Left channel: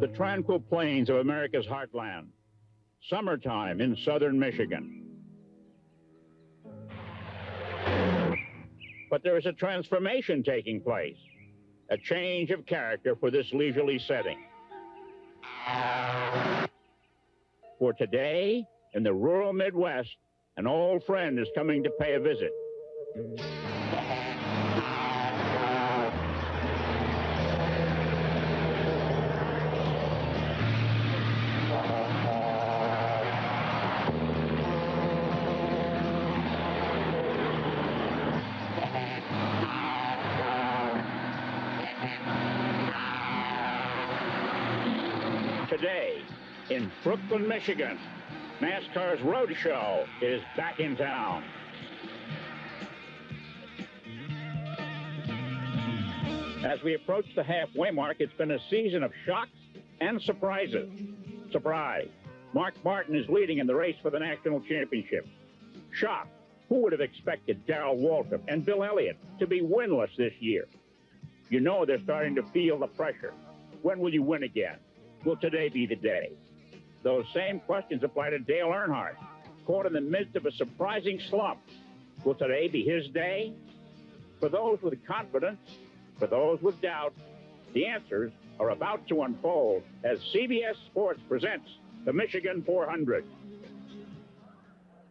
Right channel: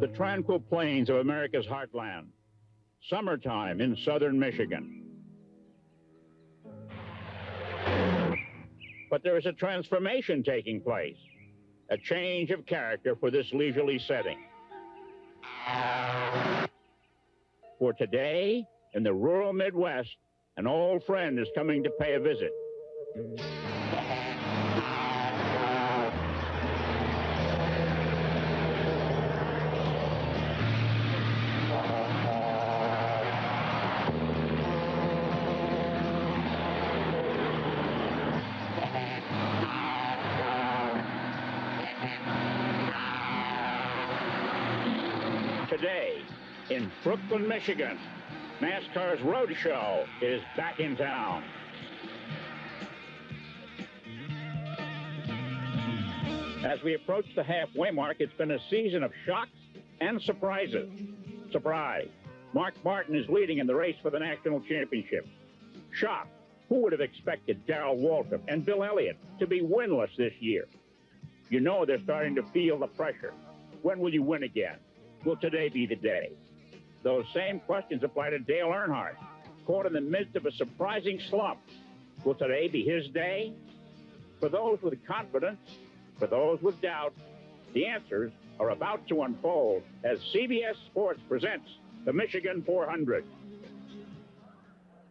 the tranquil plains of America's heartland. Summertime in southern Michigan. But there is a transformation taking place, a change of character for this leisurely setting. For today, in the rural Midwest, an old friend is coming to pay a visit. Today, in Brooklyn, Michigan, NASCAR's Roadshow is back in town. As we approach the halfway mark, it's been a season of shocks and surprises. Surprise, Mark Martin is leading in the race for the national championship. Shock, who would have expected Darrell Waltrip and Bill Elliott to be winless this year? You know they're starting to feel the pressure. When will you win again? Will today be the day? Those same questions apply to Dale Earnhardt, caught in the midst of a surprising slump. Will today be his day? For those with confidence, for those with doubt, the answers are about to unfold as CBS Sports presents the Michigan 400.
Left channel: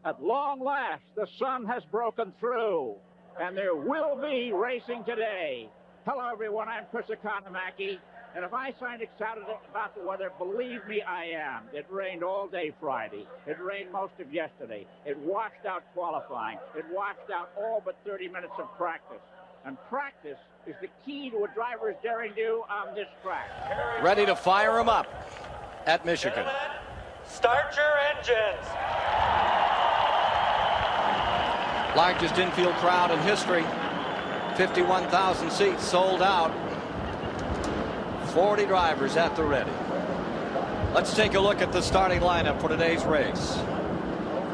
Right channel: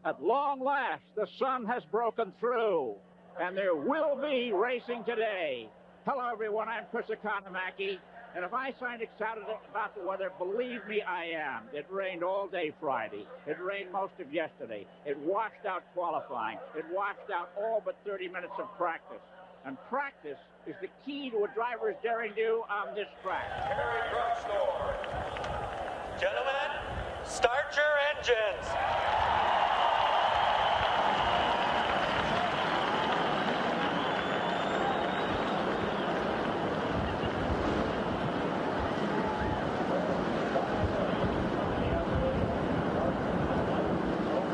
At long last, the sun has broken through, and there will be racing today. Hello, everyone. I'm Chris Economaki. And if I sound excited about the weather, believe me, I am. It rained all day Friday. It rained most of yesterday. It washed out qualifying. It washed out all but 30 minutes of practice. And practice is the key to a driver's daring do on this track. Ready to fire them up at Michigan. Start your engines. Largest infield crowd in history. 51,000 seats sold out. 40 drivers at the ready. Let's take a look at the starting lineup for today's race.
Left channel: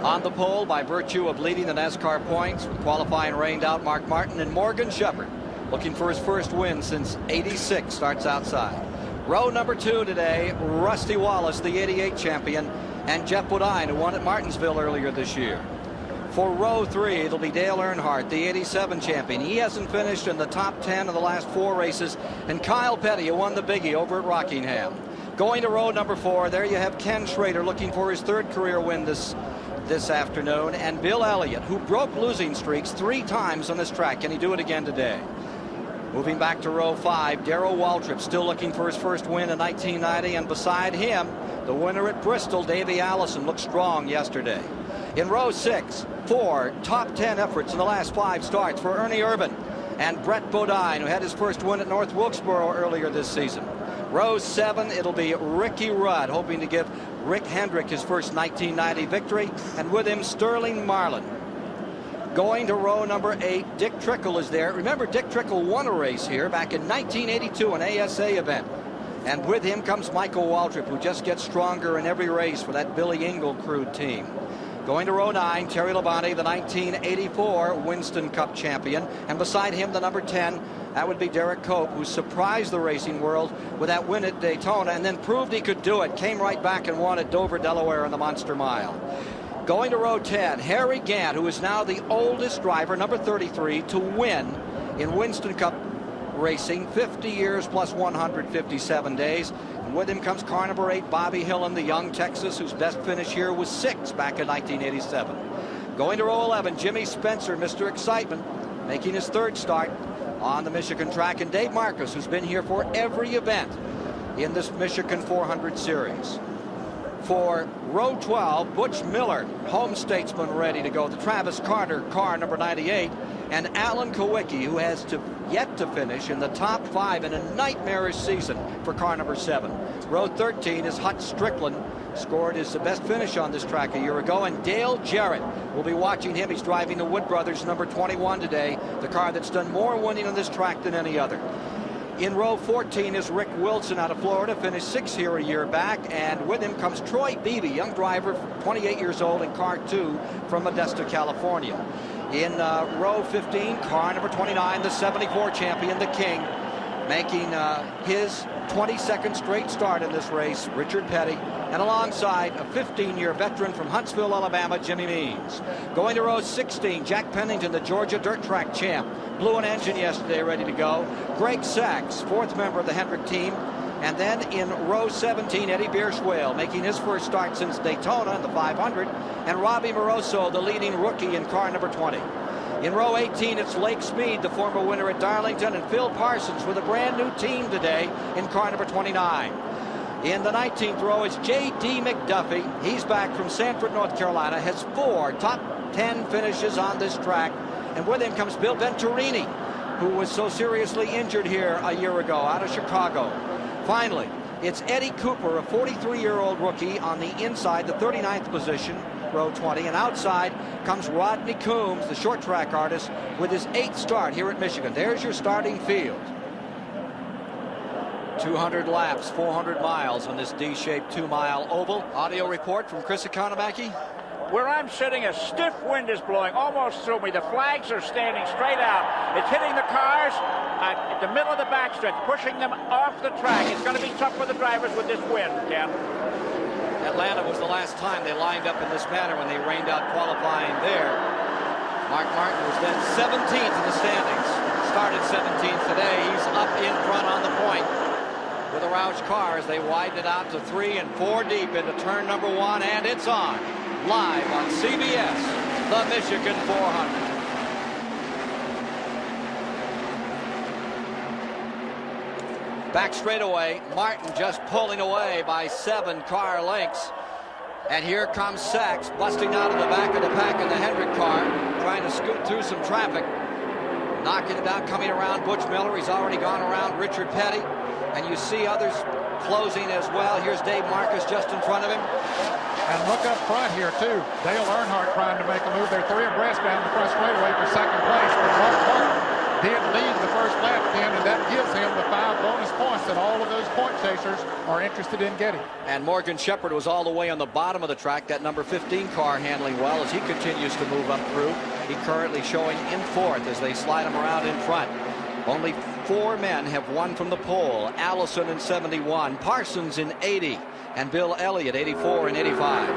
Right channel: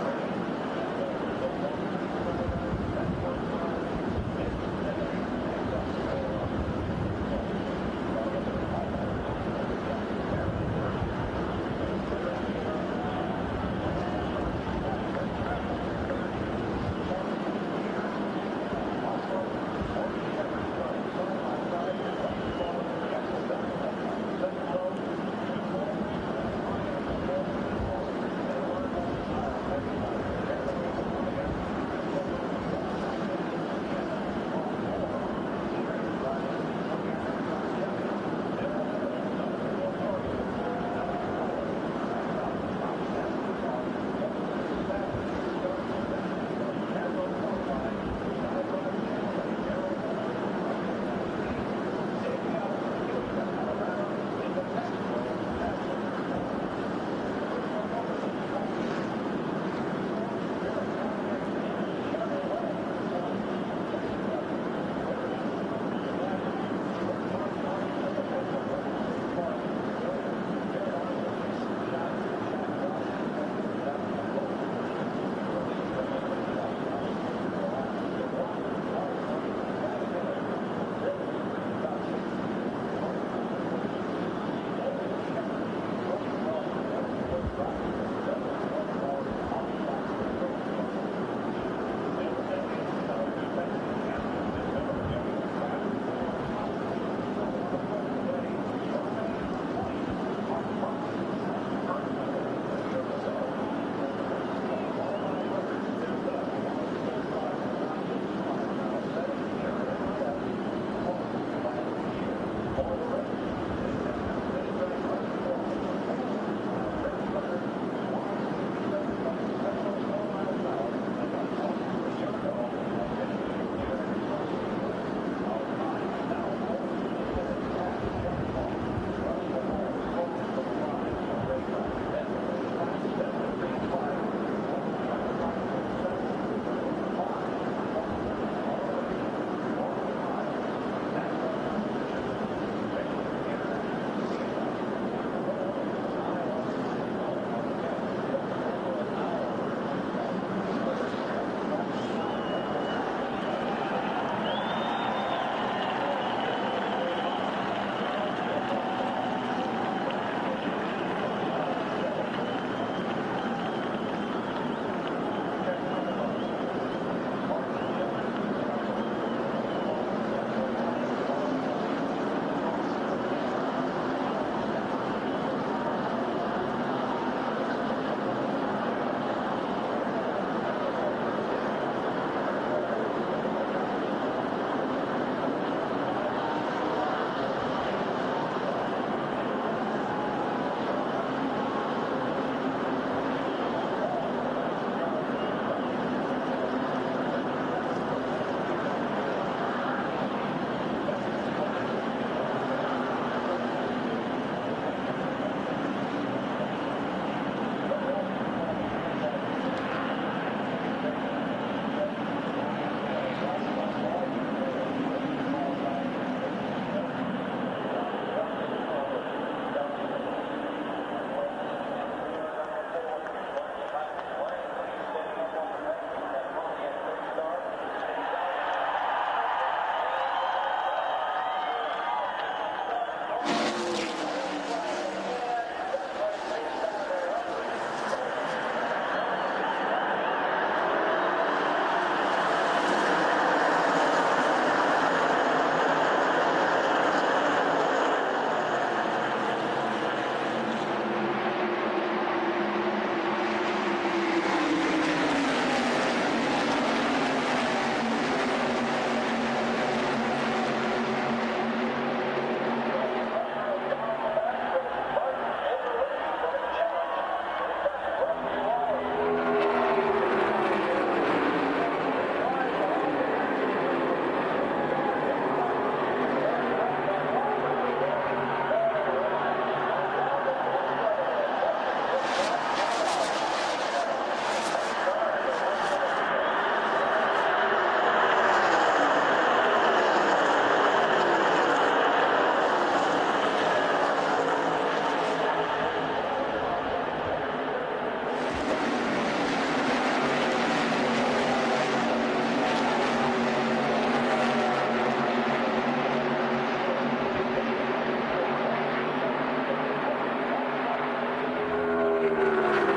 On the pole, by virtue of leading the NASCAR points with qualifying rained out, Mark Martin and Morgan Shepherd, looking for his first win since '86, starts outside. Row number 2 today, Rusty Wallace, the '88 champion, and Jeff Bodine, who won at Martinsville earlier this year. For row 3, it'll be Dale Earnhardt, the '87 champion. He hasn't finished in the top 10 of the last 4 races. And Kyle Petty, who won the Biggie over at Rockingham. Going to row number 4, there you have Ken Schrader looking for his 3rd career win this afternoon. And Bill Elliott, who broke losing streaks 3 times on this track. Can he do it again today? Moving back to row 5, Darrell Waltrip still looking for his first win in 1990. And beside him, the winner at Bristol, Davey Allison, looked strong yesterday. In row 6, 4 top 10 efforts in the last 5 starts for Ernie Irvan and Brett Bodine, who had his first win at North Wilkesboro earlier this season. Row 7, it'll be Ricky Rudd, hoping to give Rick Hendrick his first 1990 victory, and with him Sterling Marlin. Going to row number 8, Dick Trickle is there. Remember, Dick Trickle won a race here back in 1982, an ASA event. And with him comes Michael Waltrip, who just gets stronger in every race for that Billy Engle crewed team. Going to row 9, Terry Labonte, the 1984 Winston Cup champion. And beside him, the number 10, that would be Derek Cope, who surprised the racing world with that win at Daytona and then proved he could do it. Came right back and won at Dover, Delaware in the Monster Mile. Going to row 10, Harry Gant, who is now the oldest driver, number 33, to win in Winston Cup racing, 50 years plus 157 days. And with him comes car number 8, Bobby Hillen, the young Texas, whose best finish here was 6 back in 1987. Going to row 11, Jimmy Spencer, Mr. Excitement, making his 3rd start on the Michigan track, and Dave Marcus, who's been here for every event in this Michigan 400 series. For row 12, Butch Miller, home statesman, ready to go. The Travis Carter car number 98, and Alan Kowicki, who has yet to finish in the top 5 in a nightmarish season for car number 7. Row 13 is Hut Strickland, scored his best finish on this track a year ago, and Dale Jarrett, we'll be watching him. He's driving the Wood Brothers number 21 today, the car that's done more winning on this track than any other. In row 14 is Rick Wilson out of Florida, finished 6th here a year back, and with him comes Troy Beebe, young driver, 28 years old, in car 2 from Modesto, California. In row 15, car number 29, the '74 champion, the King, making his 22nd straight start in this race, Richard Petty, and alongside a 15-year veteran from Huntsville, Alabama, Jimmy Means. Going to row 16, Jack Pennington, the Georgia dirt track champ, blew an engine yesterday, ready to go. Greg Sachs, fourth member of the Hendrick team. And then in row 17, Eddie Bierschwale, making his first start since Daytona in the 500. And Robbie Moroso, the leading rookie in car number 20. In row 18, it's Lake Speed, the former winner at Darlington, and Phil Parsons with a brand new team today in car number 29. In the 19th row is J.D. McDuffie. He's back from Sanford, North Carolina, has 4 top 10 finishes on this track. And with him comes Bill Venturini, who was so seriously injured here a year ago out of Chicago. Finally, it's Eddie Cooper, a 43-year-old rookie on the inside, the 39th position, row 20. And outside comes Rodney Coombs, the short track artist, with his 8th start here at Michigan. There's your starting field. 200 laps, 400 miles on this D-shaped 2-mile oval. Audio report from Chris Economaki. Where I'm sitting, a stiff wind is blowing almost through me. The flags are standing straight out. It's hitting the cars at the middle of the backstretch, pushing them off the track. It's going to be tough for the drivers with this wind, Ken. Atlanta was the last time they lined up in this manner when they rained out qualifying there. Mark Martin was then 17th in the standings. Started 17th today. He's up in front on the point with a Roush car as they widen it out to 3 and 4 deep into turn number 1, and it's on. Live on CBS, the Michigan 400. Back straightaway, Martin just pulling away by 7 car lengths. And here comes Sachs busting out of the back of the pack in the Hendrick car, trying to scoot through some traffic. Knocking it down, coming around Butch Miller. He's already gone around Richard Petty. And you see others closing as well. Here's Dave Marcus just in front of him. And look up front here, too. Dale Earnhardt trying to make a move. They're 3 abreast down the front straightaway for second place. But Mark Martin did lead the first lap, Ken, and that gives him the 5 bonus points that all of those point chasers are interested in getting. And Morgan Shepherd was all the way on the bottom of the track, that number 15 car handling well as he continues to move up through. He currently showing in 4th as they slide him around in front. Only 4 men have won from the pole. Allison in 71, Parsons in 80, and Bill Elliott 84 and 85.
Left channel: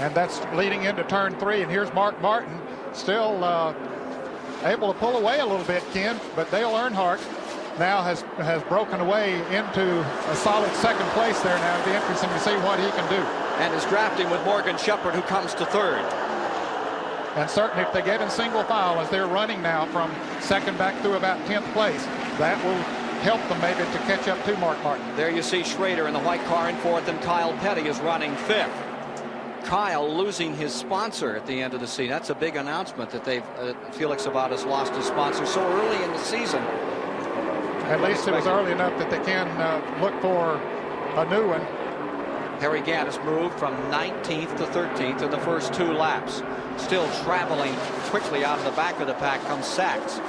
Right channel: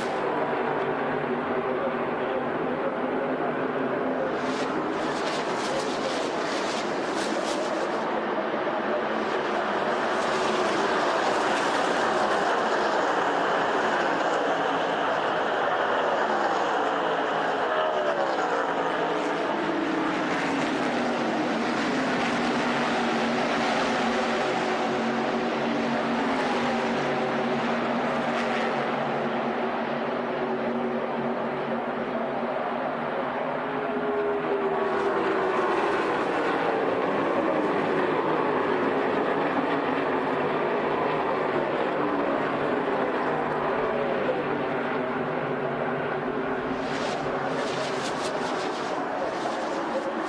And that's leading into turn 3. And here's Mark Martin still able to pull away a little bit, Ken. But Dale Earnhardt now has broken away into a solid second place there now. It'll be interesting to see what he can do. And is drafting with Morgan Shepherd, who comes to 3rd. And certainly if they get in single file as they're running now from second back through about 10th place, that will help them maybe to catch up to Mark Martin. There you see Schrader in the white car in 4th, and Kyle Petty is running 5th. Kyle losing his sponsor at the end of the season. That's a big announcement that Felix Sabates lost his sponsor so early in the season. At least it was early enough that they can look for a new one. Harry Gadd has moved from 19th to 13th in the first 2 laps. Still traveling quickly out of the back of the pack comes Sachs.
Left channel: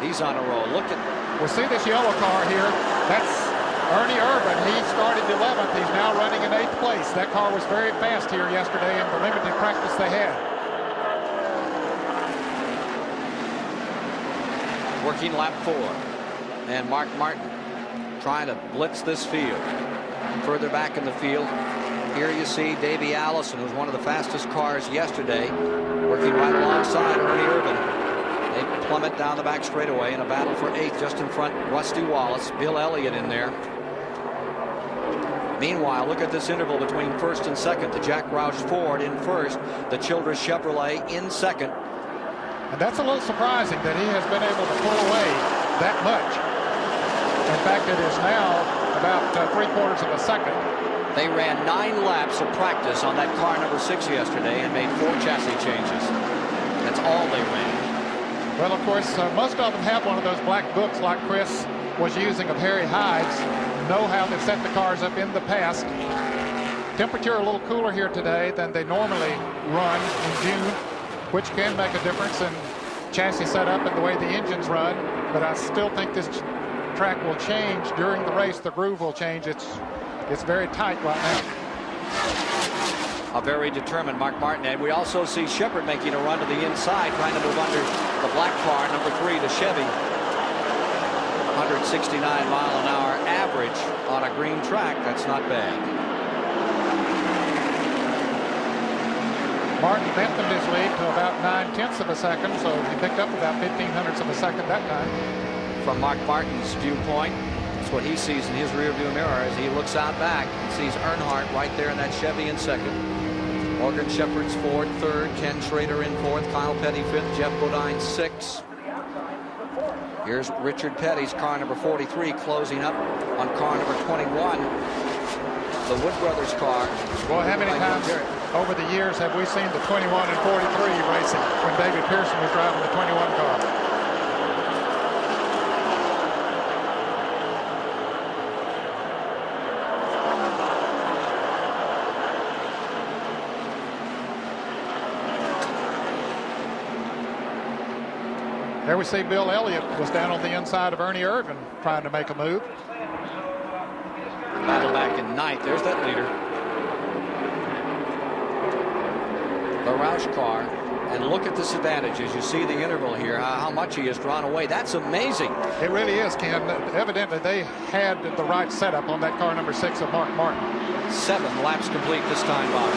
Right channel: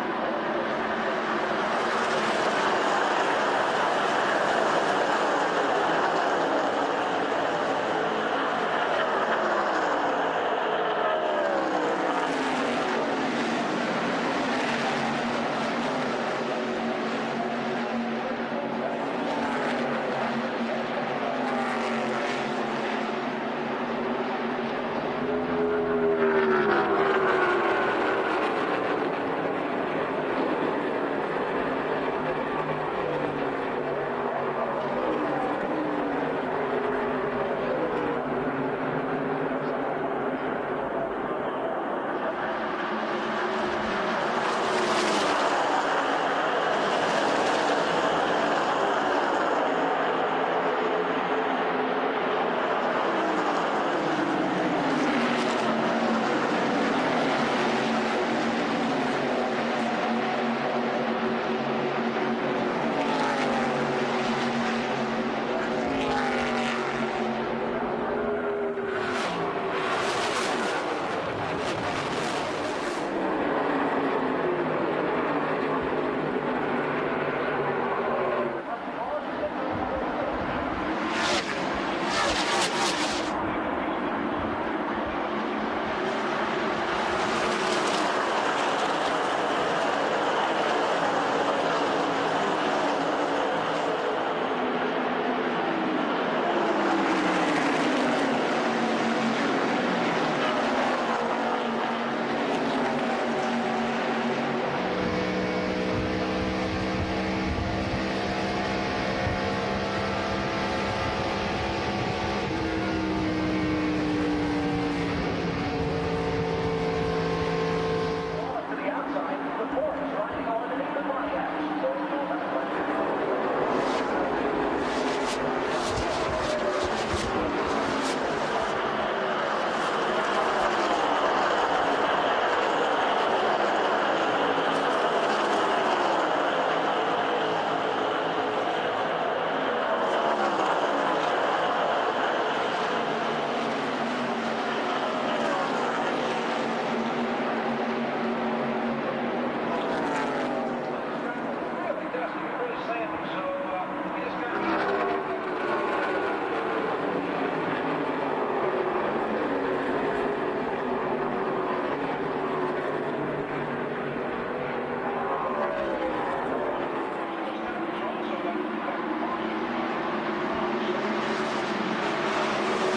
He's on a roll. Look at... We see this yellow car here. That's Ernie Irvin. He started 11th. He's now running in 8th place. That car was very fast here yesterday in the limited practice they had. Working lap 4. And Mark Martin trying to blitz this field. Further back in the field, here you see Davey Allison, who was one of the fastest cars yesterday, working right alongside Ernie Irvin. They plummet down the back straightaway in a battle for 8th, just in front, Rusty Wallace, Bill Elliott in there. Meanwhile, look at this interval between 1st and 2nd. The Jack Roush Ford in 1st, the Childress Chevrolet in 2nd. And that's a little surprising that he has been able to pull away that much. In fact, it is now about 3/4 of a second. They ran 9 laps of practice on that car number 6 yesterday and made 4 chassis changes. That's all they ran. Well, of course, most of them have one of those black books like Chris was using of Harry Hyde's, know how they've set the cars up in the past. Temperature a little cooler here today than they normally run in June, which can make a difference in chassis setup and the way the engines run. But I still think this track will change during the race. The groove will change. It's very tight right now. a very determined Mark Martin. And we also see Shepherd making a run to the inside, trying to move under the black car, number 3, the Chevy. 169-mile-an-hour average on a green track. That's not bad. Martin lengthened his lead to about 9/10 of a second, so he picked up about 0.15 of a second that time. From Mark Martin's viewpoint, that's what he sees in his rearview mirror as he looks out back and sees Earnhardt right there in that Chevy in second. Morgan Shepherd's Ford third, Ken Schrader in fourth, Kyle Petty fifth, Jeff Bodine sixth. Here's Richard Petty's car number 43 closing up on car number 21. The Wood Brothers car. Well, how many times over the years have we seen the 21 and 43 racing when David Pearson was driving the 21 car? There we see Bill Elliott was down on the inside of Ernie Irvin trying to make a move. Battle back in ninth. There's that leader. The Roush car. And look at this advantage as you see the interval here, how much he has drawn away. That's amazing. It really is, Ken. Evidently, they had the right setup on that car number 6 of Mark Martin. 7 laps complete this time by.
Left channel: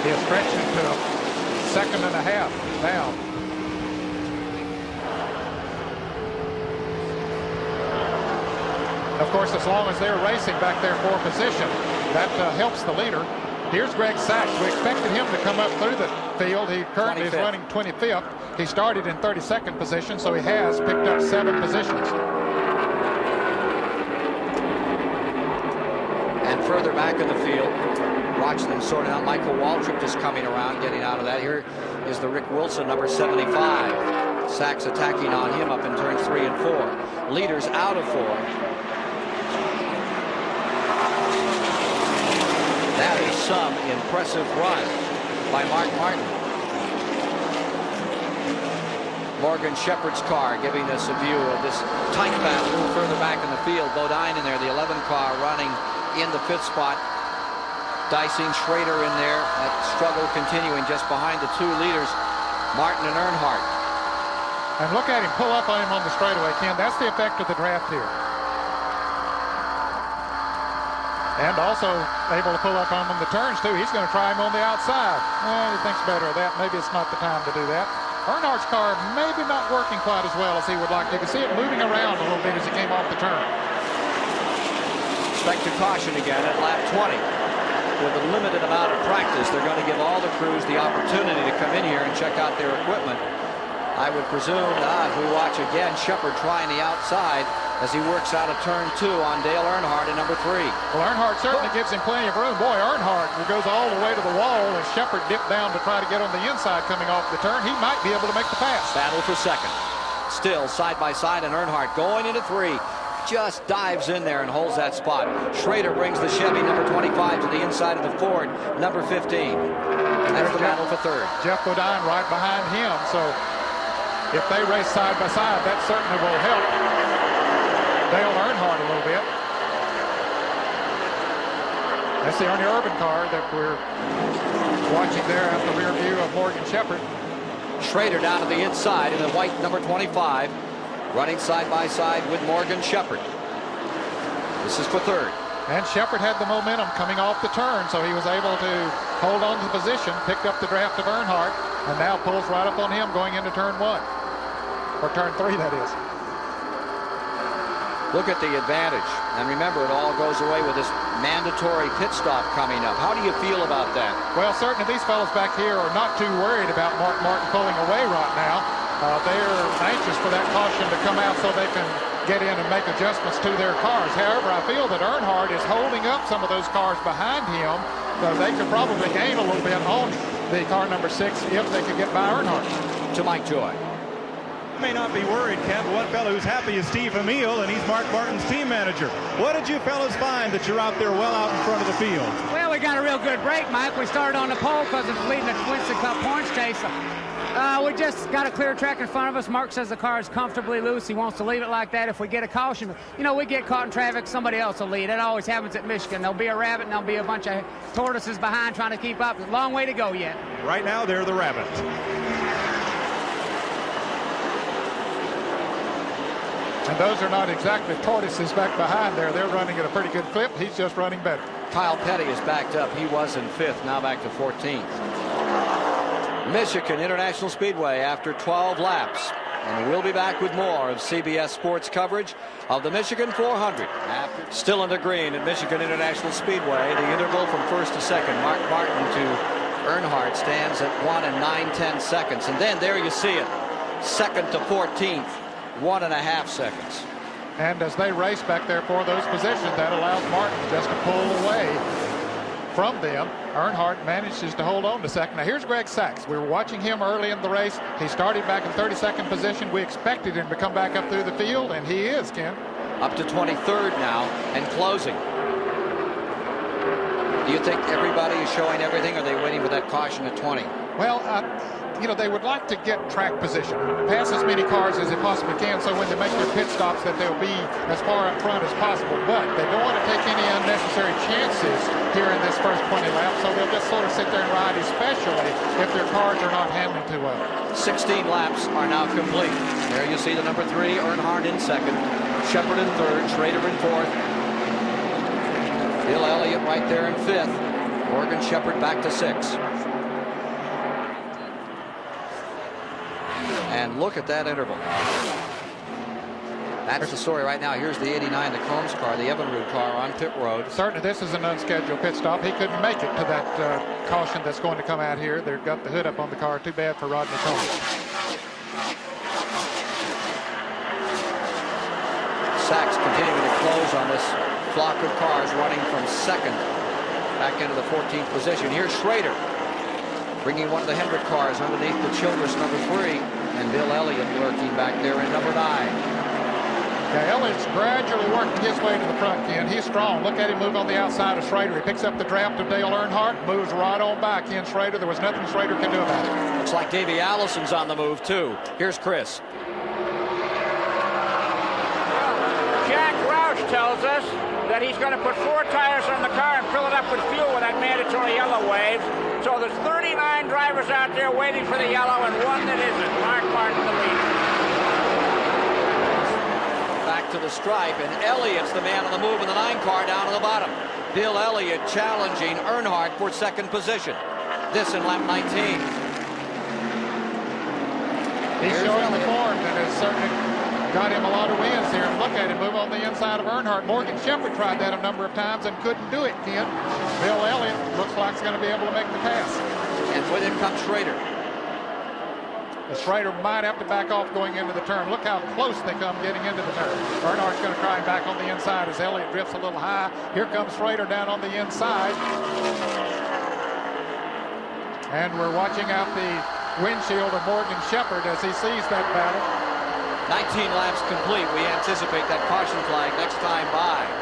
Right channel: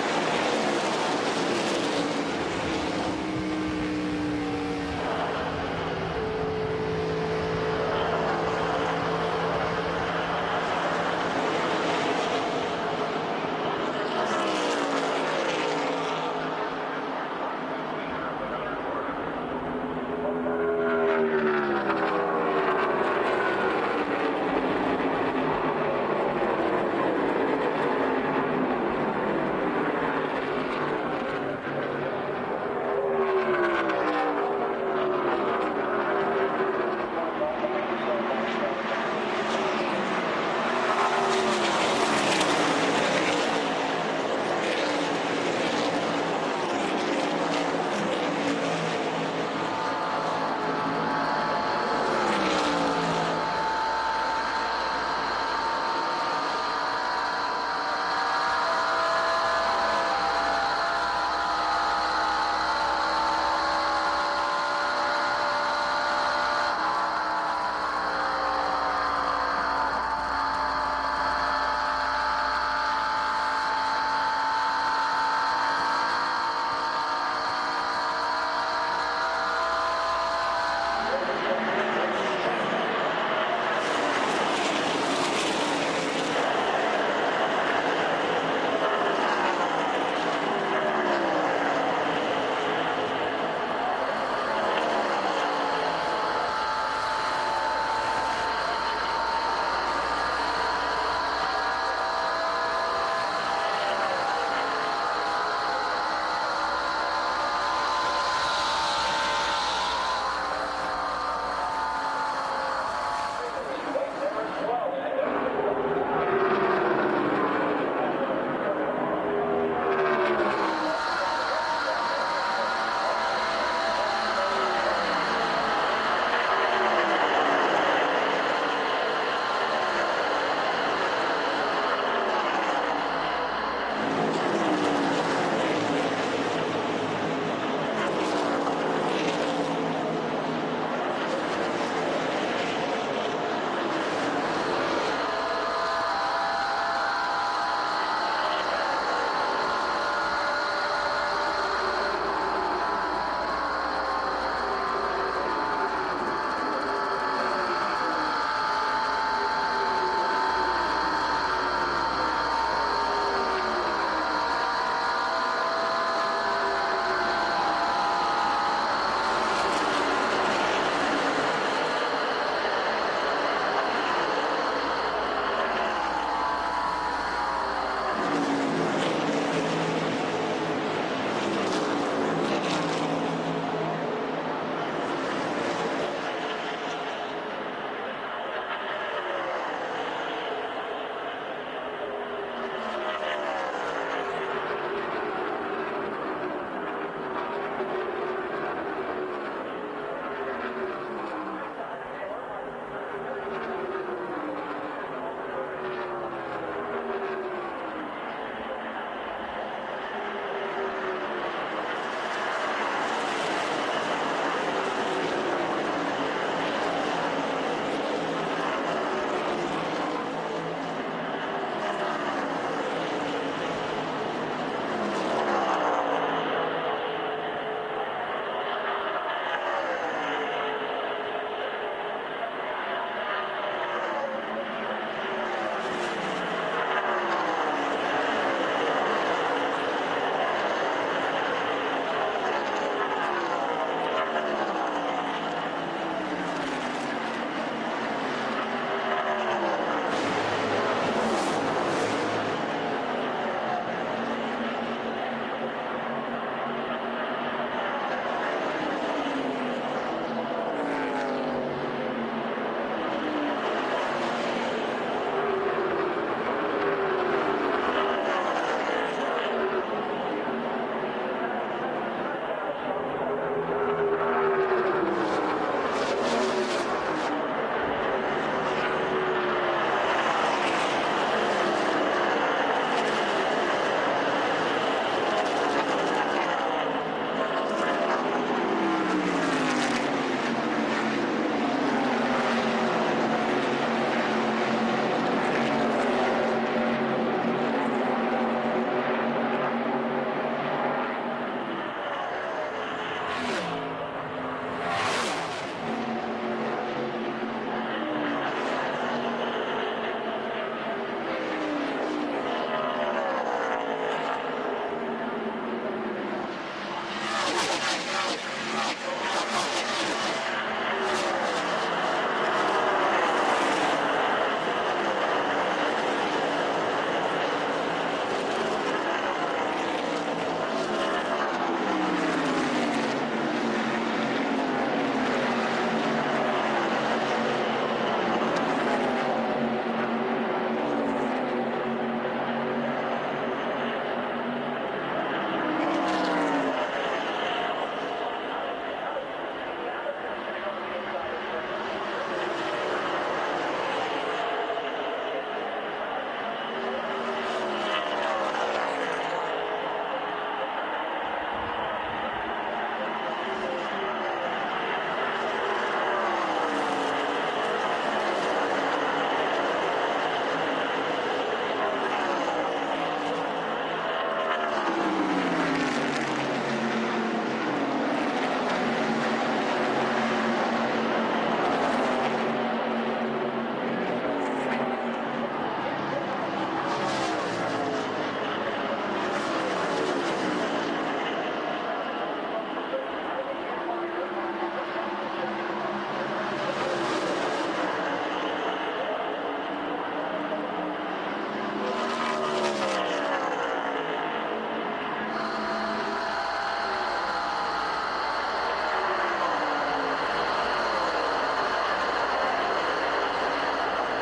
He has stretched it to a second and a half now. Of course, as long as they're racing back there for position, that helps the leader. Here's Greg Sachs. We expected him to come up through the field. He currently is running 25th. He started in 32nd position, so he has picked up 7 positions. And further back in the field, watching them sorting out, Michael Waltrip just coming around, getting out of that. Here is the Rick Wilson, number 75. Sachs attacking on him up in turns 3 and 4. Leaders out of 4. That is some impressive run by Mark Martin. Morgan Shepherd's car giving us a view of this tight battle a little further back in the field. Bodine in there, the 11 car running in the 5th spot. Dicing Schrader in there. That struggle continuing just behind the 2 leaders, Martin and Earnhardt. And look at him pull up on him on the straightaway, Ken. That's the effect of the draft here. And also able to pull up on him on the turns, too. He's going to try him on the outside. And he thinks better of that. Maybe it's not the time to do that. Earnhardt's car maybe not working quite as well as he would like. You can see it moving around a little bit as he came off the turn. Expect a caution again at lap 20. With a limited amount of practice, they're going to give all the crews the opportunity to come in here and check out their equipment. I would presume, as we watch again, Shepherd trying the outside as he works out of turn 2 on Dale Earnhardt in number 3. Well, Earnhardt certainly gives him plenty of room. Boy, Earnhardt goes all the way to the wall as Shepherd dipped down to try to get on the inside coming off the turn. He might be able to make the pass. Battle for second. Still side by side, and Earnhardt going into 3. Just dives in there and holds that spot. Schrader brings the Chevy number 25 to the inside of the Ford number 15. And that's the battle for third. Jeff Bodine right behind him. So if they race side by side, that certainly will help Dale Earnhardt a little bit. That's the Ernie Irvin car that we're watching there at the rear view of Morgan Shepherd. Schrader down to the inside in the white number 25, running side by side with Morgan Shepherd. This is for third. And Shepherd had the momentum coming off the turn, so he was able to hold on to the position, picked up the draft of Earnhardt, and now pulls right up on him going into turn 1. Or turn 3, that is. Look at the advantage. And remember, it all goes away with this mandatory pit stop coming up. How do you feel about that? Well, certainly these fellows back here are not too worried about Mark Martin pulling away right now. They're anxious for that caution to come out so they can get in and make adjustments to their cars. However, I feel that Earnhardt is holding up some of those cars behind him, so they could probably gain a little bit on the car number 6 if they could get by Earnhardt. To Mike Joy. You may not be worried, Ken, but one fellow who's happy is Steve Emile, and he's Mark Martin's team manager. What did you fellas find that you're out there well out in front of the field? Well, we got a real good break, Mike. We started on the pole because it's leading the Winston Cup points chase. We just got a clear track in front of us. Mark says the car is comfortably loose. He wants to leave it like that. If we get a caution, you know, we get caught in traffic, somebody else will lead. It always happens at Michigan. There'll be a rabbit and there'll be a bunch of tortoises behind trying to keep up. Long way to go yet. Right now, they're the rabbit. And those are not exactly tortoises back behind there. They're running at a pretty good clip. He's just running better. Kyle Petty is backed up. He was in 5th, now back to 14th. Michigan International Speedway after 12 laps. And we'll be back with more of CBS Sports coverage of the Michigan 400. Still in the green at Michigan International Speedway. The interval from 1st to 2nd. Mark Martin to Earnhardt stands at 1 and 9/10 seconds. And then there you see it. 2nd to 14th, 1.5 seconds. And as they race back there for those positions, that allows Martin just to pull away from them. Earnhardt manages to hold on to second. Now here's Greg Sachs. We were watching him early in the race. He started back in 32nd position. We expected him to come back up through the field, and he is, Ken. Up to 23rd now and closing. Do you think everybody is showing everything, or are they waiting for that caution at 20? Well, you know, they would like to get track position, pass as many cars as they possibly can, so when they make their pit stops that they'll be as far up front as possible. But they don't want to take any unnecessary chances here in this first 20 laps, so they'll just sort of sit there and ride, especially if their cars are not handling too well. 16 laps are now complete. There you see the number 3, Earnhardt in 2nd, Shepard in 3rd, Schrader in 4th, Bill Elliott right there in 5th, Morgan Shepard back to 6th. And look at that interval. That's the story right now. Here's the 89, the Combs car, the Evinrude car on pit road. Certainly this is an unscheduled pit stop. He couldn't make it to that caution that's going to come out here. They've got the hood up on the car. Too bad for Rodney Combs. Sachs continuing to close on this flock of cars, running from 2nd back into the 14th position. Here's Schrader, bringing one of the Hendrick cars underneath the Childress number 3, and Bill Elliott lurking back there in number 9. Yeah, Elliott's gradually working his way to the front, Ken. He's strong. Look at him move on the outside of Schrader. He picks up the draft of Dale Earnhardt, moves right on by Ken Schrader. There was nothing Schrader could do about it. Looks like Davey Allison's on the move, too. Here's Chris. Jack Roush tells us that he's going to put 4 tires on the car and fill it up with fuel with that mandatory yellow wave. So there's 39 drivers out there waiting for the yellow and one that isn't. Mark Martin, the leader. Back to the stripe, and Elliott's the man on the move in the 9 car down to the bottom. Bill Elliott challenging Earnhardt for 2nd position. This in lap 19. He's showing the form that has certainly got him a lot of wins here, and look at him move on the inside of Earnhardt. Morgan Shepard tried that a number of times and couldn't do it, Ken. Bill Elliott looks like he's going to be able to make the pass. And with him comes Schrader. Schrader might have to back off going into the turn. Look how close they come getting into the turn. Earnhardt's going to try and back on the inside as Elliott drifts a little high. Here comes Schrader down on the inside. And we're watching out the windshield of Morgan Shepard as he sees that battle. 19 laps complete. We anticipate that caution flag next time by.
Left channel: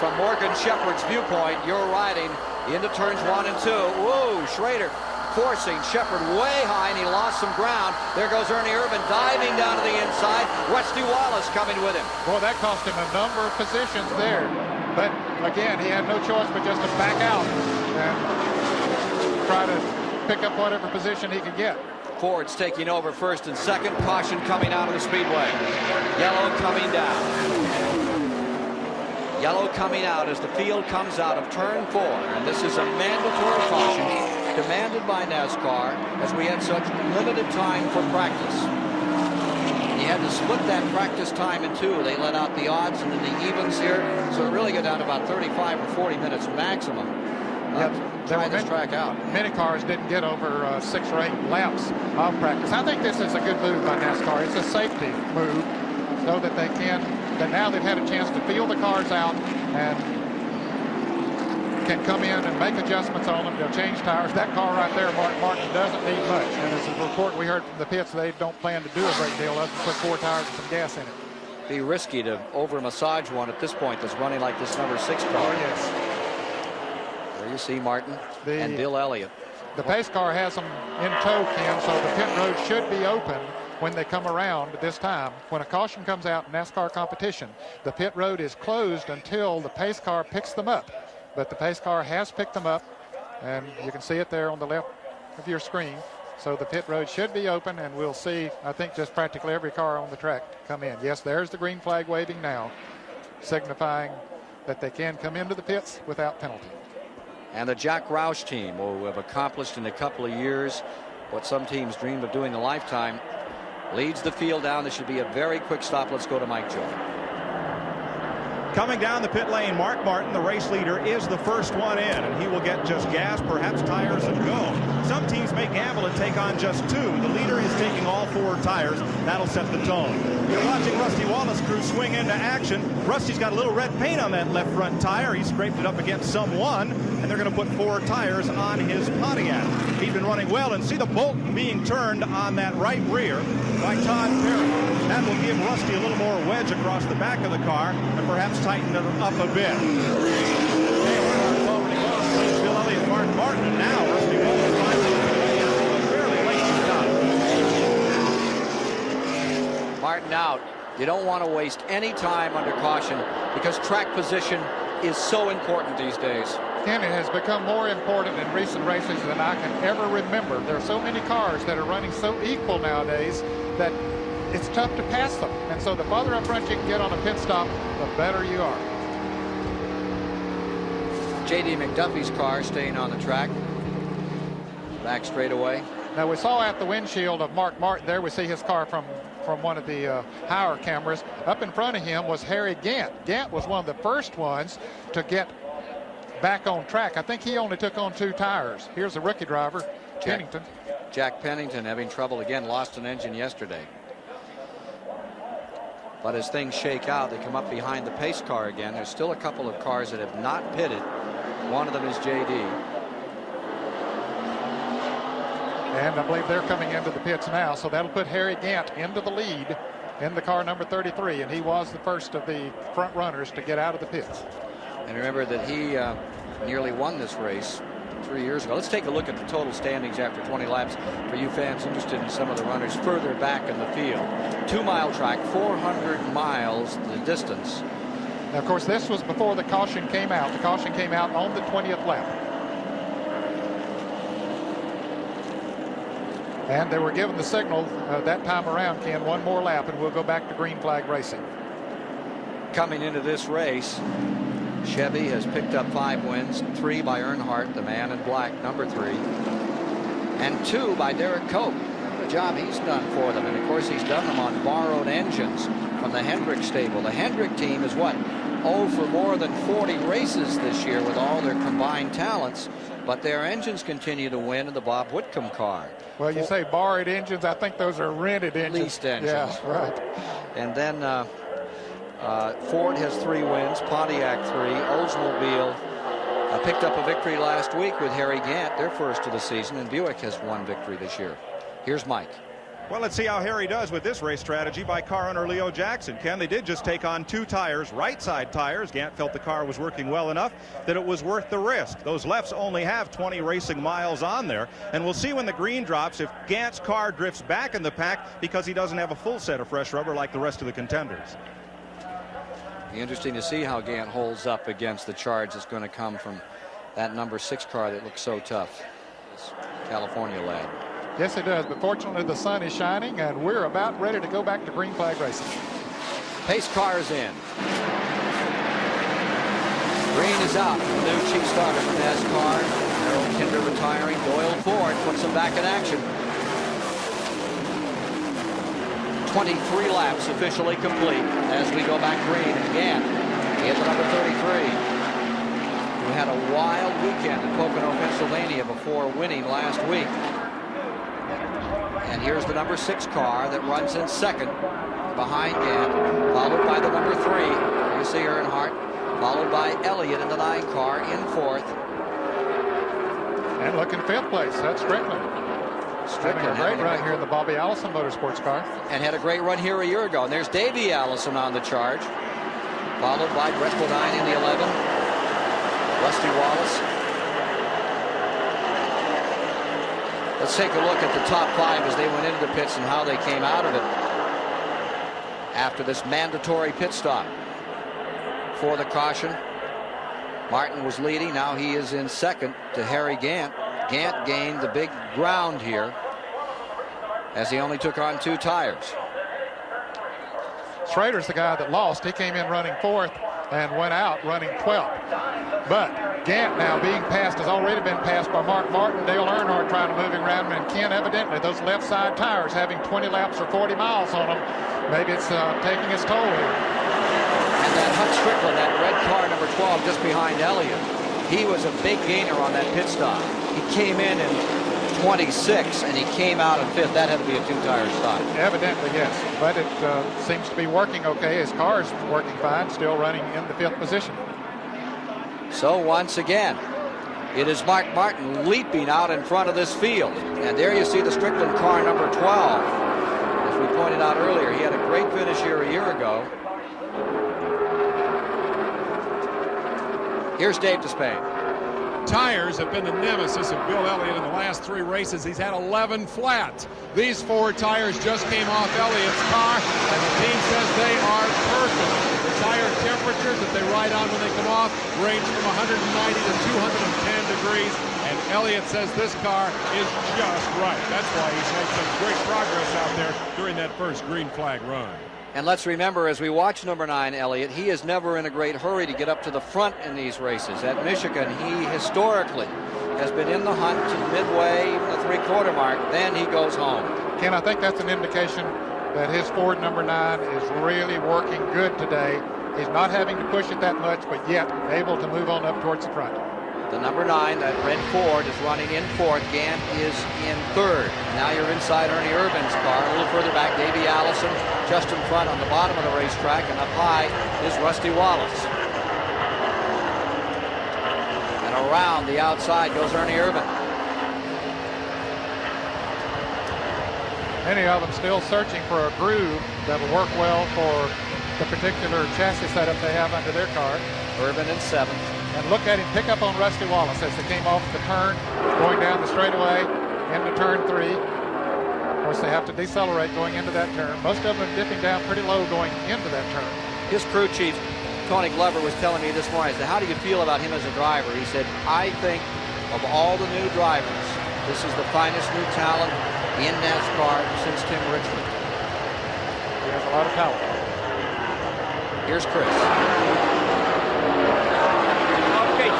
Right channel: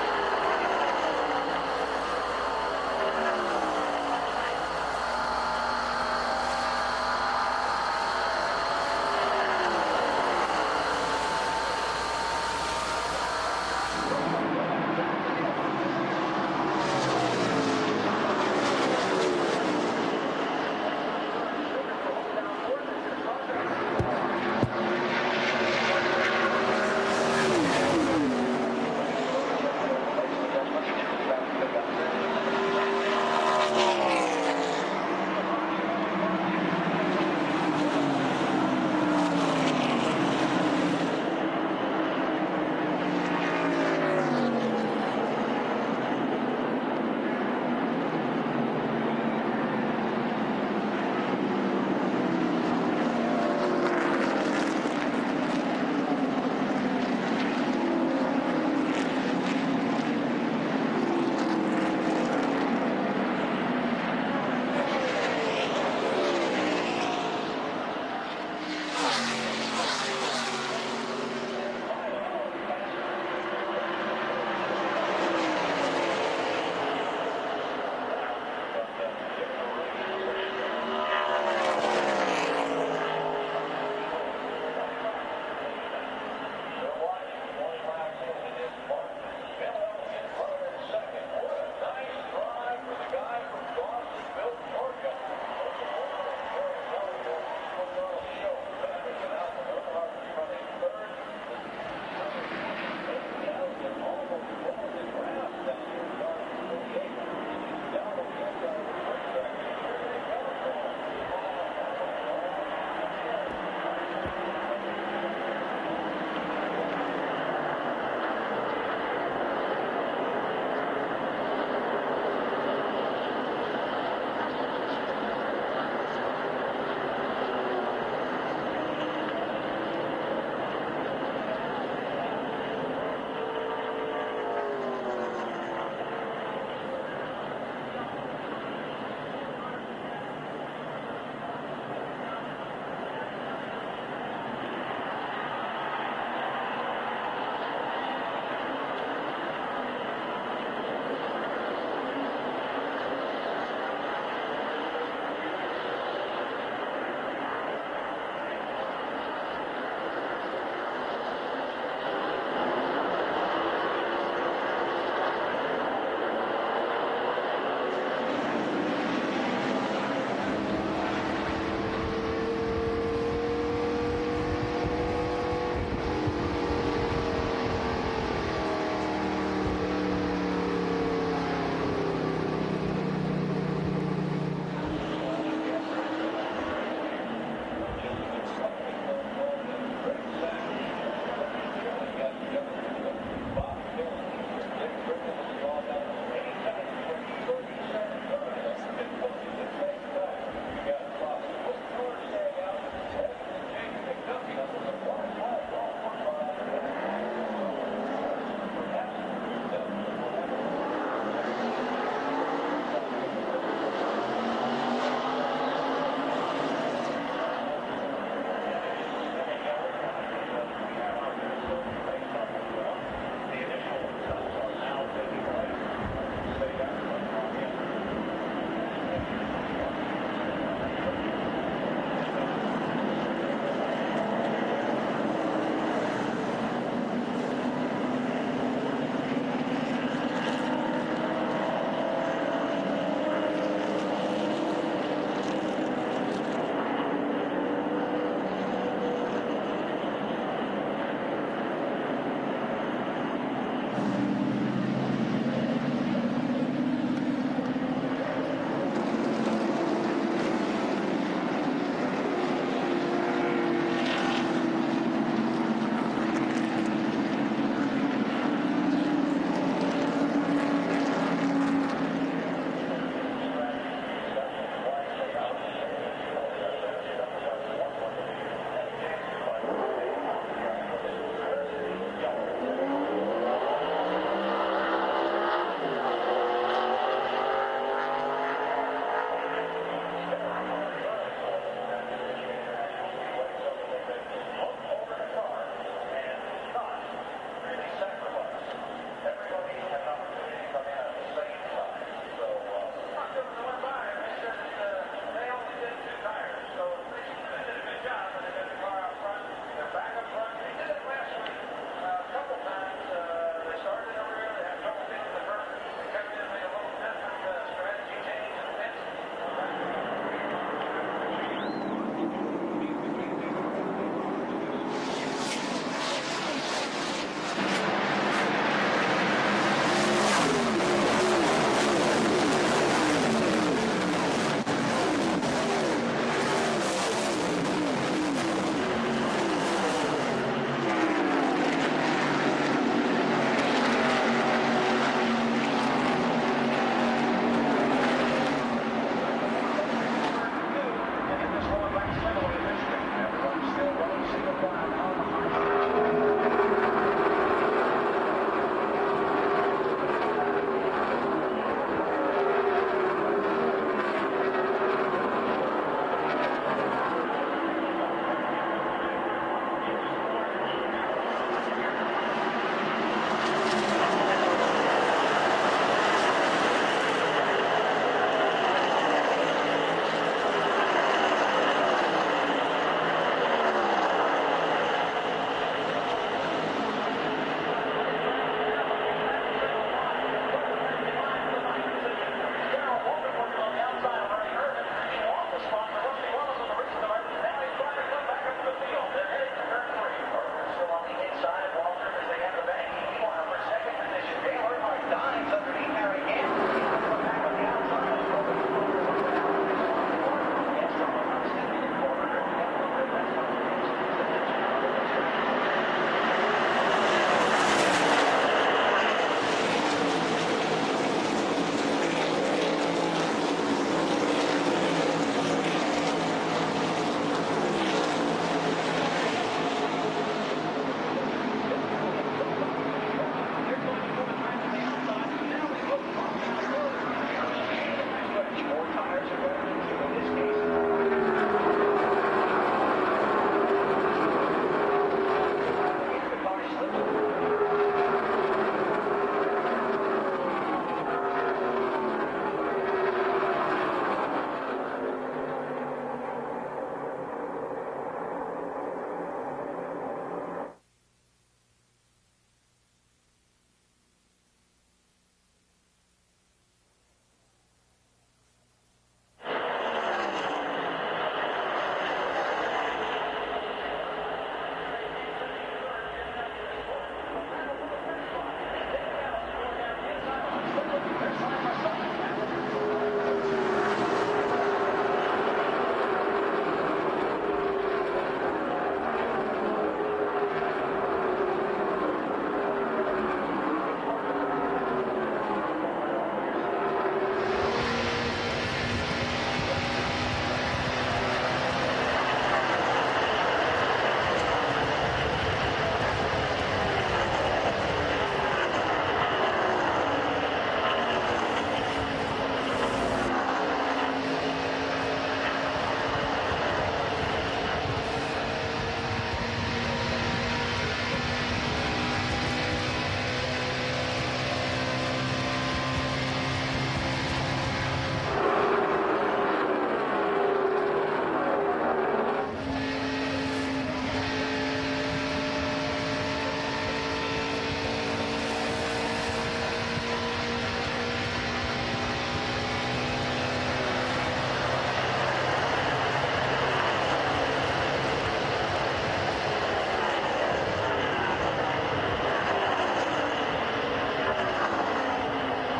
From Morgan Shepard's viewpoint, you're riding into turns 1 and 2. Whoa, Schrader forcing Shepard way high, and he lost some ground. There goes Ernie Irvin diving down to the inside. Rusty Wallace coming with him. Boy, that cost him a number of positions there. But, again, he had no choice but just to back out and try to pick up whatever position he could get. Ford's taking over 1st and 2nd. Caution coming out on the speedway. Yellow coming down. Yellow coming out as the field comes out of turn 4. And this is a mandatory caution demanded by NASCAR as we had such limited time for practice. And you had to split that practice time in 2. They let out the odds and then the evens here. So it really got down to about 35 or 40 minutes maximum. Yeah, try this track out. Many cars didn't get over 6 or 8 laps of practice. I think this is a good move by NASCAR. It's a safety move so that they can, now they've had a chance to feel the cars out and can come in and make adjustments on them. They'll change tires. That car right there, Mark Martin, doesn't need much. And as a report we heard from the pits, they don't plan to do a great deal other than put 4 tires and some gas in it. Be risky to over-massage one at this point that's running like this number 6 car. Oh, yes. There you see Martin and Bill Elliott. The pace car has them in tow, Ken, so the pit road should be open when they come around this time. When a caution comes out in NASCAR competition, the pit road is closed until the pace car picks them up. But the pace car has picked them up, and you can see it there on the left of your screen. So the pit road should be open, and we'll see, I think, just practically every car on the track come in. Yes, there's the green flag waving now, signifying that they can come into the pits without penalty. And the Jack Roush team who have accomplished in a couple of years what some teams dreamed of doing a lifetime, leads the field down. This should be a very quick stop. Let's go to Mike Joy. Coming down the pit lane, Mark Martin, the race leader, is the first one in, and he will get just gas, perhaps tires, and go. Some teams may gamble and take on just 2. The leader is taking all 4 tires. That'll set the tone. You're watching Rusty Wallace' crew swing into action. Rusty's got a little red paint on that left front tire. He scraped it up against someone, and they're going to put 4 tires on his Pontiac. He's been running well, and see the bolt being turned on that right rear by Todd Perry. That will give Rusty a little more wedge across the back of the car and perhaps tighten it up a bit. Bill Elliott, Mark Martin, and now Rusty Wallace finds a fairly late stop. Martin out. You don't want to waste any time under caution because track position is so important these days. Ken, it has become more important in recent races than I can ever remember. There are so many cars that are running so equal nowadays that it's tough to pass them. And so the farther up front you can get on a pit stop, the better you are. J.D. McDuffie's car staying on the track. Back straightaway. Now we saw at the windshield of Mark Martin there, we see his car from one of the higher cameras. Up in front of him was Harry Gant. Gant was one of the first ones to get back on track. I think he only took on 2 tires. Here's the rookie driver, Pennington. Jack Pennington having trouble again, lost an engine yesterday. But as things shake out, they come up behind the pace car again. There's still a couple of cars that have not pitted. One of them is JD. And I believe they're coming into the pits now, so that'll put Harry Gant into the lead in the car number 33, and he was the first of the front runners to get out of the pits. And remember that he nearly won this race 3 years ago. Let's take a look at the total standings after 20 laps for you fans interested in some of the runners further back in the field. 2-mile track, 400 miles the distance. Now, of course, this was before the caution came out. The caution came out on the 20th lap. And they were given the signal that time around, Ken, 1 more lap, and we'll go back to green flag racing. Coming into this race, Chevy has picked up 5 wins, 3 by Earnhardt, the man in black, number 3, and 2 by Derek Cope. What a job he's done for them. And, of course, he's done them on borrowed engines from the Hendrick stable. The Hendrick team is what? For more than 40 races this year with all their combined talents, but their engines continue to win in the Bob Whitcomb car. Well, you say borrowed engines. I think those are rented engines. Leased engines. Yeah, right. And then Ford has 3 wins, Pontiac 3, Oldsmobile picked up a victory last week with Harry Gant, their first of the season, and Buick has 1 victory this year. Here's Mike. Well, let's see how Harry does with this race strategy by car owner Leo Jackson. Ken, they did just take on 2 tires, right side tires. Gant felt the car was working well enough that it was worth the risk. Those lefts only have 20 racing miles on there, and we'll see when the green drops if Gant's car drifts back in the pack because he doesn't have a full set of fresh rubber like the rest of the contenders. Be interesting to see how Gant holds up against the charge that's going to come from that number 6 car that looks so tough. It's California lad. Yes, it does, but fortunately the sun is shining, and we're about ready to go back to green flag racing. Pace car is in. Green is out from the new chief starter for NASCAR. Harold Kinder retiring. Doyle Ford puts him back in action. 23 laps officially complete as we go back green, and Gant in the number 33, who had a wild weekend at Pocono, Pennsylvania before winning last week. And here's the number 6 car that runs in second behind Gant, followed by the number 3. There you see Earnhardt, followed by Elliott in the 9 car in 4th. And look in 5th place. That's Strickland. Having a great run here in the Bobby Allison Motorsports car. And had a great run here a year ago. And there's Davey Allison on the charge, followed by Brett Bodine in the 11. Rusty Wallace. Let's take a look at the top 5 as they went into the pits and how they came out of it after this mandatory pit stop. For the caution, Martin was leading. Now he is in second to Harry Gant. Gant gained the big ground here as he only took on 2 tires. Schrader's the guy that lost. He came in running 4th and went out running 12th. But Gant now being passed, has already been passed by Mark Martin, Dale Earnhardt trying to move him around, and Ken, evidently those left side tires having 20 laps or 40 miles on them. Maybe it's taking its toll here. And that Hut Strickland, that red car number 12 just behind Elliott, he was a big gainer on that pit stop. He came in 26 and he came out in 5th. That had to be a 2-tire stop. Evidently, yes. But it seems to be working okay. His car's working fine, still running in the 5th position. So once again, it is Mark Martin leaping out in front of this field. And there you see the Strickland car number 12. As we pointed out earlier, he had a great finish here a year ago. Here's Dave Despain. Tires have been the nemesis of Bill Elliott in the last 3 races. He's had 11 flat. These 4 tires just came off Elliott's car, and the team says they are perfect. The tire temperatures that they ride on when they come off range from 190 to 210 degrees, and Elliott says this car is just right. That's why he's made such great progress out there during that first green flag run. And let's remember, as we watch number 9, Elliott, he is never in a great hurry to get up to the front in these races. At Michigan, he historically has been in the hunt to midway, even the 3/4 mark. Then he goes home. Ken, I think that's an indication that his Ford number 9 is really working good today. He's not having to push it that much, but yet able to move on up towards the front. The number 9, that red Ford, is running in 4th. Gant is in 3rd. And now you're inside Ernie Irvin's car. A little further back, Davey Allison just in front on the bottom of the racetrack. And up high is Rusty Wallace. And around the outside goes Ernie Irvin. Many of them still searching for a groove that'll work well for the particular chassis setup they have under their car. Irvin in 7th. And look at him pick up on Rusty Wallace as they came off the turn, going down the straightaway into turn 3. Of course, they have to decelerate going into that turn. Most of them are dipping down pretty low going into that turn. His crew chief, Tony Glover, was telling me this morning, I said, how do you feel about him as a driver? He said, I think of all the new drivers, this is the finest new talent in NASCAR since Tim Richmond. He has a lot of talent. Here's Chris.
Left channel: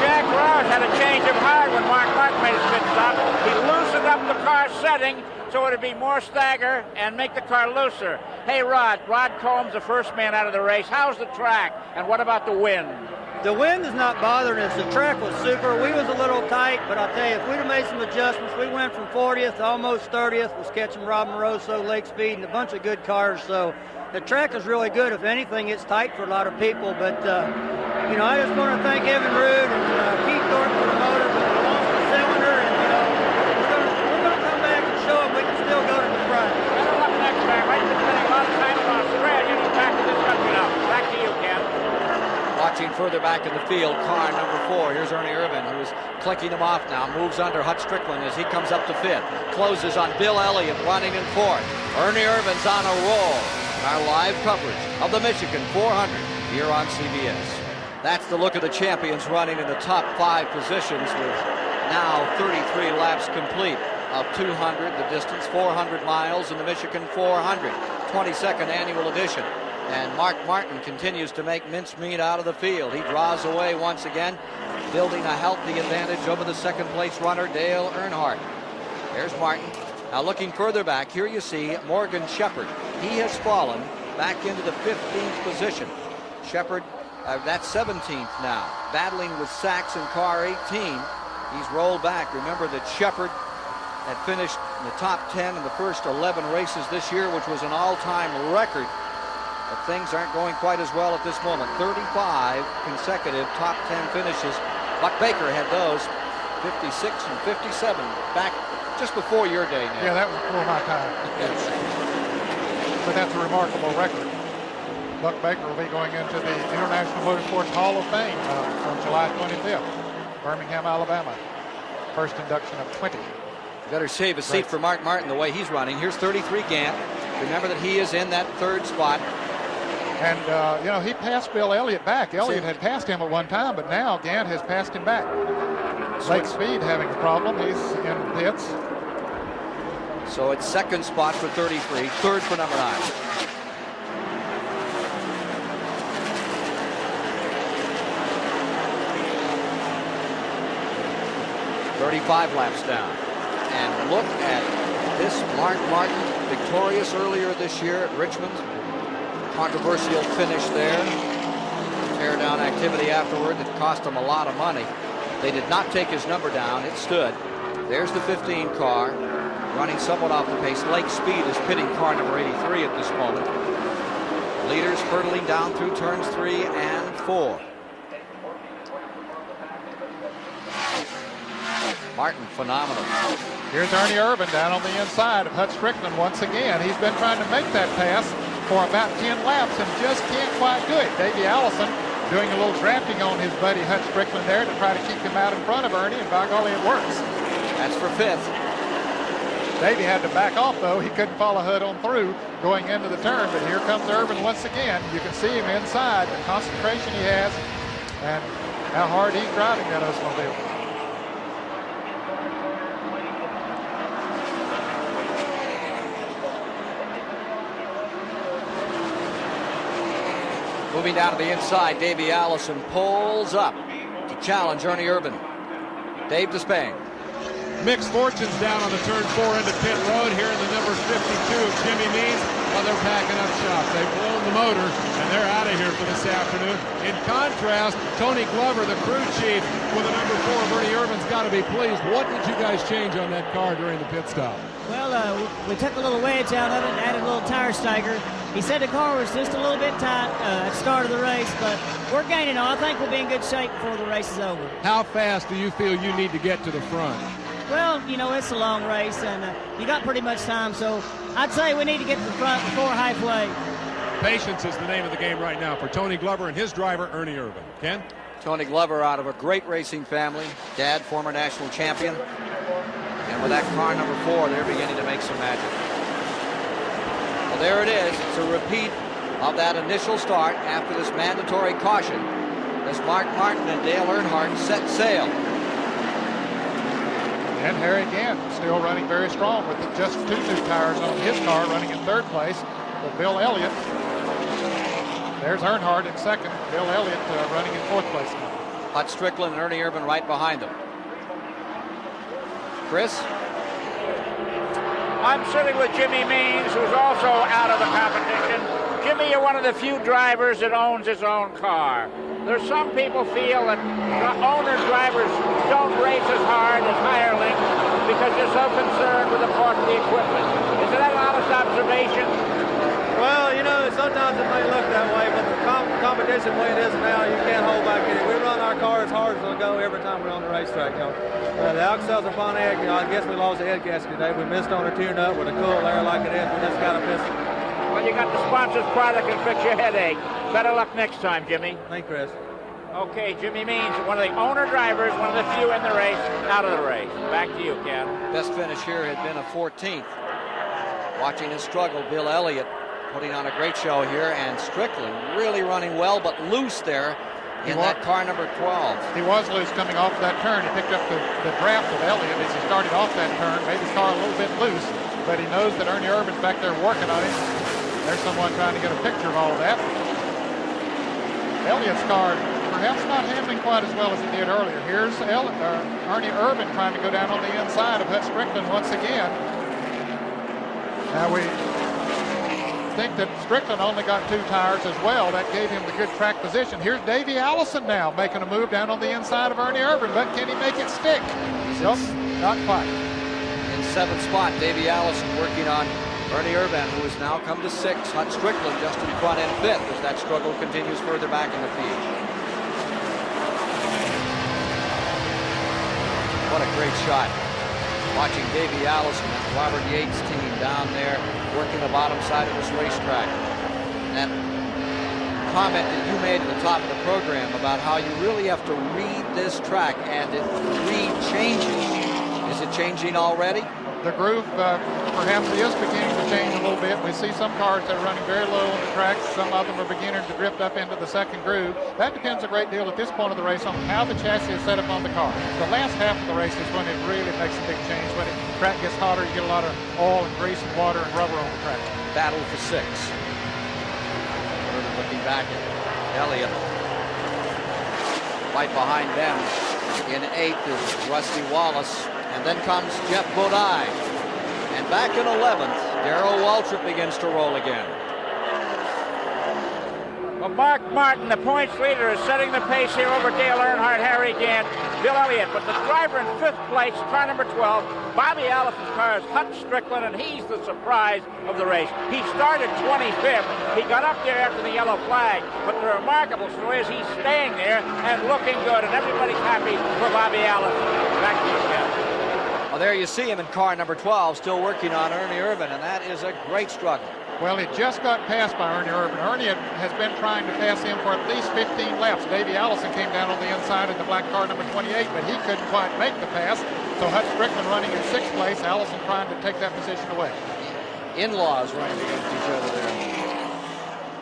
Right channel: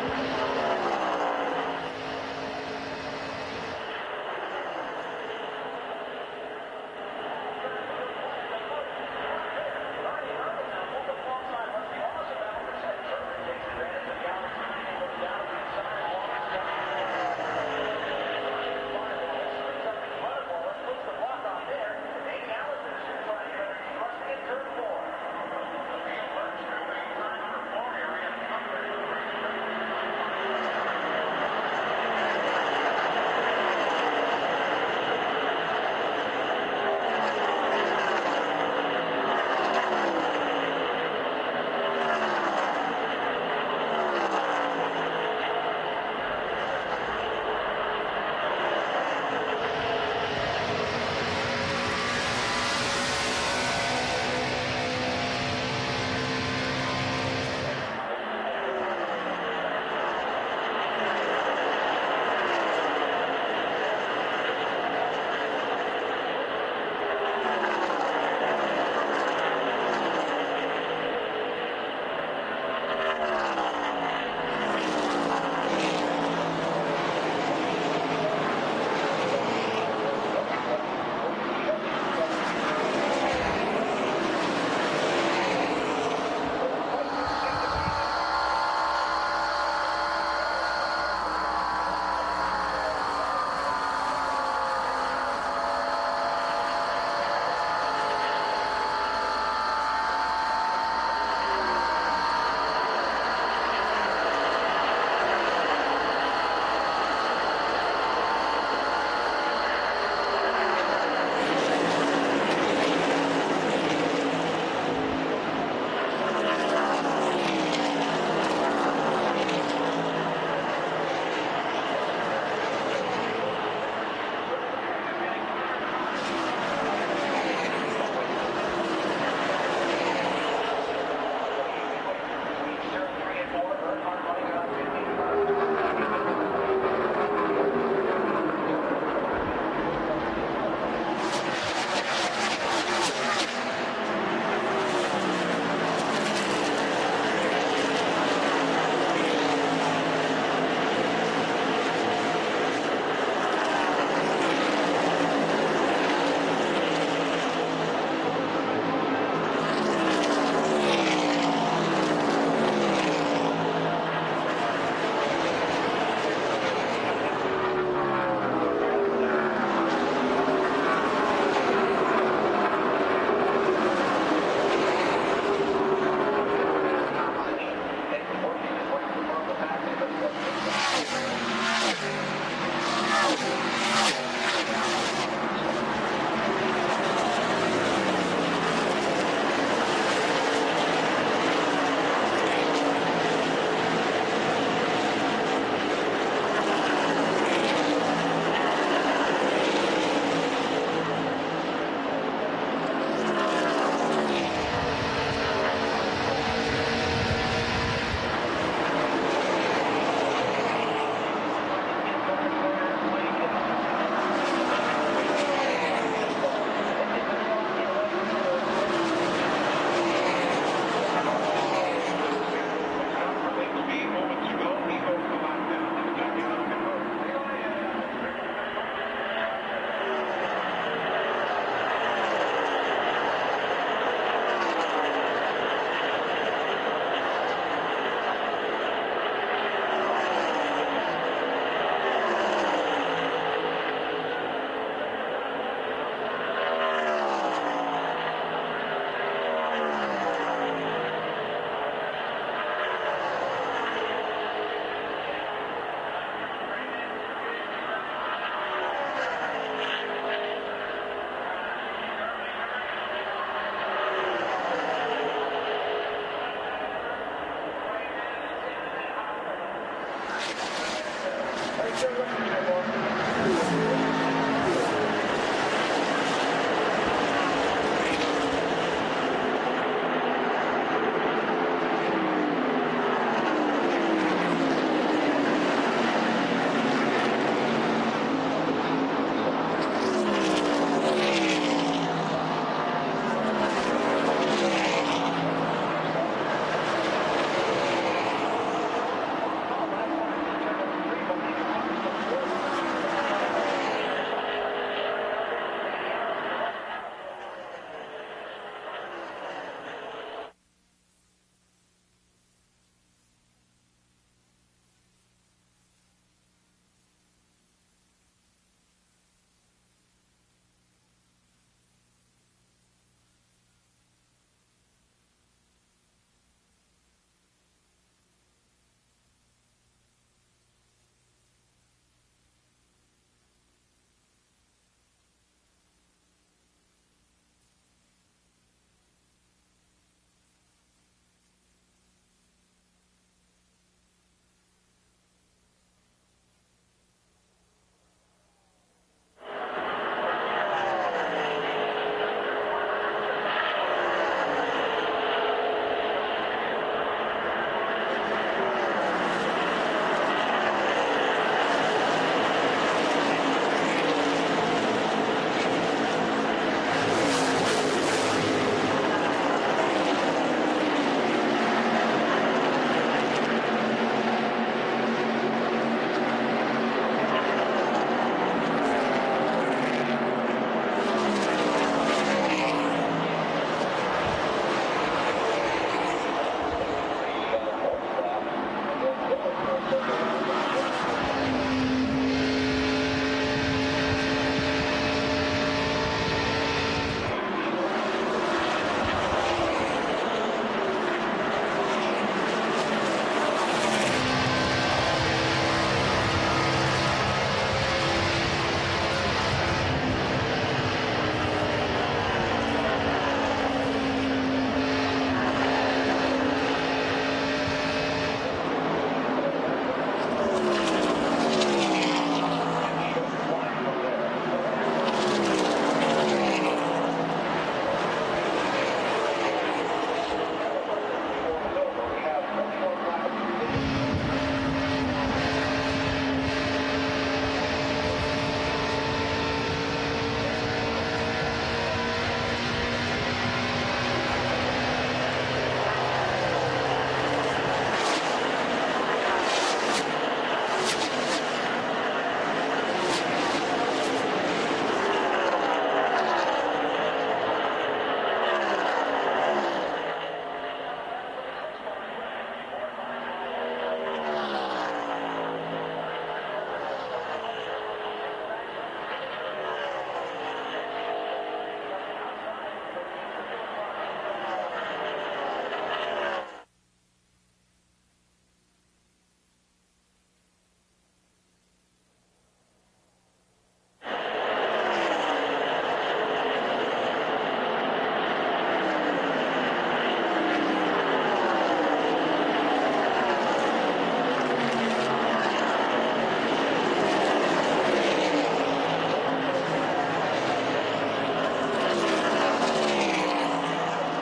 Jack Roush had a change of heart when Mark Martin made his pit stop. He loosened up the car setting so it would be more stagger and make the car looser. Hey, Rod Combs, the first man out of the race. How's the track, and what about the wind? The wind is not bothering us. The track was super. We was a little tight, but I'll tell you, if we'd have made some adjustments, we went from 40th to almost 30th, was catching Rob Moroso, Lake Speed, and a bunch of good cars. So the track is really good. If anything, it's tight for a lot of people, but you know, I just want to thank Evan Roode and Keith Thornton for the motor, but we lost the cylinder, and you know, we're gonna come back and show them we can still go to the front. Better luck next time. I've been spending a lot of time in Australia, and he's back to this country now. Back to you, Ken. Watching further back in the field, car number 4. Here's Ernie Irvin, who is clicking him off now. Moves under Hut Strickland as he comes up to 5th. Closes on Bill Elliott, running in 4th. Ernie Irvin's on a roll in our live coverage of the Michigan 400 here on CBS. That's the look of the champions running in the top 5 positions with now 33 laps complete of 200, the distance 400 miles in the Michigan 400, 22nd annual edition. And Mark Martin continues to make mincemeat out of the field. He draws away once again, building a healthy advantage over the second place runner, Dale Earnhardt. There's Martin. Now looking further back, here you see Morgan Shepherd. He has fallen back into the 15th position. Shepherd, that's 17th now, battling with Sachs in car 18. He's rolled back. Remember that Shepherd had finished in the top 10 in the first 11 races this year, which was an all-time record. But things aren't going quite as well at this moment. 35 consecutive top 10 finishes. Buck Baker had those 56 and 57 back just before your day, Nick. Yeah, that was before my time. Yes. But that's a remarkable record. Buck Baker will be going into the International Motorsports Hall of Fame on July 25th, Birmingham, Alabama. First induction of 20. Better save a seat for Mark Martin the way he's running. Here's 33 Gant. Remember that he is in that third spot. And, you know, he passed Bill Elliott back. Elliott had passed him at one time, but now Gant has passed him back. Lake Speed having a problem. He's in the pits. So it's second spot for 33, third for number 9. "35 laps down." And look at this Mark Martin, victorious earlier this year at Richmond. Controversial finish there. And tear-down activity afterward that cost him a lot of money. They did not take his number down. It stood. There's the 15 car, running somewhat off the pace. Lake Speed is pitting car number 83 at this moment. Leaders hurtling down through turns 3 and 4. Martin, phenomenal. Here's Ernie Irvin down on the inside of Hut Strickland once again. He's been trying to make that pass for about 10 laps and just can't quite do it. Davey Allison doing a little drafting on his buddy Hut Strickland there to try to keep him out in front of Ernie, and by golly, it works. That's for 5th. Davey had to back off, though. He couldn't follow Hut on through going into the turn, but here comes Irvin once again. You can see him inside, the concentration he has, and how hard he's driving that Oldsmobile. Moving down to the inside, Davey Allison pulls up to challenge Ernie Irvin. Dave Despain. Mixed fortunes down on the turn 4 into pit road here in the number 52 of Jimmy Means. Well, they're packing up shop. They've blown the motor, and they're out of here for this afternoon. In contrast, Tony Glover, the crew chief for the number 4 of Ernie Irvin's, got to be pleased. What did you guys change on that car during the pit stop? Well, we took a little wedge out of it and added a little tire stagger. He said the car was just a little bit tight at the start of the race, but we're gaining on. I think we'll be in good shape before the race is over. How fast do you feel you need to get to the front? Well, you know, it's a long race, and you got pretty much time, so I'd say we need to get to the front before halfway. Patience is the name of the game right now for Tony Glover and his driver, Ernie Irvin. Ken? Tony Glover out of a great racing family. Dad, former national champion. And with that car number 4, they're beginning to make some magic. Well, there it is. It's a repeat of that initial start after this mandatory caution as Mark Martin and Dale Earnhardt set sail. And Harry Gant still running very strong with just 2 new tires on his car, running in 3rd place. But Bill Elliott, there's Earnhardt in 2nd. Bill Elliott running in 4th place now. Hut Strickland and Ernie Irvin right behind them. Chris? I'm sitting with Jimmy Means, who's also out of the competition. Jimmy, you're one of the few drivers that owns his own car. There's some people feel that owner drivers don't race as hard as hirelings because they're so concerned with the part of the equipment. Is that an honest observation? Well, you know, sometimes it may look that way, but the competition the way it is now, you can't hold back anything. We run our car as hard as it'll go every time we're on the racetrack. You know. The Alka-Seltz are Pontiac, I guess we lost the head gasket today. We missed on a tune-up with a cool air like it is. We just got to miss it. Well, you got the sponsor's product and fix your headache. Better luck next time, Jimmy. Thank you, Chris. Okay, Jimmy Means, one of the owner drivers, one of the few in the race, out of the race. Back to you, Ken. Best finish here had been a 14th. Watching this struggle, Bill Elliott putting on a great show here, and Strickland really running well, but loose there in that car number 12. He was loose coming off that turn. He picked up the draft of Elliott as he started off that turn, made his car a little bit loose, but he knows that Ernie Irvin's back there working on him. There's someone trying to get a picture of all of that. Elliott's car perhaps not handling quite as well as it did earlier. Here's Ernie Irvin trying to go down on the inside of Hut Strickland once again. Now we think that Strickland only got 2 tires as well. That gave him the good track position. Here's Davey Allison now making a move down on the inside of Ernie Irvin, but can he make it stick? Nope, not quite. In 7th spot, Davey Allison working on Ernie Irvin, who has now come to 6th. Hut Strickland just in front and 5th as that struggle continues further back in the field. What a great shot. Watching Davey Allison and Robert Yates' team down there working the bottom side of this racetrack. And that comment that you made at the top of the program about how you really have to read this track, and the read changes. Is it changing already? The groove perhaps is beginning to change a little bit. We see some cars that are running very low on the track. Some of them are beginning to drift up into the second groove. That depends a great deal at this point of the race on how the chassis is set up on the car. The last half of the race is when it really makes a big change. When the track gets hotter, you get a lot of oil and grease and water and rubber on the track. Battle for 6. Irvin looking back at Elliott. Right behind them in 8th is Rusty Wallace. And then comes Jeff Bodine. And back in 11th, Darrell Waltrip begins to roll again. Well, Mark Martin, the points leader, is setting the pace here over Dale Earnhardt, Harry Gant, Bill Elliott. But the driver in 5th place, car number 12, Bobby Allison's car is Hutch Strickland, and he's the surprise of the race. He started 25th. He got up there after the yellow flag. But the remarkable story is he's staying there and looking good, and everybody's happy for Bobby Allison. Back to you, Ken. Well, there you see him in car number 12, still working on Ernie Irvin, and that is a great struggle. Well, he just got passed by Ernie Irvin. Ernie has been trying to pass him for at least 15 laps. Davey Allison came down on the inside in the black car number 28, but he couldn't quite make the pass. So Hutch Strickland running in 6th place, Allison trying to take that position away. In-laws running against each other there.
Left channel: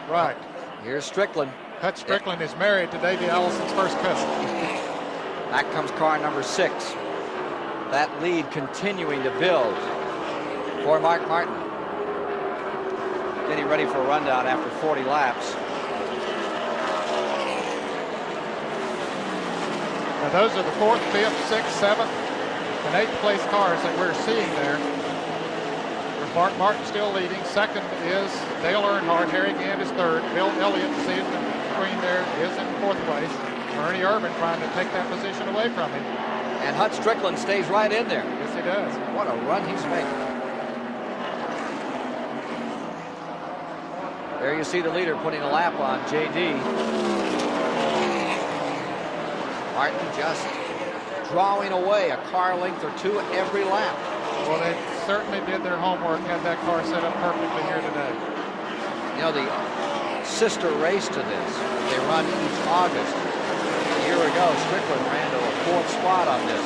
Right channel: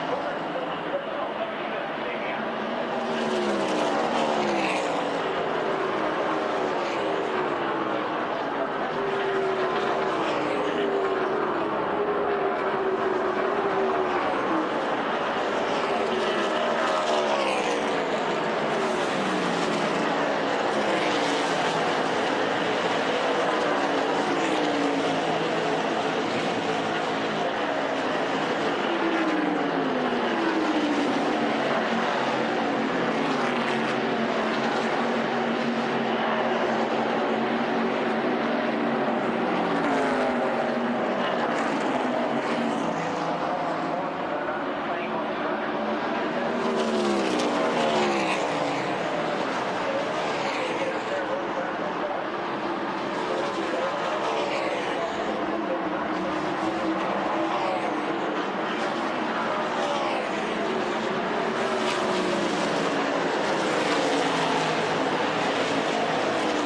Right. Here's Strickland. Hutch Strickland is married to Davey Allison's first cousin. Back comes car number 6. That lead continuing to build for Mark Martin. Getting ready for a rundown after 40 laps. Now those are the 4th, 5th, 6th, 7th, and 8th place cars that we're seeing there. There's Mark Martin still leading. 2nd is Dale Earnhardt. Harry Gant is 3rd. Bill Elliott, see in the screen there, is in 4th place. Ernie Irvin trying to take that position away from him. And Hutch Strickland stays right in there. Yes, he does. What a run he's making. There you see the leader putting a lap on JD. Martin just drawing away a car length or 2 every lap. Well, they certainly did their homework, had that car set up perfectly here today. You know, the sister race to this that they run each August. A year ago, Strickland ran to a 4th spot on this.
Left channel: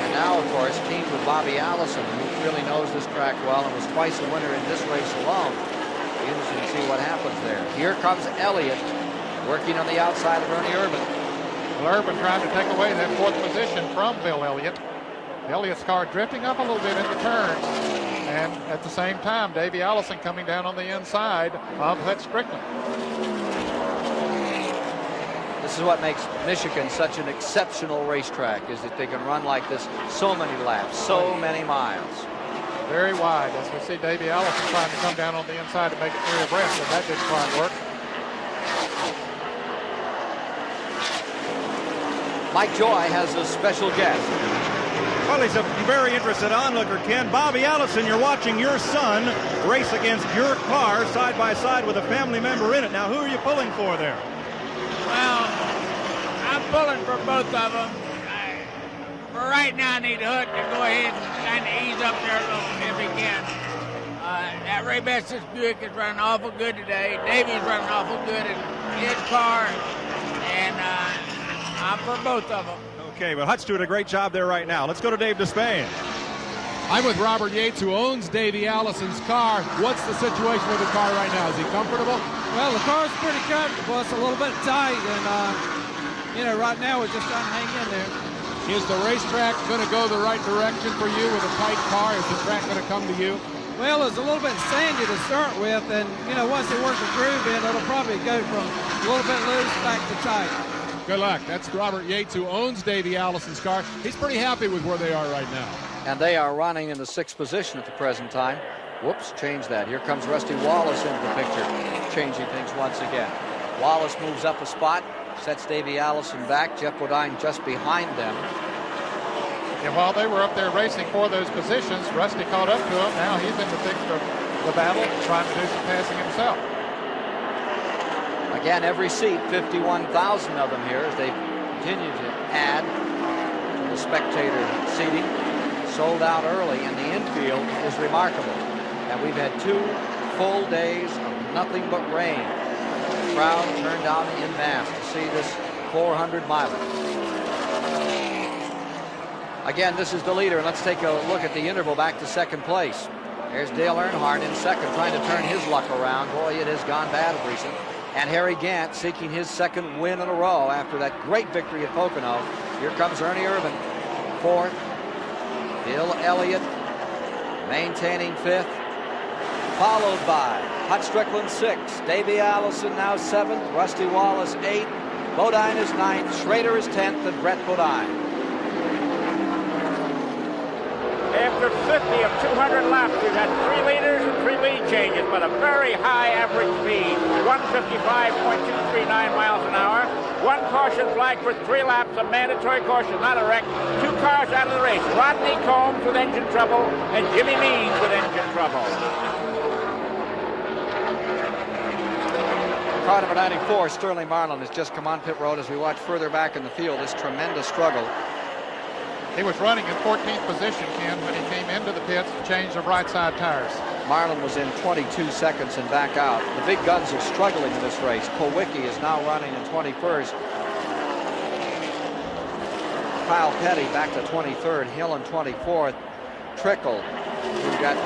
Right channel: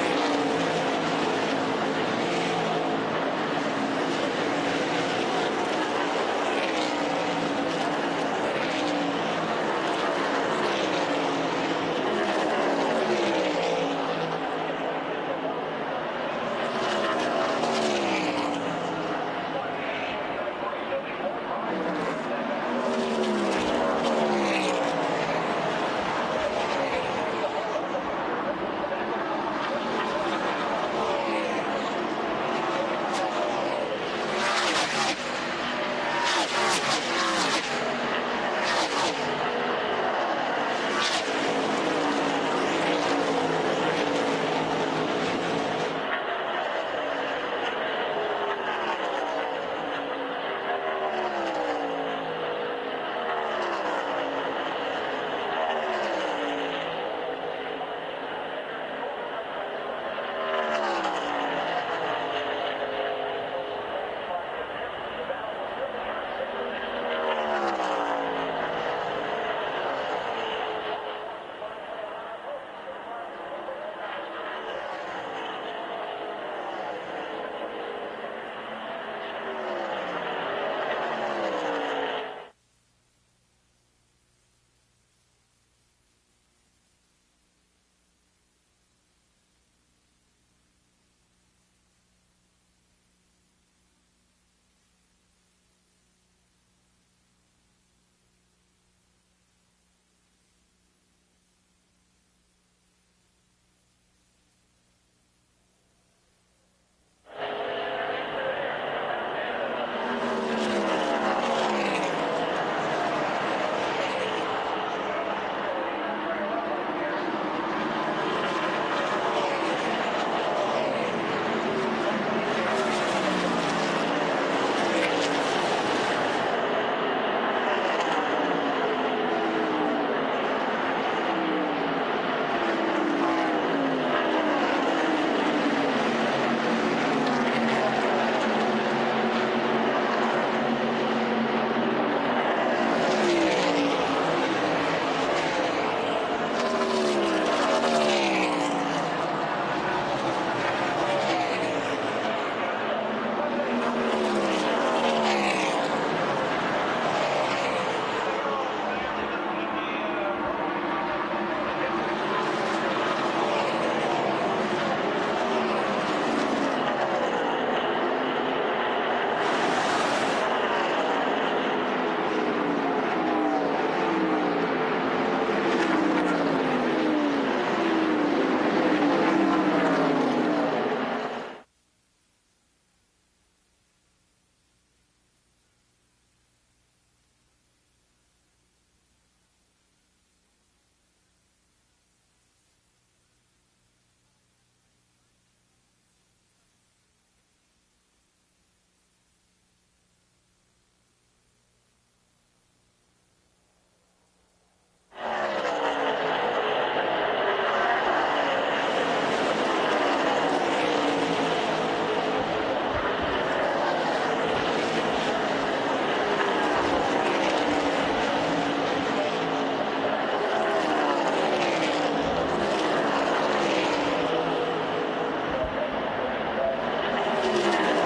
And now, of course, teamed with Bobby Allison, who really knows this track well and was twice a winner in this race alone. Be interesting to see what happens there. Here comes Elliott working on the outside of Ernie Irvin. Well, Irvin trying to take away that 4th position from Bill Elliott. Elliott's car drifting up a little bit in the turns. And at the same time, Davey Allison coming down on the inside of Hutch Strickland. This is what makes Michigan such an exceptional racetrack, is that they can run like this so many laps, so many miles. Very wide, as we see Davey Allison trying to come down on the inside to make it 3 abreast, but that didn't quite work. Mike Joy has a special guest. Well, he's a very interested onlooker, Ken. Bobby Allison, you're watching your son race against your car side by side with a family member in it. Now, who are you pulling for there? Well, I'm pulling for both of them. For right now, I need Hutch to go ahead and kind of ease up there a little if he can. That Ray Bessett's Buick is running awful good today. Davey's running awful good in his car, and I'm for both of them. Okay, well, Hutch doing a great job there right now. Let's go to Dave Despain. I'm with Robert Yates, who owns Davey Allison's car. What's the situation with the car right now? Is he comfortable? Well, the car's pretty comfortable. It's a little bit tight, and, you know, right now we're just trying to hang in there. Is the racetrack going to go the right direction for you with a tight car? Is the track going to come to you? Well, it's a little bit sandy to start with, and, you know, once they work the groove in, it'll probably go from a little bit loose back to tight. Good luck. That's Robert Yates, who owns Davey Allison's car. He's pretty happy with where they are right now. And they are running in the 6th position at the present time. Whoops, change that. Here comes Rusty Wallace into the picture, changing things once again. Wallace moves up a spot, sets Davey Allison back. Jeff Bodine just behind them. Yeah, while they were up there racing for those positions, Rusty caught up to him. Now he's in the thick of the battle, trying to do some passing himself. Again, every seat, 51,000 of them here as they continue to add to the spectator seating. Sold out early, and the infield is remarkable. And we've had 2 full days of nothing but rain. The crowd turned out en masse to see this 400-miler. Again, this is the leader. Let's take a look at the interval back to second place. There's Dale Earnhardt in second, trying to turn his luck around. Boy, it has gone bad of recent. And Harry Gant seeking his second win in a row after that great victory at Pocono. Here comes Ernie Irvan, fourth. Bill Elliott maintaining fifth, followed by Hut Strickland sixth, Davey Allison now seventh, Rusty Wallace eighth, Bodine is ninth, Schrader is 10th, and Brett Bodine. After 50 of 200 laps, we've had 3 leaders and 3 lead changes, but a very high average speed, 155.239 miles an hour. 1 caution flag for 3 laps, a mandatory caution, not a wreck. 2 cars out of the race, Rodney Combs with engine trouble and Jimmy Means with engine trouble. Car number 94, Sterling Marlin, has just come on pit road as we watch further back in the field. This tremendous struggle. He was running in 14th position, Ken, when he came into the pits to change the right side tires. Marlin was in 22 seconds and back out. The big guns are struggling in this race. Kowicki is now running in 21st. Kyle Petty back to 23rd. Hill in 24th. Trickle, who got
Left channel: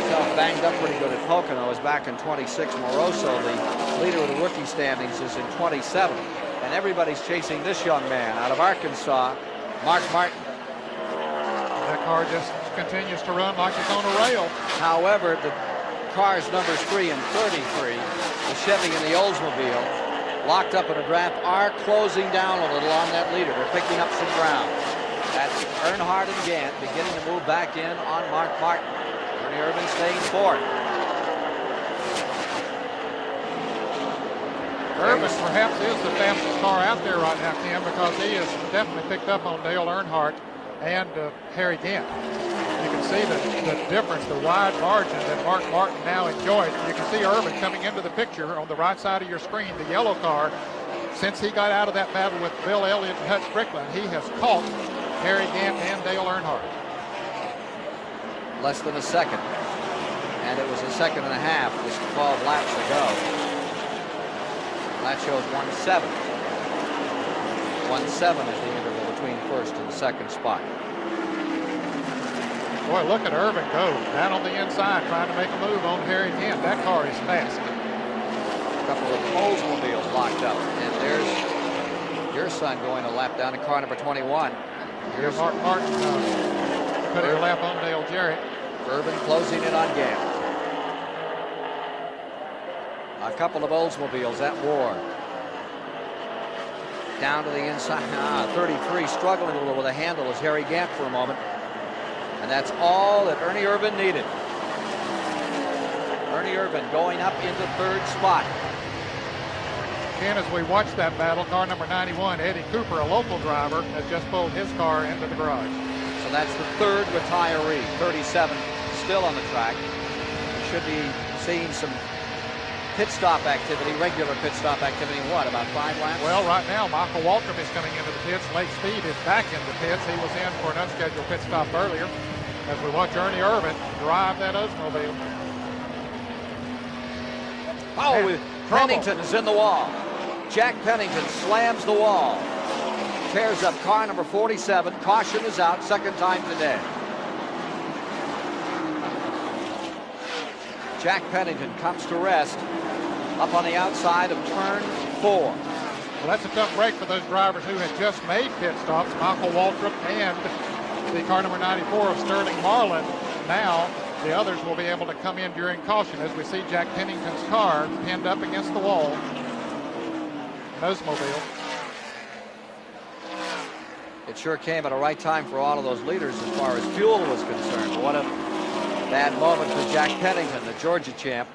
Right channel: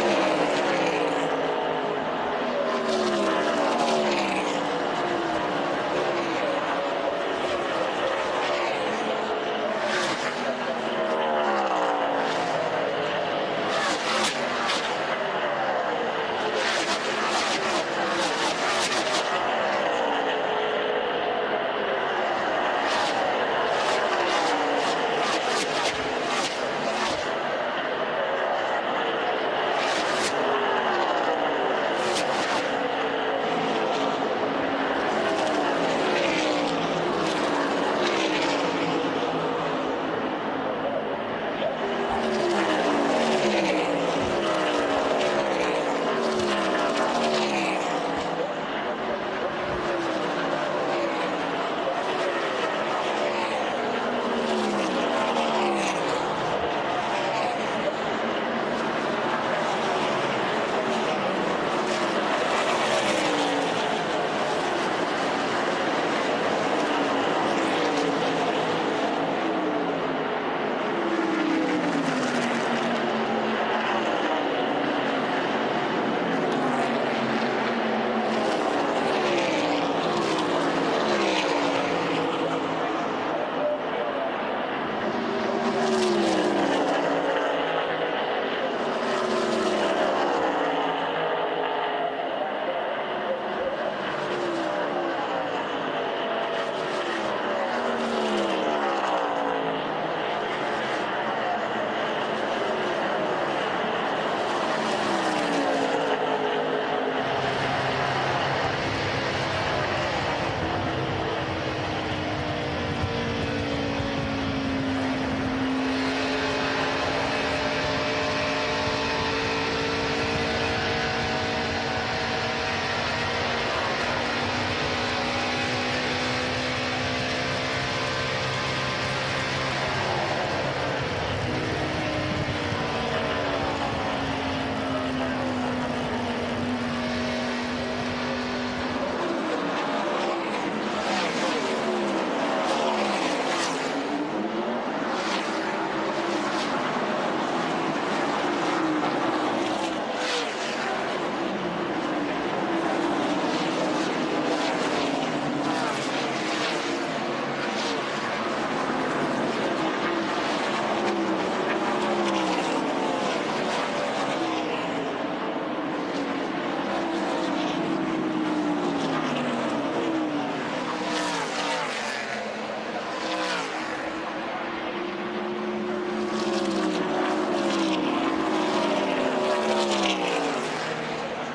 himself banged up pretty good at Pocono, is back in 26th. Moroso, the leader of the rookie standings, is in 27th. And everybody's chasing this young man out of Arkansas, Mark Martin. That car just continues to run like it's on a rail. However, the cars numbers 3 and 33, the Chevy and the Oldsmobile, locked up in a draft, are closing down a little on that leader. They're picking up some ground. That's Earnhardt and Gant beginning to move back in on Mark Martin. Ernie Irvan staying fourth. Irvan perhaps is the fastest car out there right now, Ken, because he has definitely picked up on Dale Earnhardt and Harry Gant. You can see the difference, the wide margin that Mark Martin now enjoys. You can see Irvan coming into the picture on the right side of your screen, the yellow car. Since he got out of that battle with Bill Elliott and Hut Strickland, he has caught Harry Gant and Dale Earnhardt. Less than a second. And it was a second and a half just 12 laps ago. And that shows 1-7. 1-7 is the interval between first and second spot. Boy, look at Irvan go down on the inside trying to make a move on Harry Gant. That car is fast. A couple of Oldsmobiles locked up. And there's your son going a lap down to car number 21. Here's Mark Martin putting a lap on Dale Jarrett. Irvan closing in on Gant. A couple of Oldsmobiles at war. Down to the inside. 33 struggling a little with a handle as Harry Gant for a moment. And that's all that Ernie Irvan needed. Ernie Irvan going up into third spot. And as we watch that battle, car number 91, Eddie Cooper, a local driver, has just pulled his car into the garage. So that's the third retiree. 37 still on the track. We should be seeing some pit stop activity, regular pit stop activity in what, about 5 laps? Well, right now, Michael Waltrip is coming into the pits. Lake Speed is back in the pits. He was in for an unscheduled pit stop earlier. As we watch Ernie Irvan drive that Oldsmobile. Oh, Pennington is in the wall. Jack Pennington slams the wall. Tears up car number 47. Caution is out, second time today. Jack Pennington comes to rest up on the outside of turn 4. Well, that's a tough break for those drivers who had just made pit stops, Michael Waltrip and the car number 94 of Sterling Marlin. Now the others will be able to come in during caution as we see Jack Pennington's car pinned up against the wall. Oldsmobile. It sure came at a right time for all of those leaders as far as fuel was concerned. But what a bad moment for Jack Pennington, the Georgia champ.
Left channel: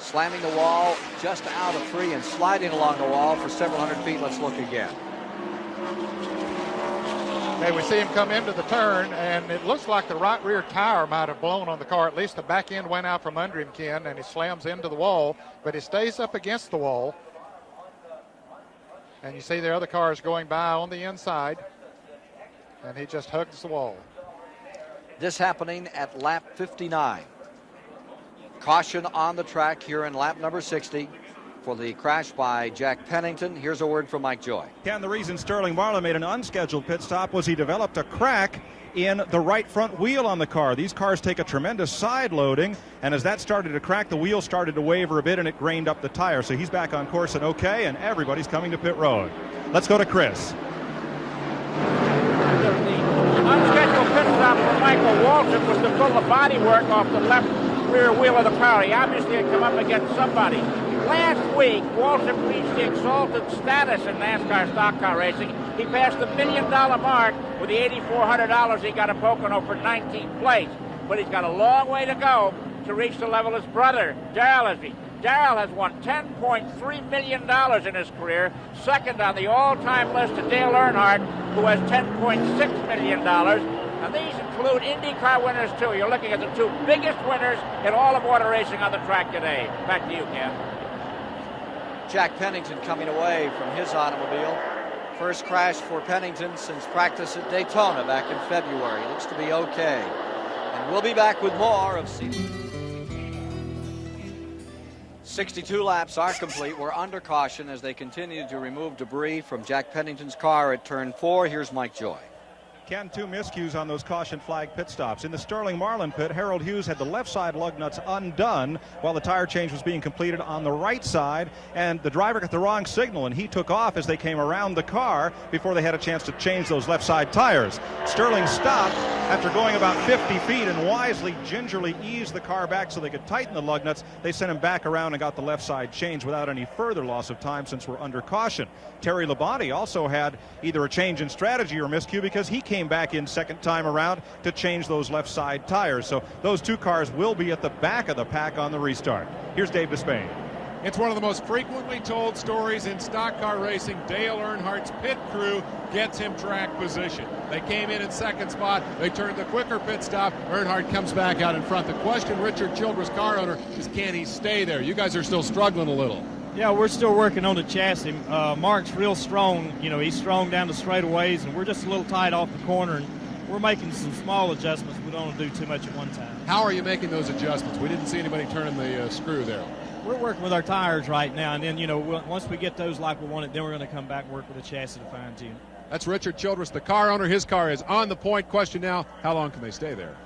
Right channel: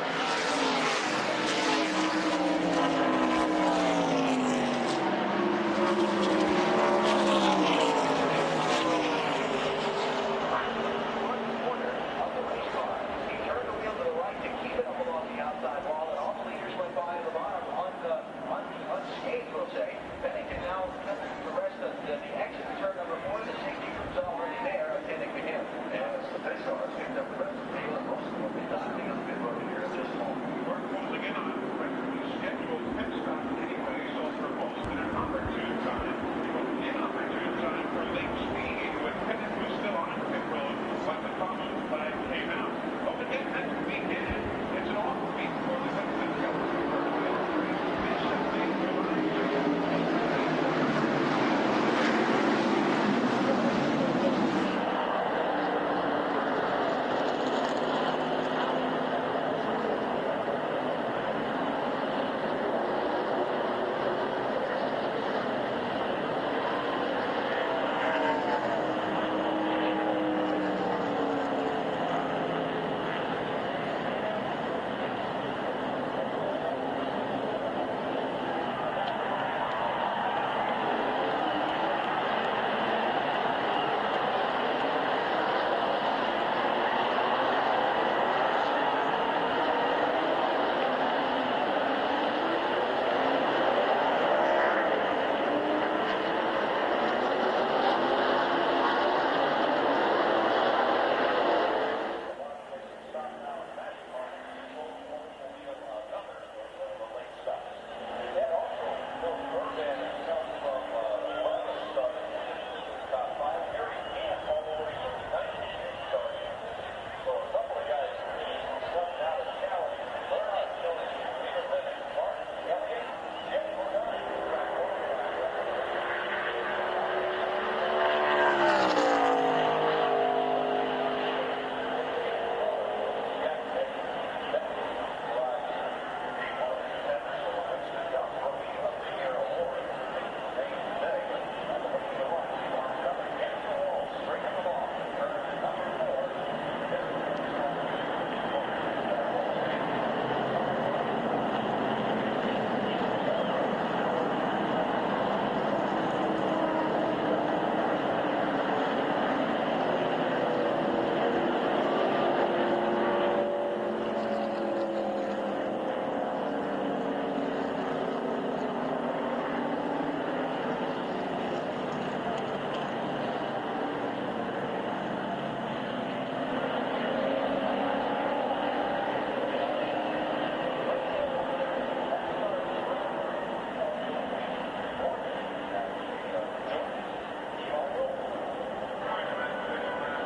Slamming the wall just out of 3 and sliding along the wall for several hundred feet. Let's look again. Okay, we see him come into the turn, and it looks like the right rear tire might have blown on the car. At least the back end went out from under him, Ken, and he slams into the wall, but he stays up against the wall. And you see the other cars going by on the inside, and he just hugs the wall. This happening at lap 59. Caution on the track here in lap number 60. for the crash by Jack Pennington. Here's a word from Mike Joy. Ken, the reason Sterling Marlin made an unscheduled pit stop was he developed a crack in the right front wheel on the car. These cars take a tremendous side loading, and as that started to crack, the wheel started to waver a bit and it grained up the tire. So he's back on course and okay, and everybody's coming to pit road. Let's go to Chris. Unscheduled pit stop for Michael Waltrip was to pull the bodywork off the left rear wheel of the car. He obviously had come up against somebody. Last week, Waltrip reached the exalted status in NASCAR stock car racing. He passed the $1 million mark with the $8,400 he got in Pocono for 19th place. But he's got a long way to go to reach the level of his brother, Darrell. Darrell has won $10.3 million in his career, second on the all-time list to Dale Earnhardt, who has $10.6 million. And these include IndyCar winners, too. You're looking at the two biggest winners in all of motor racing on the track today. Back to you, Ken. Jack Pennington coming away from his automobile. First crash for Pennington since practice at Daytona back in February. Looks to be okay. And we'll be back with more of season. 62 laps are complete. We're under caution as they continue to remove debris from Jack Pennington's car at turn 4. Here's Mike Joy. Ken, two miscues on those caution flag pit stops. In the Sterling Marlin pit, Harold Hughes had the left side lug nuts undone while the tire change was being completed on the right side, and the driver got the wrong signal, and he took off as they came around the car before they had a chance to change those left side tires. Sterling stopped after going about 50 feet and wisely, gingerly eased the car back so they could tighten the lug nuts. They sent him back around and got the left side changed without any further loss of time since we're under caution. Terry Labonte also had either a change in strategy or miscue because he came back in second time around to change those left side tires. So those two cars will be at the back of the pack on the restart. Here's Dave Despain. It's one of the most frequently told stories in stock car racing. Dale Earnhardt's pit crew gets him track position. They came in second spot. They turned the quicker pit stop. Earnhardt comes back out in front. The question, Richard Childress, car owner, is can he stay there? You guys are still struggling a little. Yeah, we're still working on the chassis. Mark's real strong. You know, he's strong down the straightaways, and we're just a little tight off the corner. And we're making some small adjustments. We don't want to do too much at one time. How are you making those adjustments? We didn't see anybody turn the screw there. We're working with our tires right now, and then, you know, once we get those like we wanted, then we're going to come back work with the chassis for them too. That's Richard Childress, the car owner. His car is on the point. Question now, how long can they stay there?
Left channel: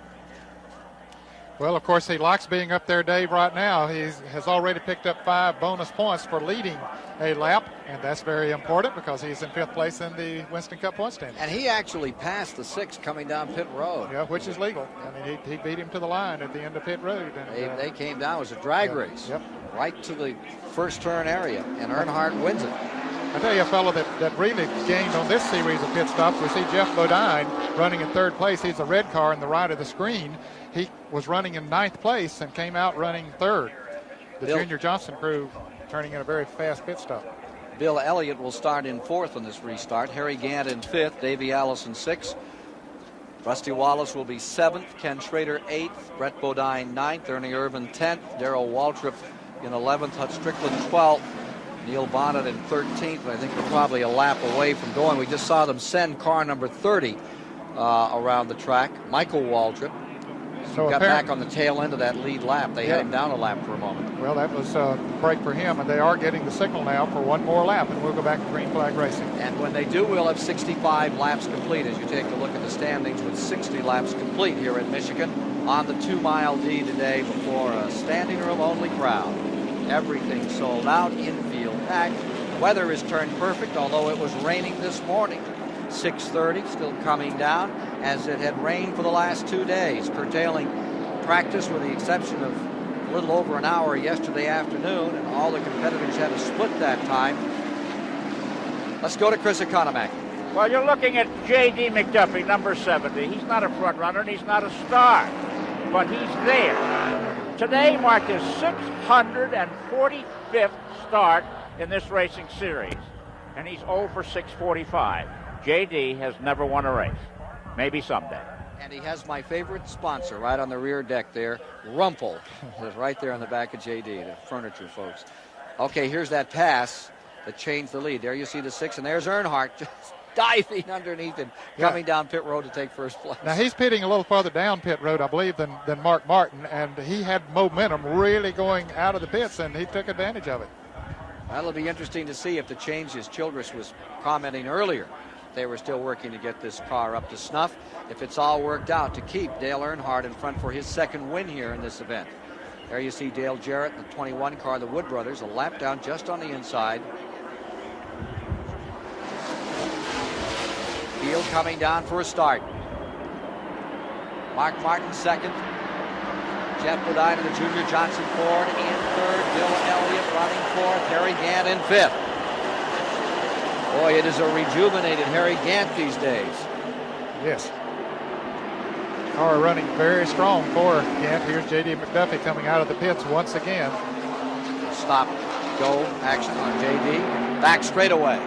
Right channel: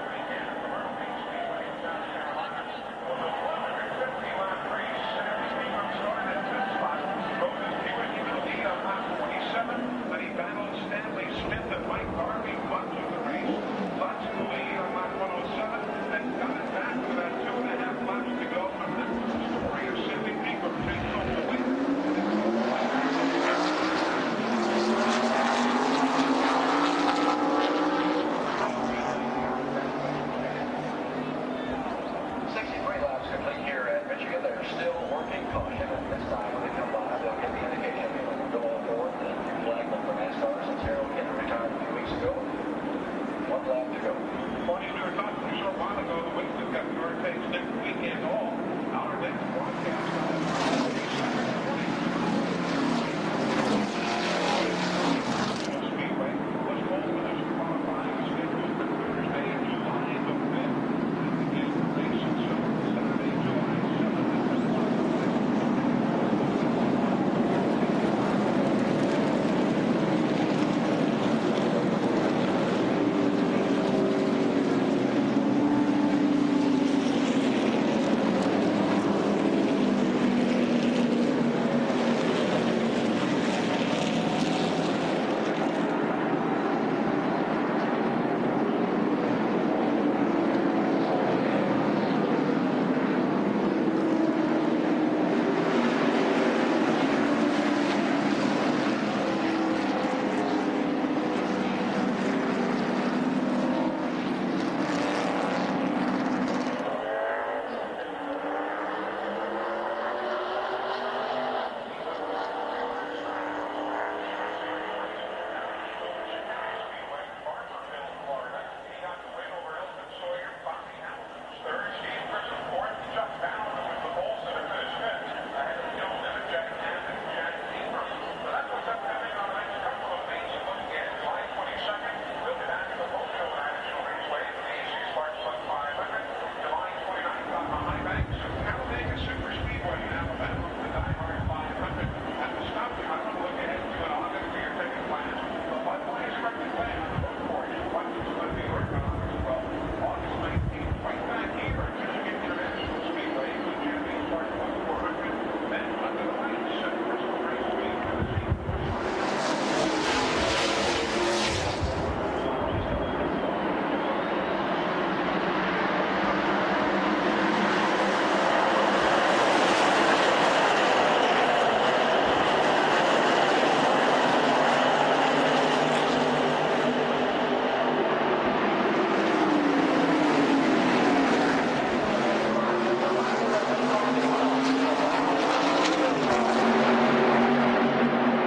Well, of course, he likes being up there, Dave, right now. He has already picked up 5 bonus points for leading a lap. And that's very important because he's in 5th place in the Winston Cup Winston. And he actually passed the 6 coming down pit road. Yeah, which is legal. He beat him to the line at the end of pit road. They came down. It was a drag race right to the first turn area, and Earnhardt wins it. I'll tell you a fellow that really gained on this series of pit stops. You see Jeff Bodine running in 3rd place. He's a red car on the right of the screen. He was running in 9th place and came out running 3rd. The Junior Johnson crew turning in a very fast pit stop. Bill Elliott will start in 4th in this restart. Harry Gant in 5th. Davey Allison 6th. Rusty Wallace will be 7th. Ken Schrader 8th. Brett Bodine 9th. Ernie Irvin 10th. Darrell Waltrip in 11th. Hut Strickland 12th. Neil Bonnet in 13th. I think they're probably a lap away from going. We just saw them send car number 30 around the track. Michael Waltrip. Got back on the tail end of that lead lap. They had him down a lap for a moment. Well, that was a break for him, and they are getting the signal now for one more lap. We'll go back to green flag racing. And when they do, we'll have 65 laps completed. You take a look at the standings with 60 laps complete here in Michigan on the 2-mile tee today for a standing room only crowd. Everything sold out in the pack. The weather has turned perfect, although it was raining this morning. 6:30, still coming down, as it had rained for the last 2 days, curtailing practice with the exception of a little over an hour yesterday afternoon. All the competitors had to split that time. Let's go to Chris Economack. Well, you're looking at J.D. McDuffie, number 70. He's not a front runner, and he's not a star, but he's there. Today marked his 645th start in this racing series, and he's 0 for 645. J.D. has never won a race. Maybe someday. And he has my favorite sponsor right on the rear deck there. Rumpel is right there on the back of J.D. Furniture folks. Okay, here's that pass. A change for lead. There you see the 6, and there's Earnhardt just diving underneath and coming down pit road to take first place. Now, he's pitting a little further down pit road, I believe, than Mark Martin, and he had momentum really going out of the pits, and he took advantage of it. That'll be interesting to see if the changes Childress was commenting earlier, they were still working to get this car up to snuff. If it's all worked out to keep Dale Earnhardt in front for his second win here in this event. There you see Dale Jarrett, the 21 car, the Wood Brothers, a lap down just on the inside. Field coming down for a start. Mark Martin second. Jen Bodine and Junior Johnson fourth. Harry Gant in fifth. Boy, it is a rejuvenated Harry Gant these days. Yes. Car running very strong for Andrew Virginia Duffy coming out of the pits once again. Stop. Go next to JB. Back straight away.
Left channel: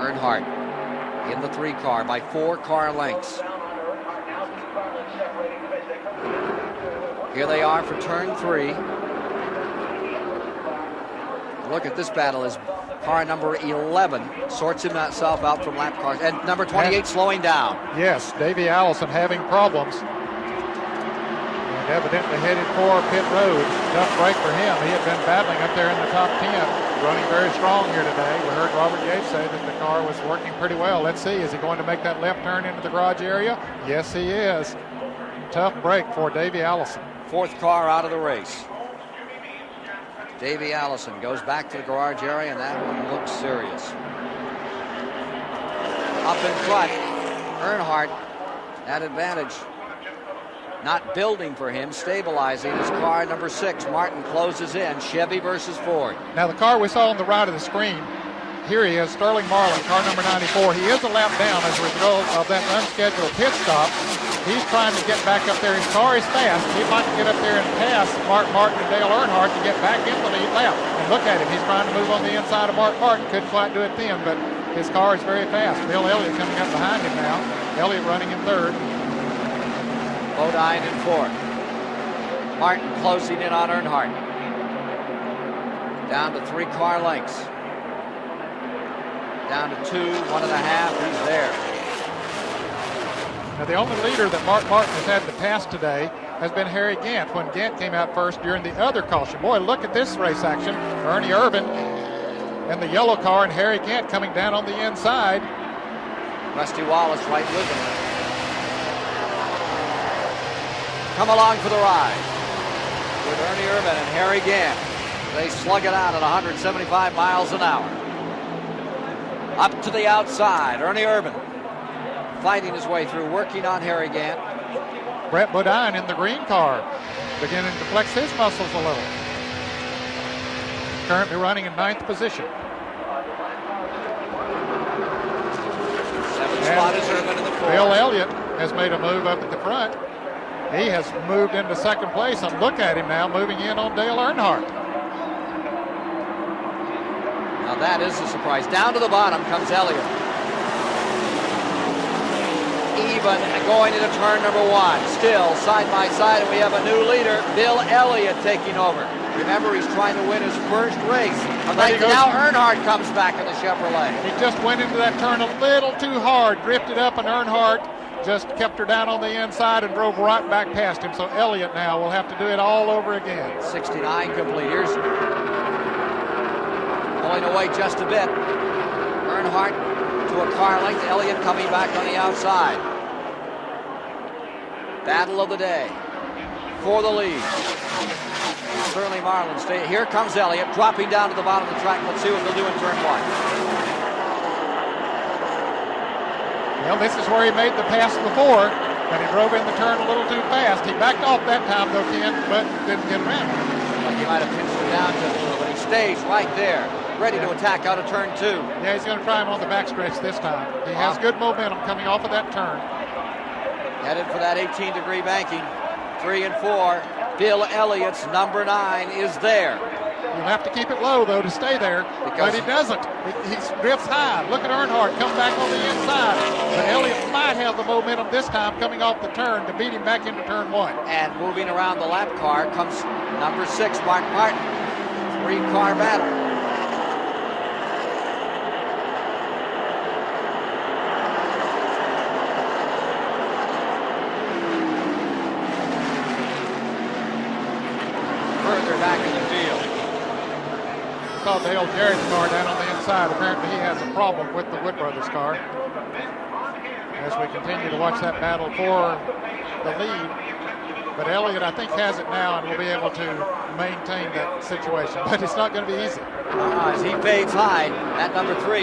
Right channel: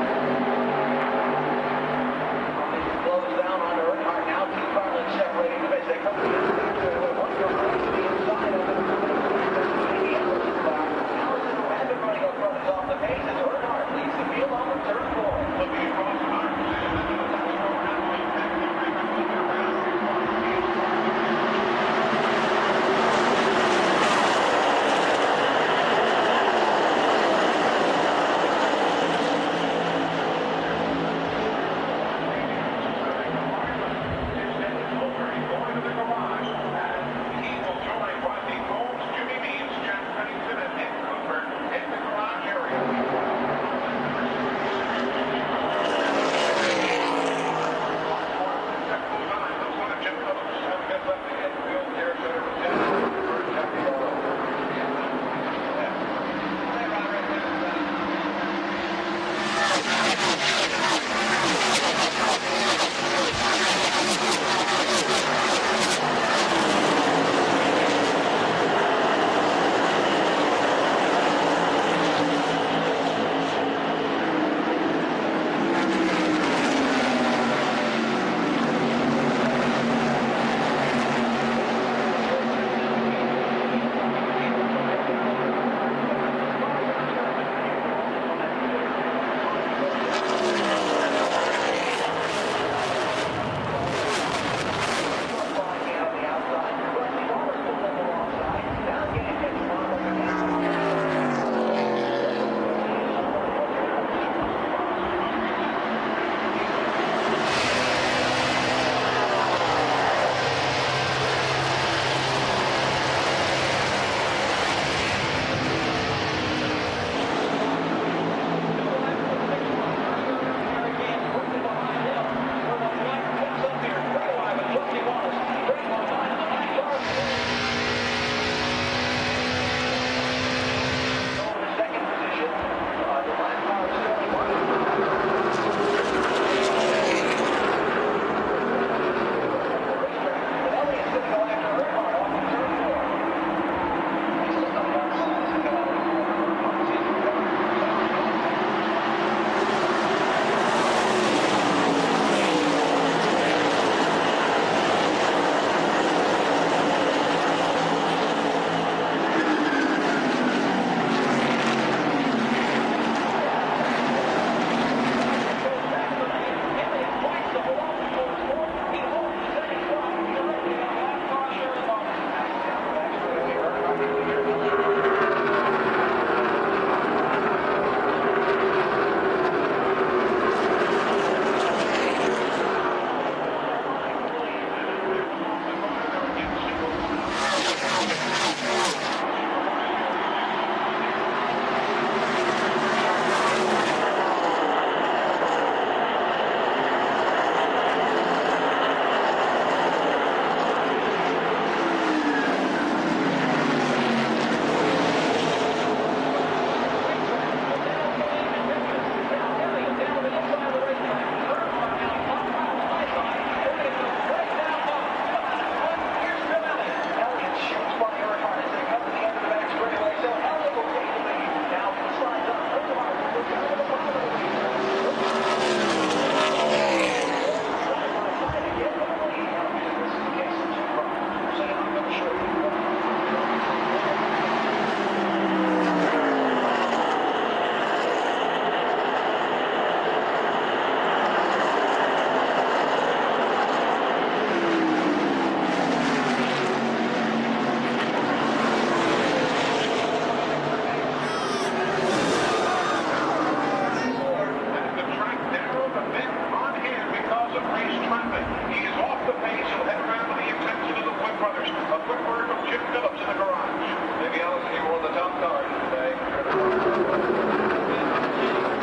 Earnhardt in the 3 car by 4 car lengths. Here they are for turn 3. Look at this battle as car number 11 sorts himself out from lap car. And number 28 slowing down. Yes, Davey Allison having problems. Evidently heading for pit road. That's right for him. He's been battling up there in the top 10. Running very strong here tonight. The car was working pretty well. Let's see, is he going to make that left turn into the garage area? Yes, he is. Tough break for Davey Allison. 4th car out of the race. Davey Allison goes back to the garage area, and that looks serious. Up there front, Earnhardt, that advantage. Not building for him, stabilizing his car number 6. Martin closes in, Chevy versus Ford. Now the car we saw on the right of the screen, here he is, Sterling Marlin, car number 94. He is a lap down as a result of that unscheduled pit stop. He's trying to get back up there. His car is fast. He might get up there and pass Mark Martin and Dale Earnhardt to get back into the lap. Look at him. He's trying to move on the inside of Mark Martin. Couldn't quite do it then, but his car is very fast. Bill Elliott's coming in behind him now. Elliott running in 3rd. Bodine in 4th. Martin closing in on Earnhardt. Down to 3 car lengths. Down to 2, 1.5, and there. The only leader that Mark Martin has had to pass today has been Harry Gant when Gant came out first during the other caution. Boy, look at this race action. Ernie Irvin in the yellow car and Harry Gant coming down on the inside. Rusty Wallace right there. Come along for the ride. Ernie Irvin and Harry Gant. They slug it out at 175 miles an hour. Up to the outside, Ernie Irvin fighting his way through, working on Harry Gant. Brett Bodine in the green car, beginning to flex his muscles a little. Currently running in 9th position. Bill Elliott has made a move up to the front. He has moved into 2nd place, and look at him now moving in on Dale Earnhardt. Now that is a surprise. Down to the bottom comes Elliott. Even going into turn number 1. Still side by side, we have a new leader, Bill Elliott taking over. Remember, he's trying to win his first race. Now Earnhardt comes back in the Chevrolet. He just went into that turn a little too hard, drifted up, and Earnhardt just kept her down on the inside and drove right back past him. So Elliott now will have to do it all over again. 69 couple of years. Going away just a bit. Earnhardt to a car length. Elliott coming back to the outside. Battle of the day for the lead. Here comes Elliott, dropping down to the bottom of the track. Let's see what they're doing for Martin. Well, this is where he made the pass before, and he drove in the turn a little too fast. He backed off that time, but didn't get it in. Stage right there, ready to attack out of turn 2. Yeah, he's going to try him on the backstretch this time. He has good momentum coming off of that turn. Headed for that 18-degree banking. 3 and 4. Bill Elliott's number 9 is there. You have to keep it low, though, to stay there, but he doesn't. He drifts high. Look at Earnhardt come back on the inside. Elliott might have the momentum this time coming off the turn to beat him back into turn 1. And moving around the lap car comes number 6, Mark Martin. 3-car battle. continue to watch that battle for the lead. But Elliott, I think, has it now and will be able to maintain that situation. But it's not going to be easy. As he fades high at number 3,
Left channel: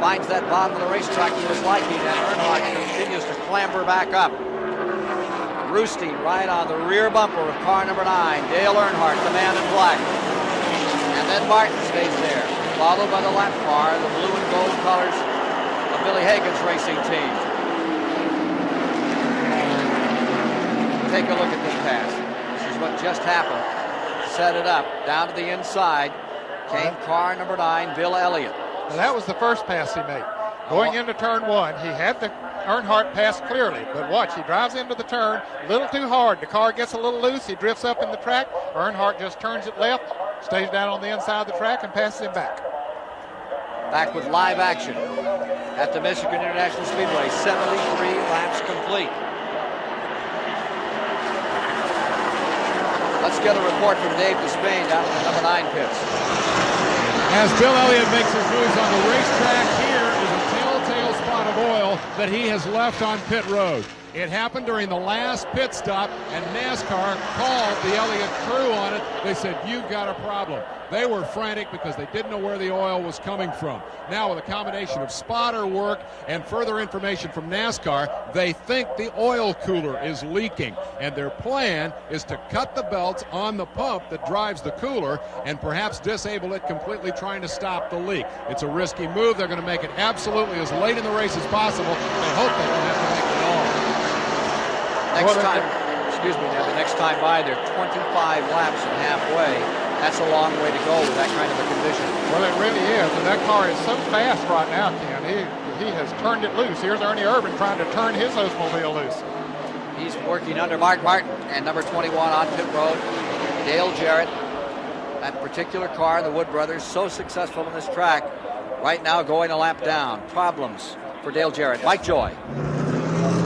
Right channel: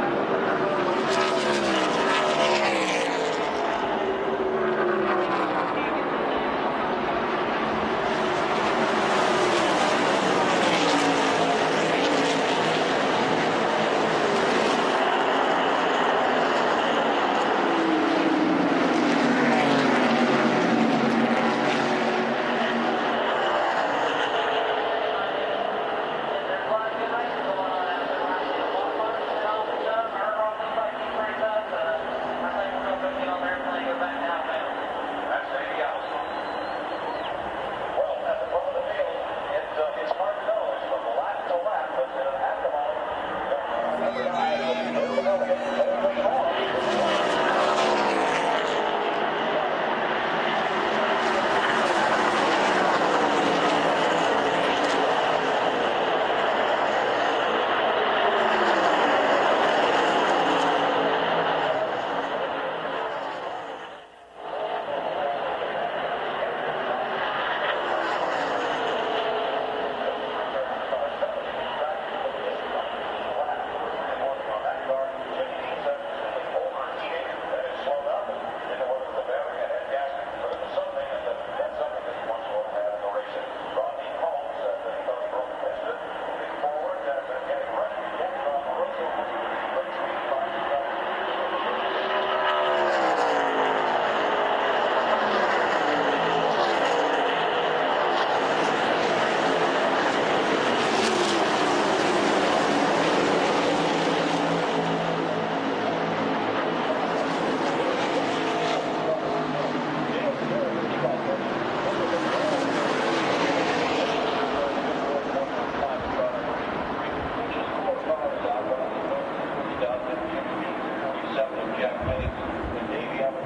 finds that bottom of the racetrack just like and continues to clamber back up. Roosty right on the rear bumper of car number 9. Dale Earnhardt, the man in black. And then Martin stays there, followed by the left car, those colors, Billy Hagan's racing team. Take a look at this pass. This is what just happened. Set it up, down to the inside. Came car number 9, Bill Elliott. And that was the first pass he made. Going into turn 1, he had the Earnhardt pass clearly. But watch, he drives into the turn a little too hard. The car gets a little loose. He drifts up in the track. Earnhardt just turns it left, stays down on the inside of the track, and passes him back. Back with live action at the Michigan International Speedway. 7 rain times complete. Let's get a report from Dave Despain out of the 9 pits. As Bill Elliott makes his moves on the racetrack, here is a telltale spot of oil that he has left on pit road. It happened during the last pit stop, and NASCAR called the Elliott crew on it. They said, "You've got a problem." They were frantic because they didn't know where the oil was coming from. Now, with a combination of spotter work and further information from NASCAR, they think the oil cooler is leaking, and their plan is to cut the belts on the pump that drives the cooler and perhaps disable it completely, trying to stop the leak. It's a risky move. They're going to make it absolutely as late in the race as possible and hope that they have to make it. Next time by, they're 25 laps and halfway. That's a long way to go. Well, it really is. That car is so fast right now. He has turned it loose. Here's Ernie Irvin trying to turn his Oldsmobile loose. He's working under Mark Martin and number 21 on pit road. Dale Jarrett. That particular car, the Wood brothers, so successful in this track. Right now going a lap down. Problems for Dale Jarrett. Mike Joy.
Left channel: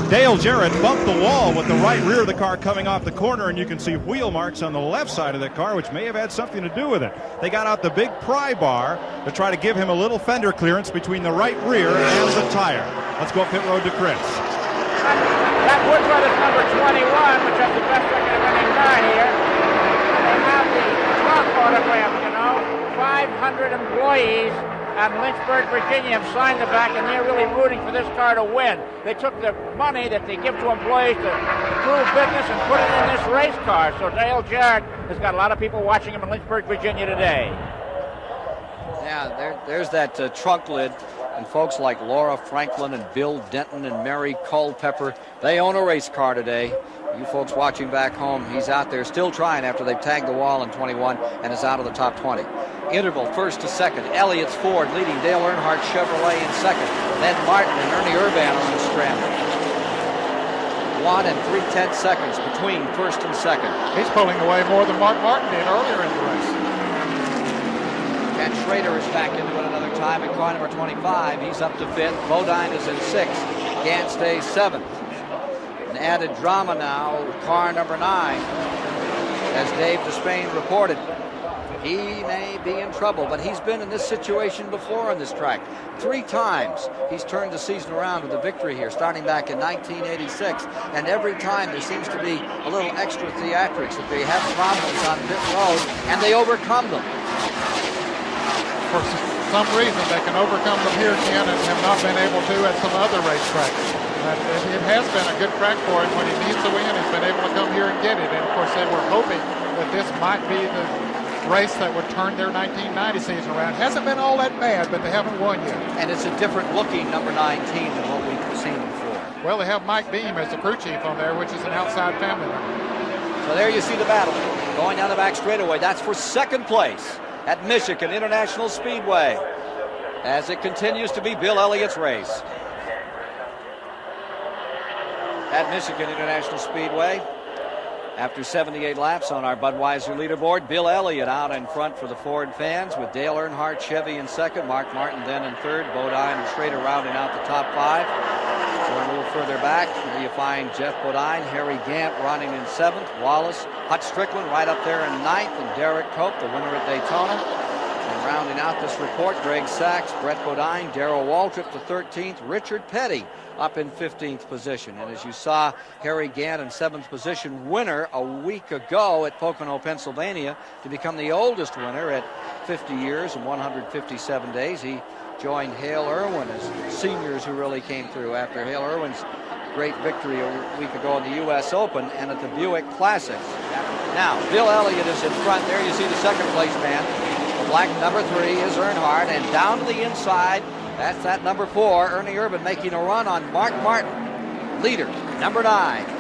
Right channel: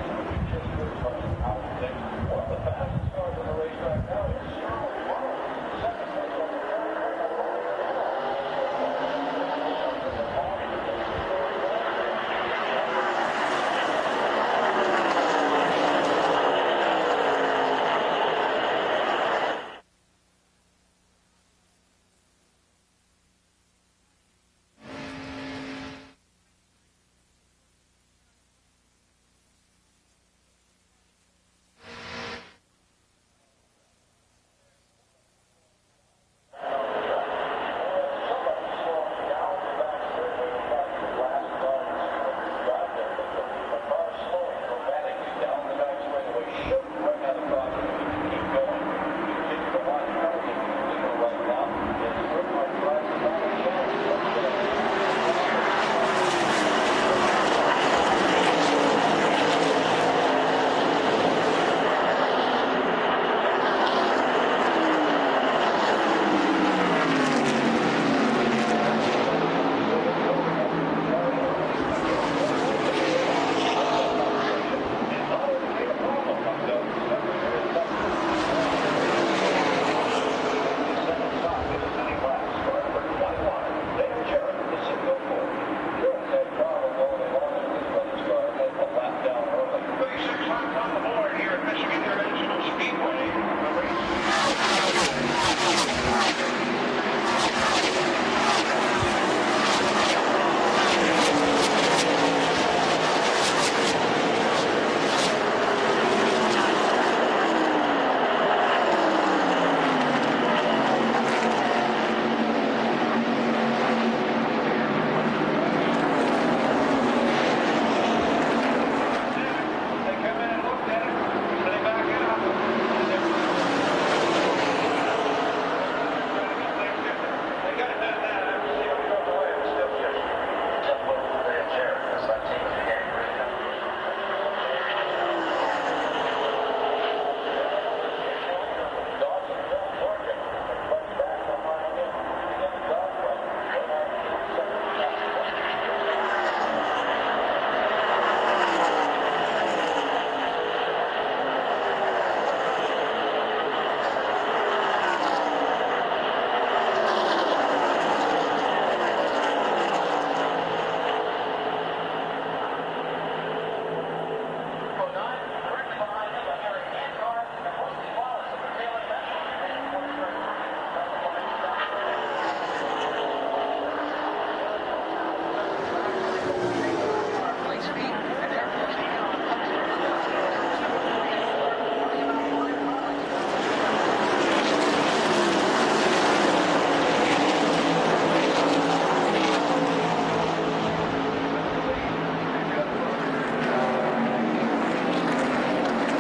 Dale Jarrett bumped the wall with the right rear of the car coming off the corner, and you can see wheel marks on the left side of that car, which may have had something to do with it. They got out the big pry bar to try to give him a little fender clearance between the right rear and the tire. Let's go pit road to Chris. That Wood Brothers number 21, which has the best record of any car here. They have the trunk autograph, 500 employees at Lynchburg, Virginia have signed the back, and they're really rooting for this car to win. They took the money that they give to employees to prove business and put it in this race car. So Dale Jarrett has got a lot of people watching him in Lynchburg, Virginia today. Yeah, there's that trunk lid, and folks like Laura Franklin and Bill Denton and Mary Culpepper, they own a race car today. You folks watching back home, he's out there still trying after they've tagged the wall in 21 and is out of the top 20. Interval first to second. Elliott's Ford leading Dale Earnhardt Chevrolet in second. Then Martin and Ernie Irvin in the strand. 1 and 3/10 seconds between first and second. He's pulling away more than Mark Martin did earlier in the race. And Schrader is back in time at car number 25. He's up to 5th. Bodine is in 6th. Gann stays 7th. And added drama now with car number 9. As Dave Despain reported, he may be in trouble, but he's been in this situation before on this track. 3 times he's turned the season around with a victory here, starting back in 1986. And every time there seems to be a little extra theatrics. They have problems on this road, and they overcome them. For some reason, they can overcome them here again and not been able to at some other racetracks. This year has been a good track for us. When he's used to it, he's been able to come here and get it. And of course, they were hoping this might be the race that would turn their 1990 season around. It hasn't been all that bad, but they haven't won it. And it's a different looking number 19. Well, they have Mike Beam as the crew chief on there, which is an outside champion. Well, there you see the battle going down the back straightaway. That's for second place at Michigan International Speedway, as it continues to be Bill Elliott's race. At Michigan International Speedway, after 78 laps on our Budweiser leaderboard, Bill Elliott out in front for the Ford fans, with Dale Earnhardt Chevy in second, Mark Martin then in third, Bodine and Schrader rounding out the top 5. A little further back, you find Jeff Bodine, Harry Gant running in 7th, Wallace, Hutch Strickland right up there in 9th, and Derek Cope, the winner of Daytona. Rounding out this report, Greg Sachs, Brett Bodine, Darrell Waldrop the 13th, Richard Petty up in 15th position. As you saw, Harry Gannon, 7th position winner a week ago at Pocono, Pennsylvania, to become the oldest winner at 50 years and 157 days. He joined Hale Irwin's seniors who really came through after Hale Irwin's great victory over the week ago at the U.S. Open and at the Buick Classic. Now, Bill Elliott is in front there. You see the second place man. Black number 3 is Earnhardt, and down the inside, that's that number 4, Ernie Irvin making a run on Mark Martin. Leader, number 9,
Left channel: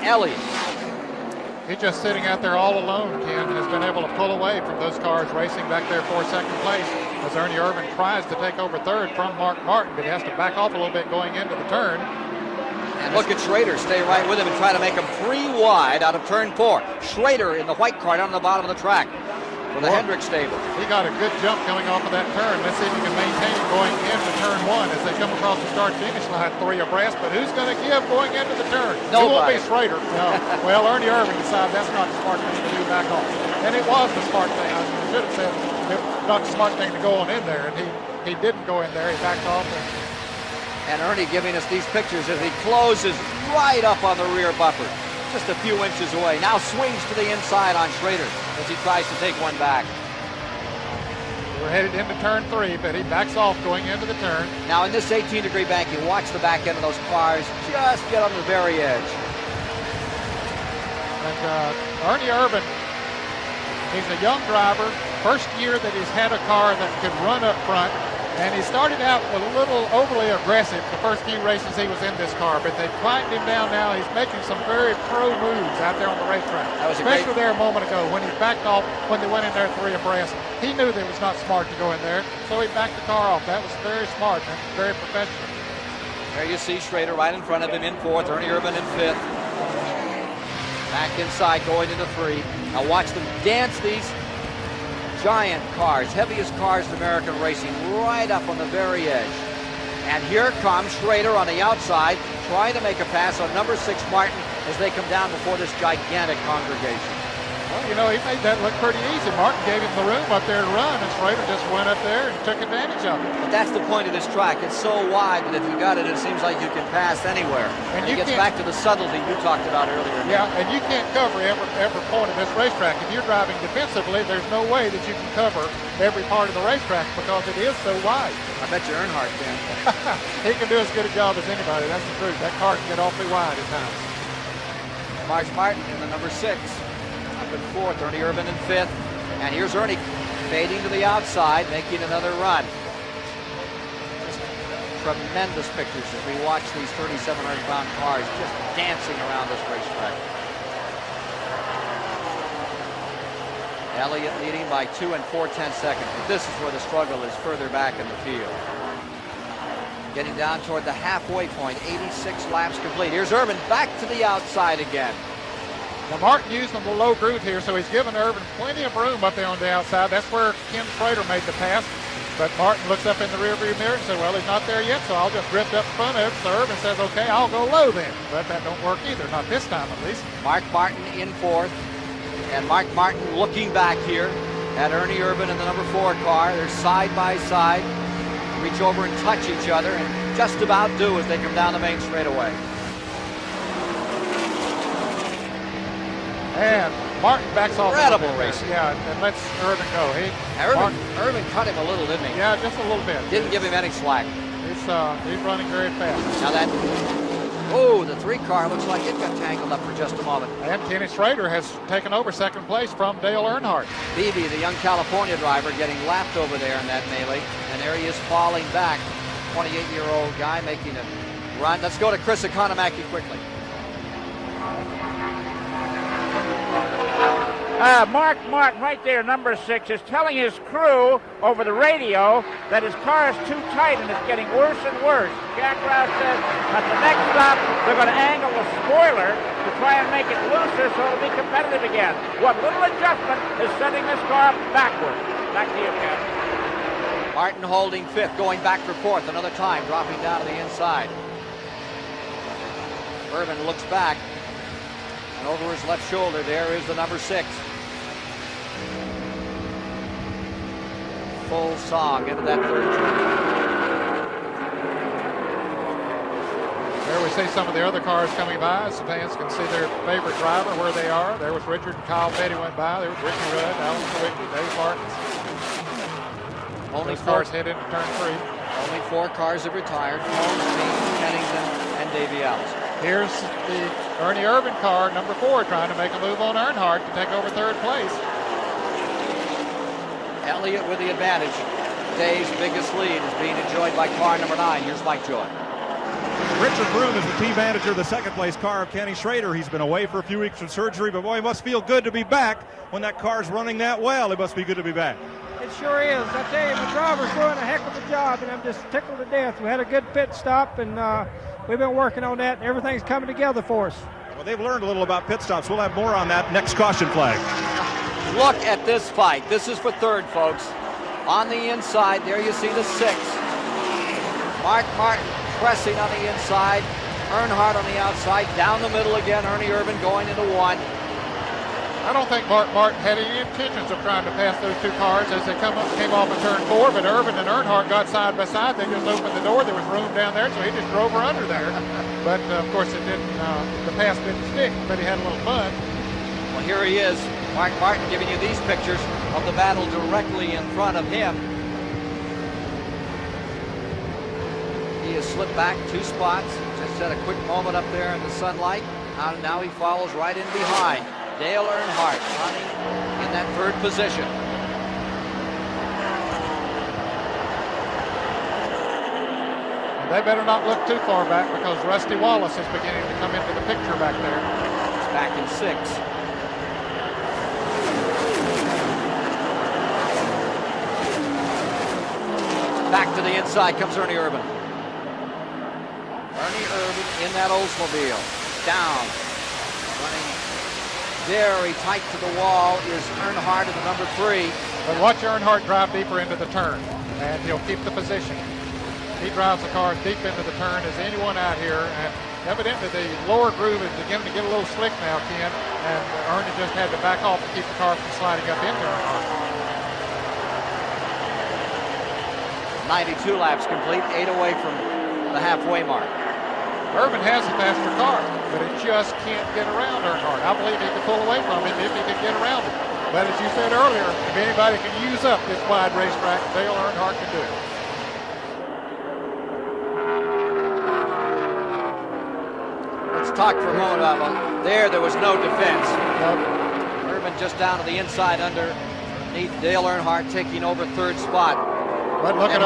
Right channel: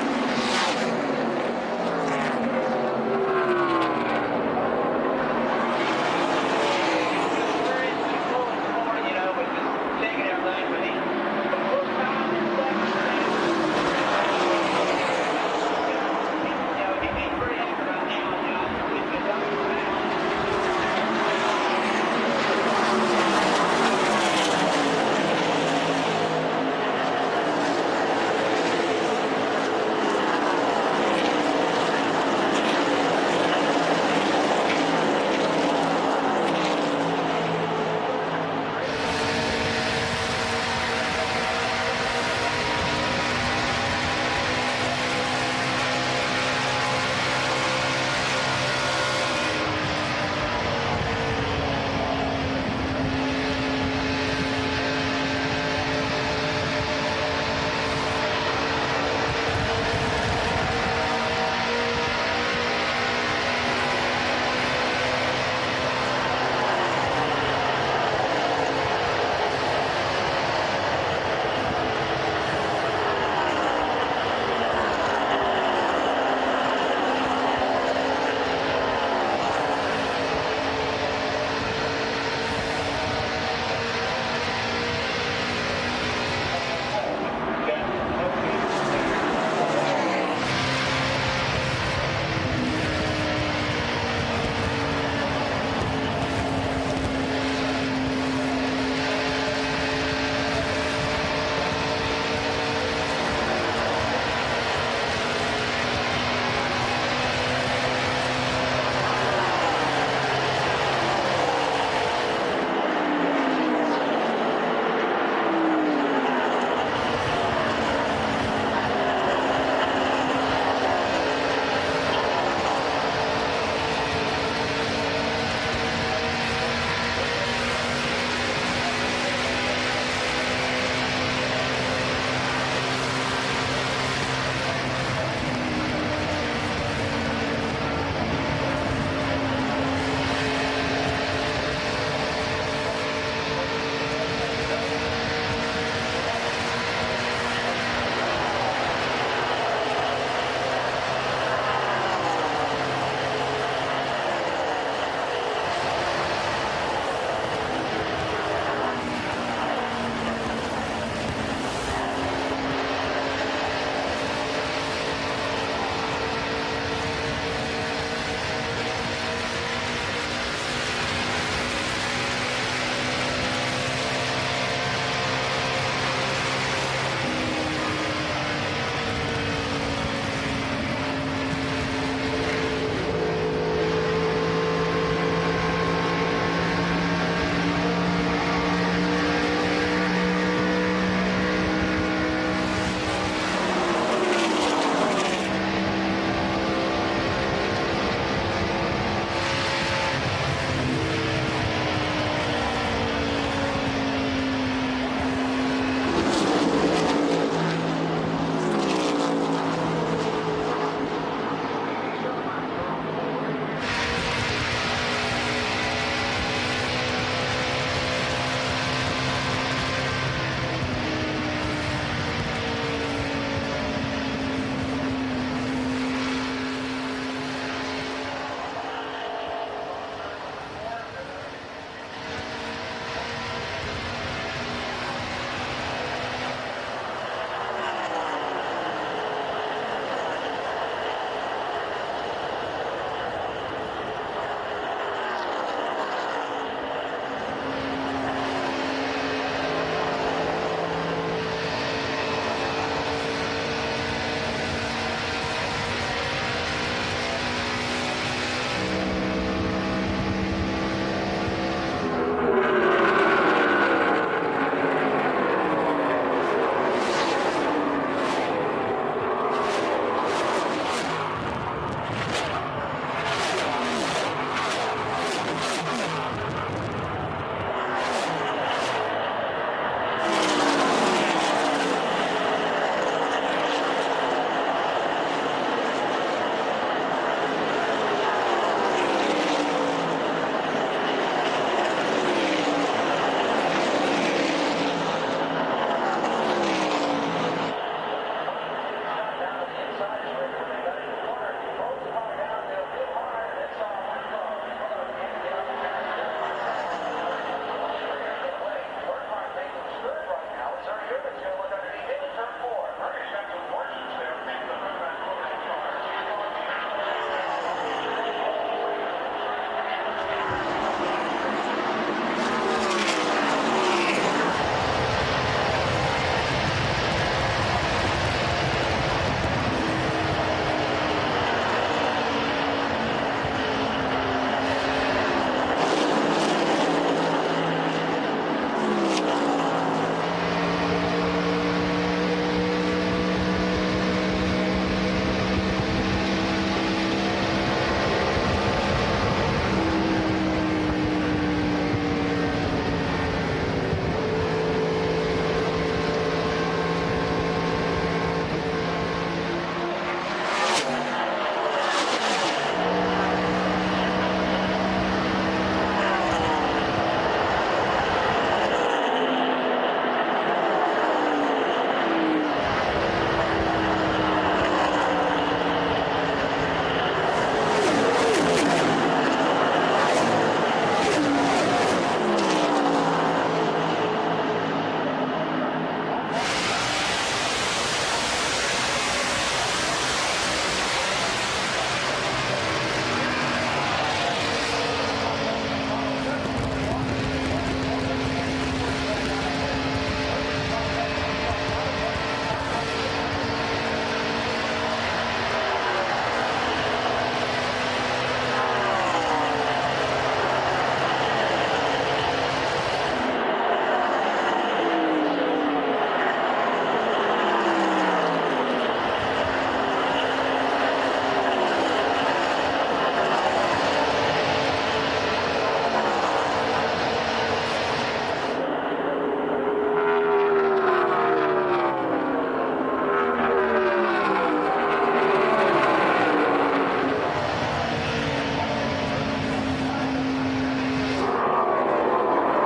Elliott. He's just sitting out there all alone, Ken, and he's been able to pull away from those cars racing back there for the second place. As Ernie Irvin tries to take over third from Mark Martin. He has to back off a little bit going into the turn. And look at Schrader stay right with him, trying to make him 3 wide out of turn 4. Schrader in the white car down the bottom of the track. The Hendrick stable. He got a good jump going off of that turn. This is maintained going into turn 1 as they come across the start team line for your brass. But who's going to give going into the turn? No, it won't be Schrader. Well, Ernie Irvin decided that's not the smart thing to do that. And it was the smart thing. Not the smart thing to go on in there. He didn't go in there. Back off. And Ernie giving us these pictures as he closes right up on the rear bumper. Just a few inches away. Now swings to the inside on Schrader. He tries to take one back. Headed into turn 3, but he backs off going into the turn. Now in this 18-degree bank, you watch the back end of those cars just get on the very edge. Ernie Irvin is a young driver, first year that he's had a car that can run up front, and he started out a little overly aggressive the first few races he was in this car, but they climbed him down now. He's making some very true moves out there on the racetrack, especially there a moment ago when he backed off when he went in there 3 abreast. He knew that it's not smart to go in there, so he backed the car off. That's very smart, very professional. There you see Schrader right in front of him in 4th, Ernie Irvin in 5th. Back inside going to the 3. Now watch them dance these giant cars, heaviest cars in American racing, right up on the very edge. And here comes Schrader on the outside, trying to make a pass on number 6 Martin as they come down before this gigantic confrontation. You know, he made that look pretty easy. Martin gave him the room up there to run. Schrader just went up there and took advantage of it. That's the point of this track. It's so wide, but if you got it, it seems like you can pass anywhere. It gets back to the subtlety we talked about. Yeah, and you can't go to every part of this racetrack. When you're driving defensively, there's no way that you can cover every part of the racetrack because it is so wide. That's Earnhardt. He can do as good a job as anybody. That's the truth. That car can get awfully wide. Mark Martin, number 6. 4th, Irvin in 5th. And here's Ernie fading to the outside, making another run. Tremendous pictures as we watch these 27-round cars dancing around this racetrack. Elliott getting like 2 4/10 seconds. This is where the struggle is further back in the field. Getting down toward the halfway point, 86 laps complete. Here's Irvin back to the outside again. Well, Martin using the low groove here, so he's giving Irvin plenty of room up there on the outside. That's where Ken Schrader made the pass. But Martin looks up in the rear view mirror and said, well, he's not there yet, so I'll just drift up in front of him. So Irvin says, okay, I'll go low then. But that don't work either, not this time at least. Mark Martin in 4th. And Mark Martin looking back here at Ernie Irvin and the number 4 car. They're side by side. Reach over and touch each other. Just about do it when you're down the main straightaway. And Martin backs off. Incredible racing. Yeah, and lets Irvin go. Irvin cut him a little bit. Yeah, just a little bit. Didn't give him any slack. He's running very fast. Now that, the 3 car looks like he got tangled up just a moment. And Kenny Schrader has taken over 2nd place from Dale Earnhardt. Beebe, the young California driver, getting lapped over there in that race. There he is falling back. 28-year-old guy making a run. Let's go to Chris Economaki quickly. Mark Martin, right there, number 6, is telling his crew over the radio that his car is too tight and it's getting worse and worse. Jack Roush says at the next stop they're going to angle the spoiler to try and make it looser so it'll be competitive again. What little adjustment is sending this car backwards. Back to you, Ken. Martin holding 5th, going back to 4th another time, dropping down the inside. Irvin looks back. Over his left shoulder, there is the number 6. Full saw into that. Richard and Kyle Petty went by. Only cars hit it. 4 cars have retired. Here's the Ernie Irvin car, number 4, trying to make a move on Earnhardt and take over 3rd place. Elliott with the advantage. Today's biggest lead being enjoyed by car number 9, just like Joe. Richard Broom is the team manager of the 2nd place car of Kenny Schrader. He's been away for a few weeks from surgery, but boy, he must feel good to be back when that car's running that well. It must be good to be back. It sure is. I tell you, the driver's doing a heck of a job, and I'm just tickled to death. We had a good pit stop, and we've been working on that, and everything's coming together for us. They've learned a little about pit stops. We'll have more on that next caution flag. Look at this fight. This is for 3rd, folks. On the inside, there you see the 6th. Mark pressing on the inside. Earnhardt on the outside. Down the middle again. Ernie Irvin going into 1. I don't think Mark had any intentions of trying to pass those 2 cars as they came off of turn 4, but Irvin and Earnhardt got side by side. They just opened the door that was running down there, so he just drove her under there. But, of course, the pass didn't stick, but he had some fun. Here he is. Mark Martin giving you these pictures of the battle directly in front of him. He has slipped back 2 spots. He's had a quick moment up there in the sunlight. Now he follows right into the line. Dale Earnhardt in that 3rd position. They better not look too far back because Rusty Wallace is beginning to come into the picture back there. Back in 6th. Back to the inside comes Ernie Irvin. In that Oldsmobile. Down. Very tight to the wall is Earnhardt, number 3. But watch Earnhardt drive deeper into the turn. And he'll keep the position. He drives the car deep into the turn. There's anyone out here. Evidently, the lower groove is beginning to get a little slick now. And Earnhardt just had to back off and keep the car from sliding in. 92 laps complete, 8 away from the halfway mark. Irvin has it back in the car. He just can't get around it. I don't think he can pull away from it. He can get around it. But as you said earlier, if anybody can use up this wide racetrack, they learn how to do it. Let's talk for a moment. There was no defense. Just down to the inside underneath Dale Earnhardt taking over 3rd spot. And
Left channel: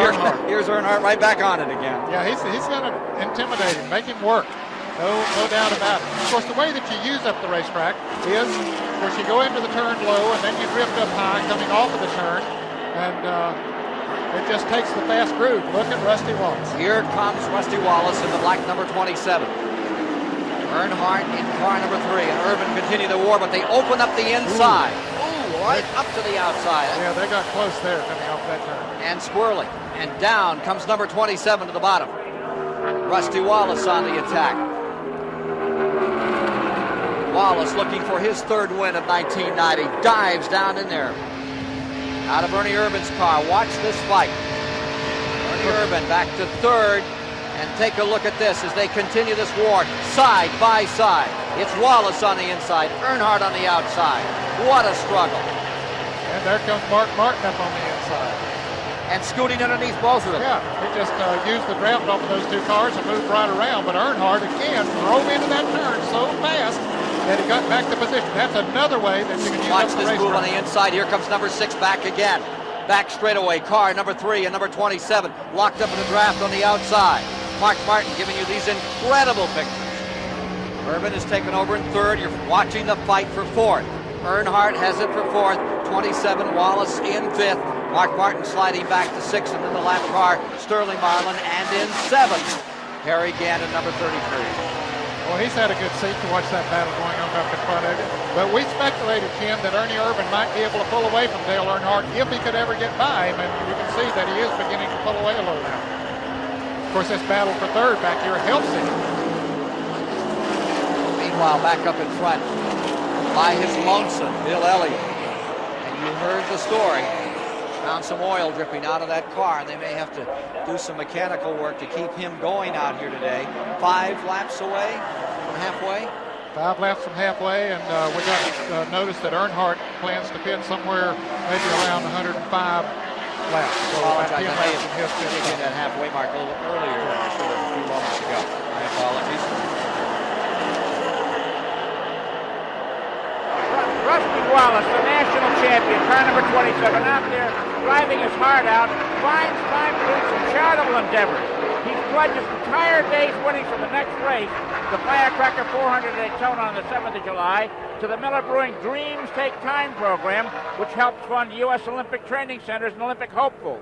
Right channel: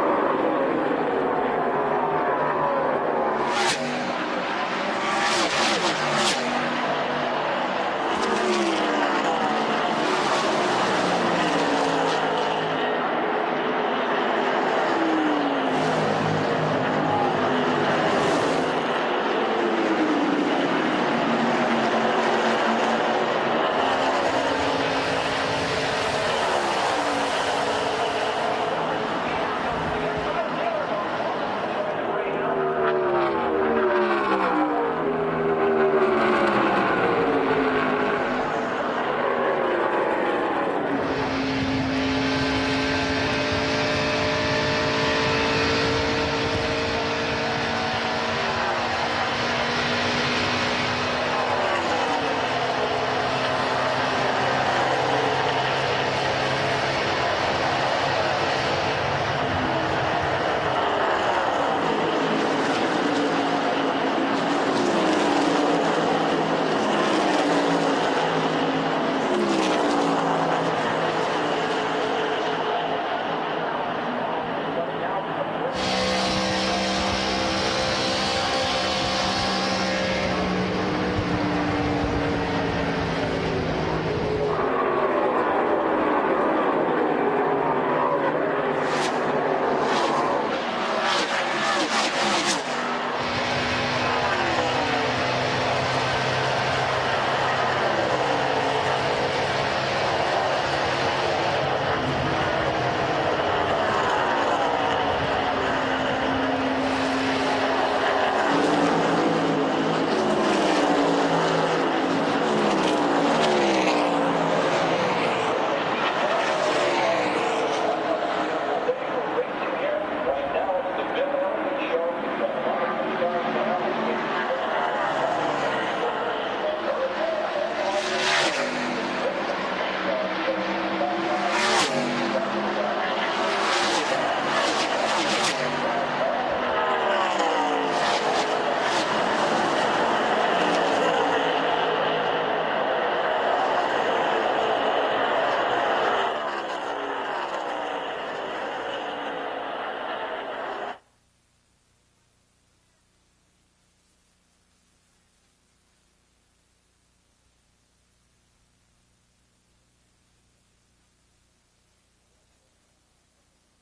here's Earnhardt right back on it again. Yeah, he's going to intimidate him, make it work. No doubt about it. Of course, the way that you use up the racetrack is you go into the turn low and then you drift up high coming off of the turn. And it just takes the fast groove. Look at Rusty Wallace. Here comes Rusty Wallace in black number 27. Earnhardt in car number 3. Irvin continue the war, but they open up the inside. Right up to the outside. Yeah, they got close there. And swirling. And down comes number 27 at the bottom. Rusty Wallace on the attack. Wallace looking for his 3rd win in 1990. Dives down in there. Out of Ernie Irvin's car. Watch this fight. Irvin back to 3rd. And take a look at this as they continue this war side by side. It's Wallace on the inside. Earnhardt on the outside. What a struggle. There comes Mark Martin on the outside. And scooting underneath both of them. Yeah, he just used the rail on those 2 cars and moved right around. But Earnhardt again rolled into that turn so fast and he got back to position. That's another way. Watch this move on the inside. Here comes number 6 back again. Back straightaway. Car number 3 and number 27 locked up in the draft on the outside. Mark Martin giving you these incredible pictures. Irvin is taking over in 3rd. You're watching the fight for 4th. Earnhardt has it for 4th. 27 Wallace in 5th. Mark Martin sliding back to 6th in the last car. Sterling Bond is 7th. Harry Gannon number 3. Well, he's had a good seat to watch that happen. But we speculated, Jim, that Ernie Irvin might be able to pull away from Dale Earnhardt if he could ever get by him. And you can see that he is beginning to pull away. Of course, this battle for 3rd back here at Wilson. Meanwhile, back up in front by his lonesome Bill Elliott. There's the story. Found some oil dripping out of that car. They may have to do some mechanical work to keep him going out here today. laps from halfway, and we got notice that Earnhardt plans to get somewhere maybe around 105 laps. Rusty Wallace, the national champion, car number 27, out there driving his heart out, finds time to do some charitable endeavors. He pledges entire days winning for the next race, the Firecracker 400 at Daytona on the 7th of July, to the Miller Brewing Dreams Take Time program, which helps fund U.S. Olympic training centers and Olympic hopefuls.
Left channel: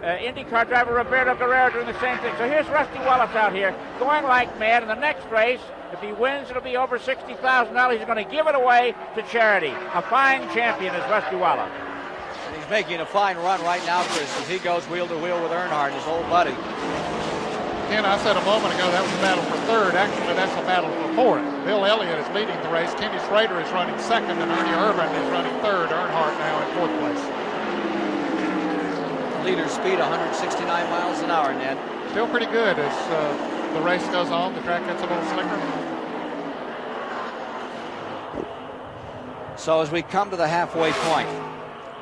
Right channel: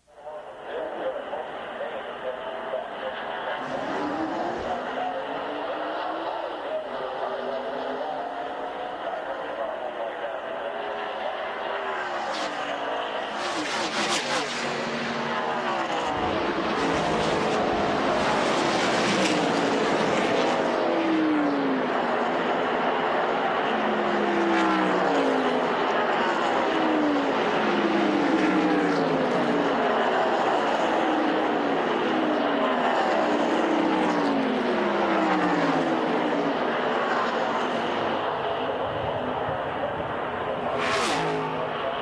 IndyCar driver Roberto Guerrero doing the same thing. So here's Rusty Wallace out here going like mad. In the next race, if he wins, it'll be over $60,000. He's going to give it away to charity. A fine champion is Rusty Wallace. Making a fine run right now as he goes wheel to wheel with Earnhardt, his old buddy. And I said a moment ago that was the battle for third. Actually, that's the battle for fourth. Bill Elliott is leading the race. Kenny Slater is running second, and Ernie Irvin is running third. Earnhardt now in fourth place. Leader speed 169 miles an hour, Ned. Still pretty good as the race goes on. The track gets a little slicker. So as we come to the halfway point,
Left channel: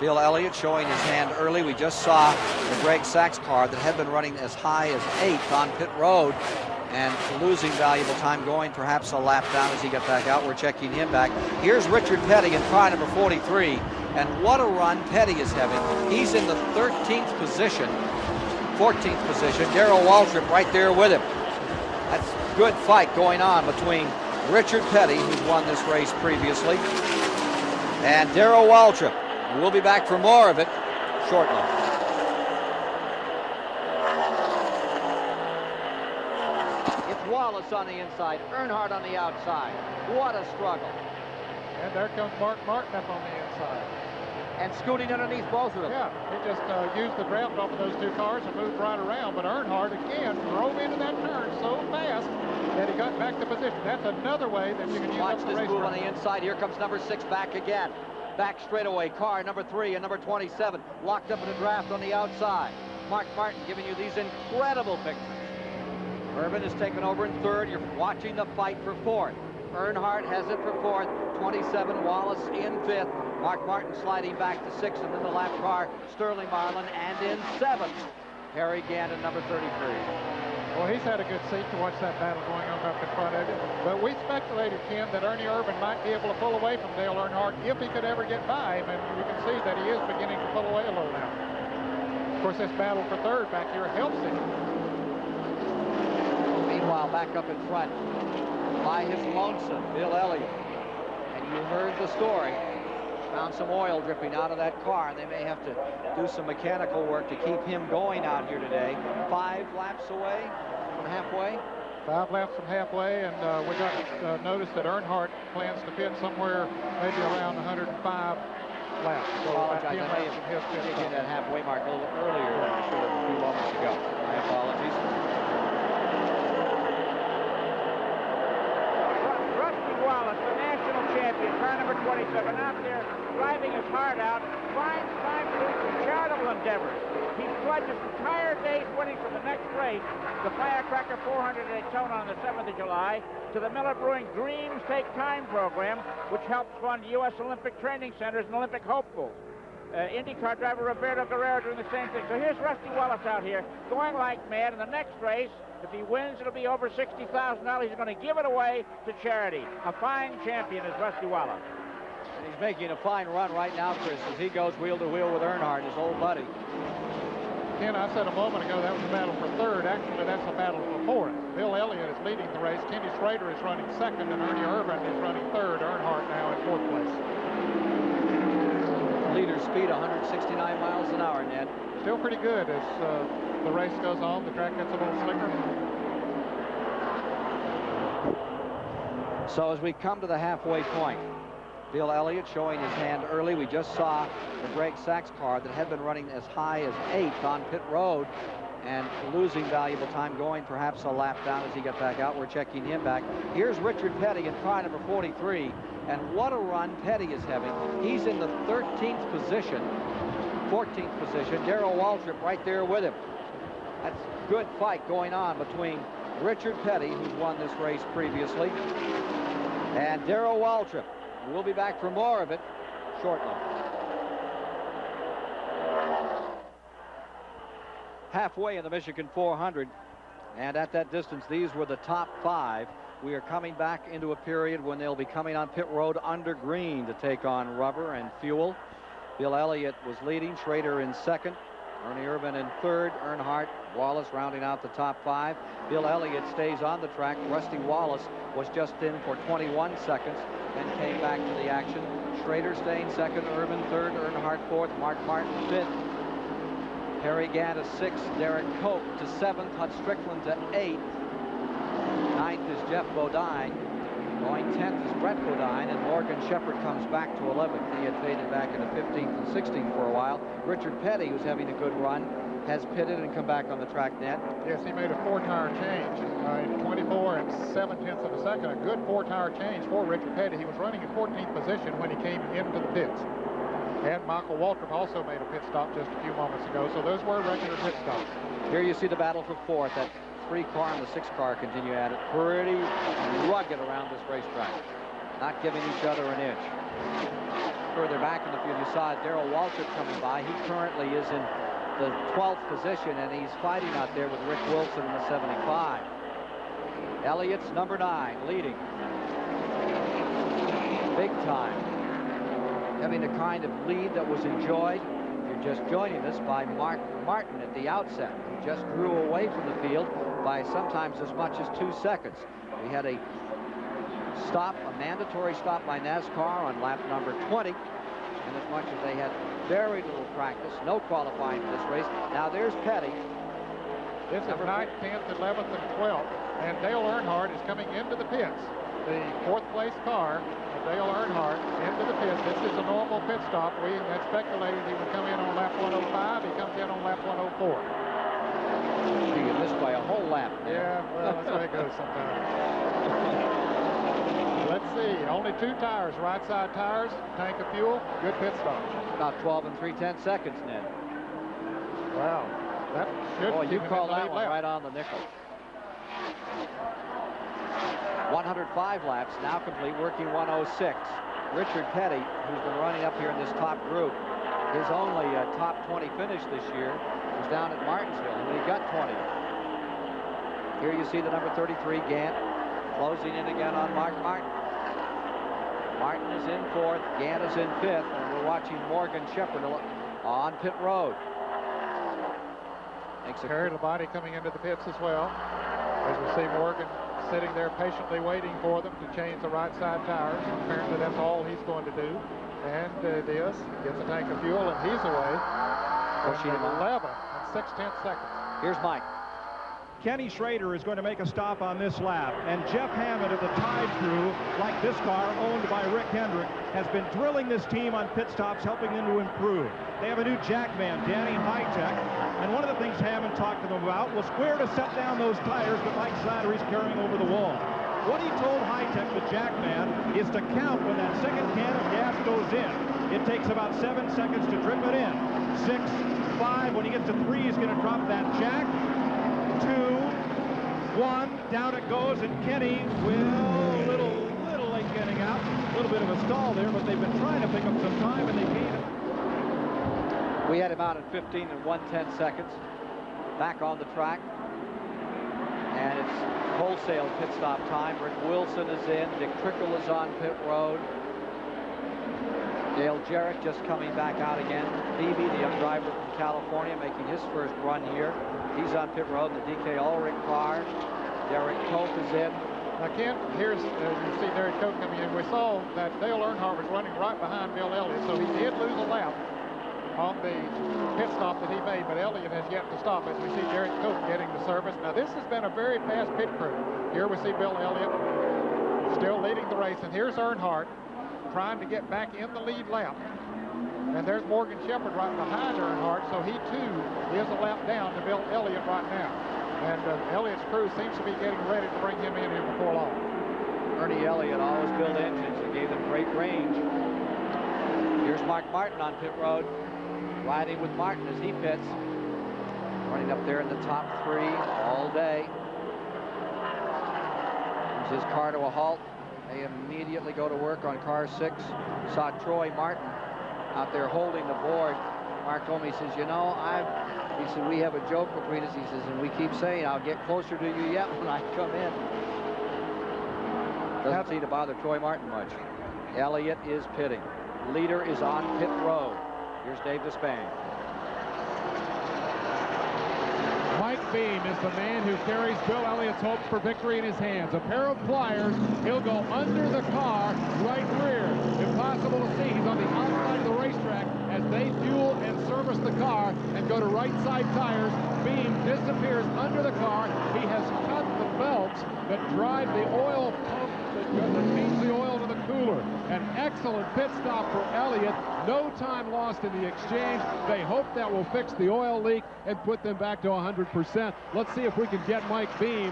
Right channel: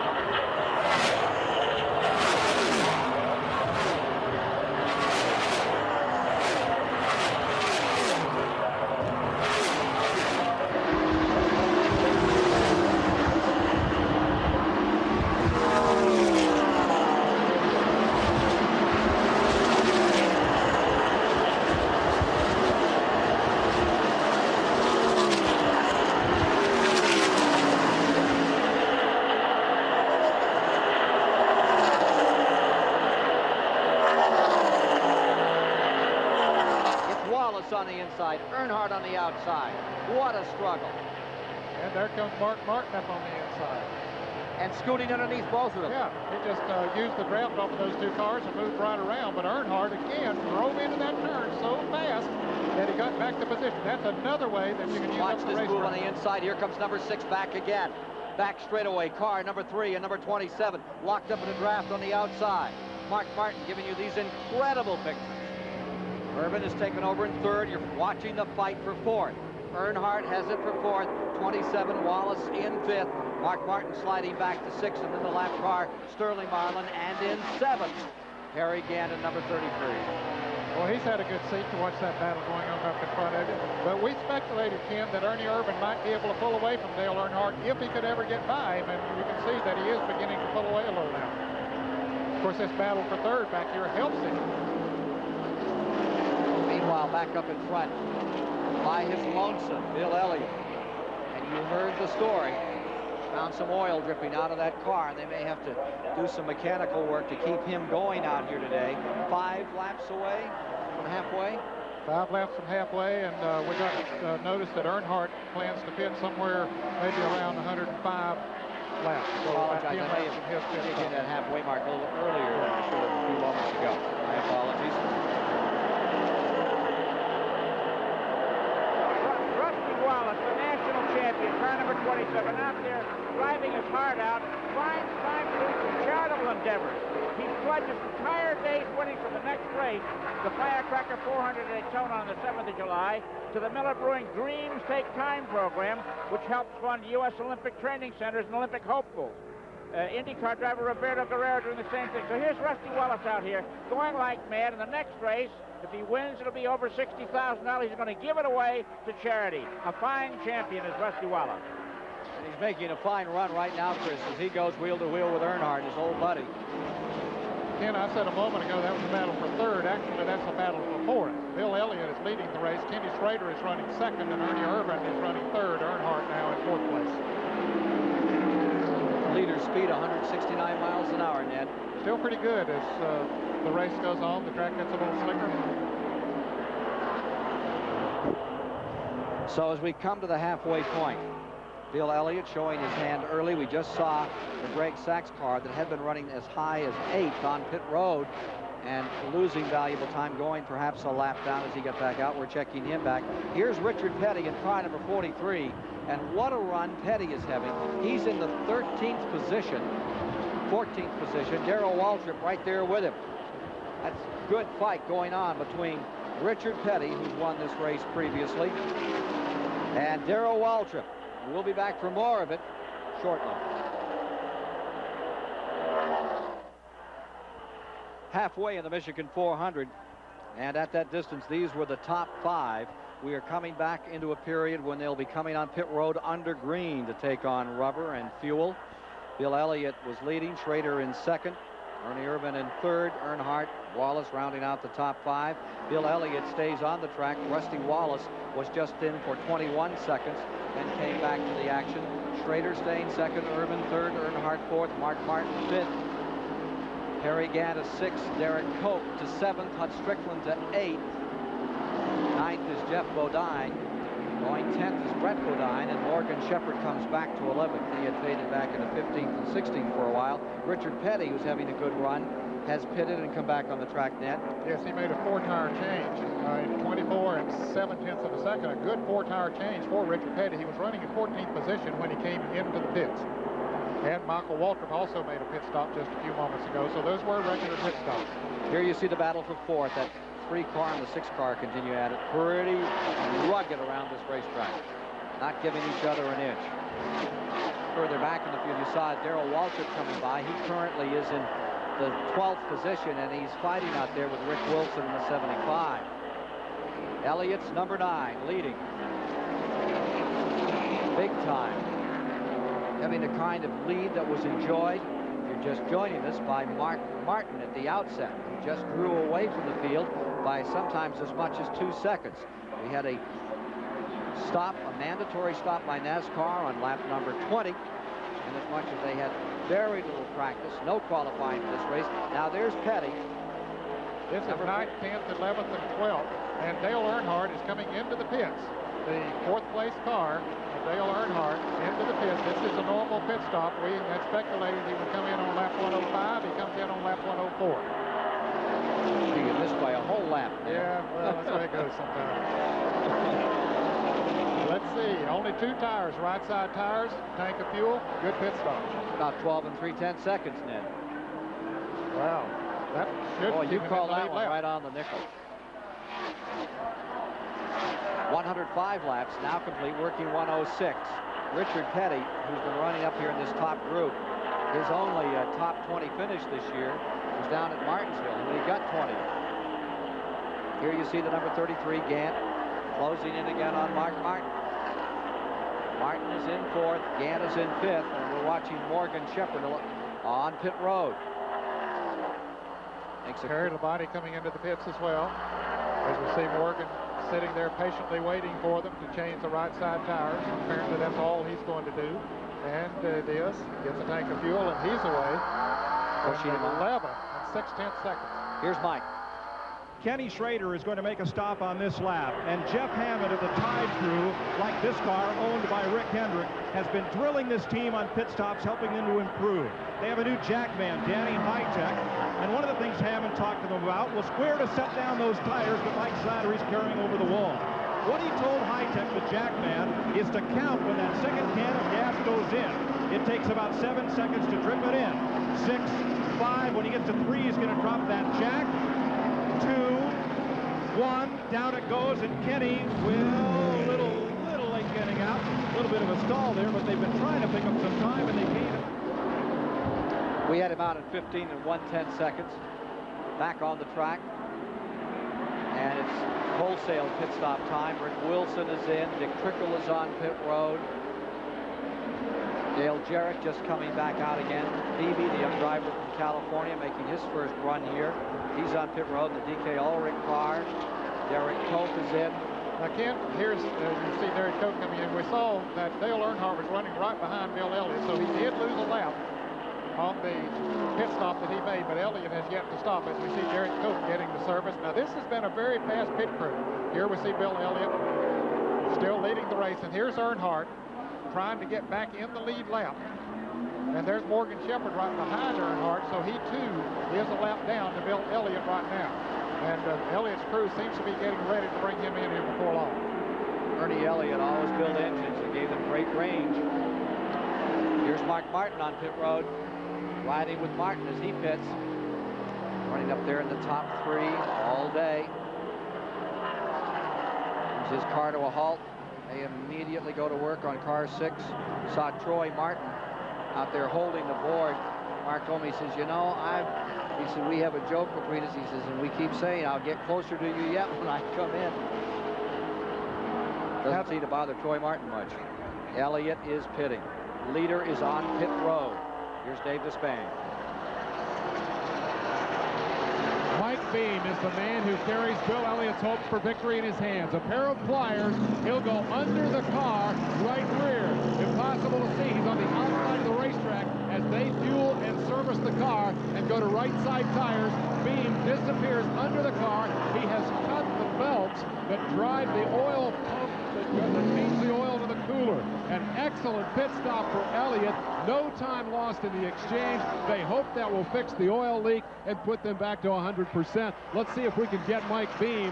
Bill Elliott showing his hand early. We just saw Greg Sachs' car that had been running as high as 8 on pit road and losing valuable time going perhaps a lap down as he gets back out. We're checking him back. Here's Richard Petty in car number 43. And what a run Petty is having. He's in the 13th position. 14th position. Darrell Waltrip right there with him. Good fight going on between Richard Petty, who won this race previously, and Darrell Waltrip. We'll be back for more of it shortly. It's Wallace on the inside, Earnhardt on the outside. What a struggle. And there comes Mark Martin up on the inside. And scooting underneath both of them. Yeah, he just used the draft off of those two cars and moved right around. But Earnhardt, again, drove into that turn so fast that he got back to position. That's another way that you can use Watch up the this race move track. on the inside. Here comes number 6 back again. Back straightaway, car number 3 and number 27 locked up in a draft on the outside. Mark Martin giving you these incredible pictures. Irvin is taken over in third. You're watching the fight for fourth. Earnhardt has it for fourth. 27 Wallace in fifth. Mark Martin sliding back to sixth, and then the lap car Sterling Marlin, and in seventh Harry Gandon, number 33. Well, he's had a good seat to watch that battle going on up in front of him. But we speculated, Ken, that Ernie Irvin might be able to pull away from Dale Earnhardt if he could ever get by him. And you can see that he is beginning to pull away a little now. Of course, this battle for third back here helps him. Meanwhile, back up in front by his lonesome Bill Elliott. And you heard the story. Found some oil dripping out of that car, and they may have to do some mechanical work to keep him going out here today. 5 laps away from halfway. 5 laps from halfway, and we got notice that Earnhardt plans to pit somewhere maybe around 105 laps. So I apologize. I may have hit that halfway mark a little earlier than I should have a few moments ago. My apologies. Rusty Wallace, the national champion, car number 27, out there driving his heart out, finds time to do some charitable endeavors. He pledges entire days winning for the next race, the Firecracker 400 at Daytona on the 7th of July, to the Miller Brewing Dreams Take Time program, which helps fund U.S. Olympic training centers and Olympic hopefuls. IndyCar driver Roberto Guerrero doing the same thing. So here's Rusty Wallace out here going like mad. In the next race, if he wins, it'll be over $60,000. He's going to give it away to charity. A fine champion is Rusty Wallace. And he's making a fine run right now, Chris, as he goes wheel to wheel with Earnhardt, his old buddy. Ken, I said a moment ago that was a battle for third. Actually, that's a battle for fourth. Bill Elliott is leading the race. Kenny Schrader is running second, and Ernie Irvin is running third. Earnhardt now in fourth place. Leader speed 169 miles an hour, Ned. Still pretty good as the race goes on. The track gets a little slicker. So as we come to the halfway point, Bill Elliott showing his hand early. We just saw the Greg Sachs car that had been running as high as 8 on pit road and losing valuable time going perhaps a lap down as he got back out. We're checking him back. Here's Richard Petty in car number 43. And what a run Petty is having. He's in the 13th position, 14th position. Darrell Waltrip right there with him. That's a good fight going on between Richard Petty, who's won this race previously, And Darrell Waltrip. We'll be back for more of it shortly. Halfway in the Michigan 400, and at that distance, these were the top 5. We are coming back into a period when they'll be coming on pit road under green to take on rubber and fuel. Bill Elliott was leading, Schrader in second, Ernie Irvin in third, Earnhardt, Wallace rounding out the top 5. Bill Elliott stays on the track. Rusty Wallace was just in for 21 seconds and came back to the action. Schrader staying second, Irvin third, Earnhardt fourth, Mark Martin fifth, Harry Gant to 6th, Derek Cope to 7th, Hut Strickland to 8th. 9th is Jeff Bodine. Going 10th is Brett Bodine, and Morgan Shepherd comes back to 11th. He had faded back into 15th and 16th for a while. Richard Petty, who's having a good run, has pitted and come back on the track net. Yes, he made a 4-tire change in 24 and 7/10 of a second. A good 4-tire change for Richard Petty. He was running in 14th position when he came into the pits. And Michael Waltrip also made a pit stop just a few moments ago, so those were regular pit stops. Here you see the battle for 4th. That 3-car and the 6-car continue at it. Pretty rugged around this racetrack. Not giving each other an inch. Further back in the field, you saw Darrell Waltrip coming by. He currently is in the 12th position, and he's fighting out there with Rick Wilson in the 75. Elliott's number 9, leading. Big time. Having the kind of lead that was enjoyed, if you're just joining us, by Mark Martin at the outset. He just grew away from the field by sometimes as much as 2 seconds. We had a stop, a mandatory stop by NASCAR on lap number 20, and as much as they had very little practice, no qualifying for this race. Now there's Petty. This is 9th, 10th, 11th, and 12th, and Dale Earnhardt is coming into the pits. The 4th place car, Dale Earnhardt, into the pits. This is a normal pit stop. We had speculated he would come in on lap 105. He comes in on lap 104. You missed by a whole lap. Yeah, well, that's the way it goes sometimes. Let's see, only 2 tires, right side tires, tank of fuel, good pit stop. About 12 and 3/10 seconds, Ned. Wow, that should Boy, you keep him call in the that lead one lap. right on the nickel. 105 laps, now complete, working 106. Richard Petty, who's been running up here in this top group, his only top 20 finish this year was down at Martinsville, and he got 20. Here you see the number 33, Gant, closing in again on Mark Martin. Martin is in 4th, Gant is in 5th, and we're watching Morgan Shepherd on pit road. Kerry Labonte coming into the pits as well. As we see Morgan sitting there patiently waiting for them to change the right side tires. Apparently that's all he's going to do. And it is. Gets a tank of fuel, and he's away. 11 and 6/10 seconds. Here's Mike. Kenny Schrader is going to make a stop on this lap, and Jeff Hammond of the Tide crew, like this car owned by Rick Hendrick, has been drilling this team on pit stops, helping them to improve. They have a new jackman, Danny Hitech, and one of the things Hammond talked to them about was where to set down those tires that Mike Slattery's carrying over the wall. What he told Hitech, the jackman, is to count when that second can of gas goes in. It takes about 7 seconds to drip it in. 6, 5, when he gets to 3, he's going to drop that jack. 2, 1, down it goes, and Kenny will little late getting out. A little bit of a stall there, but they've been trying to pick up some time, and they can't. We had him out in 15 and 1/10 seconds. Back on the track. And it's wholesale pit stop time. Rick Wilson is in. Dick Trickle is on pit road. Dale Jarrett just coming back out again. Beebe, the young driver from California, making his first run here. He's on pit road in the DK Ulrich car. Derek Cope is in. Now, Ken, here's, you see Derek Cope coming in. We saw that Dale Earnhardt was running right behind Bill Elliott, so he did lose a lap on the pit stop that he made, but Elliott has yet to stop as we see Derek Cope getting the service. Now, this has been a very fast pit crew. Here we see Bill Elliott still leading the race, and here's Earnhardt trying to get back in the lead lap. And there's Morgan Shepherd right behind Earnhardt, so he too is a lap down to Bill Elliott right now. And Elliott's crew seems to be getting ready to bring him in here before long. Ernie Elliott always built engines and gave them great range. Here's Mark Martin on pit road, riding with Martin as he pits. Running up there in the top 3 all day. Brings his car to a halt They immediately go to work on car 6. Saw Troy Martin out there holding the board. Mark told me, he says, you know, he said, we have a joke between us. He says, and we keep saying, I'll get closer to you yet when I come in. Doesn't seem to bother Troy Martin much. Elliott is pitting. Leader is on pit road. Here's Dave Despain. Mike Beam is the man who carries Bill Elliott's hopes for victory in his hands. A pair of pliers. He'll go under the car, right rear. Impossible to see. He's on the outside of the racetrack as they fuel and service the car and go to right side tires. Beam disappears under the car. He has cut the belts that drive the oil pump that feeds the oil to the cooler. An excellent pit stop for Elliott. No time lost in the exchange. They hope that will fix the oil leak and put them back to 100%. Let's see if we can get Mike Beam.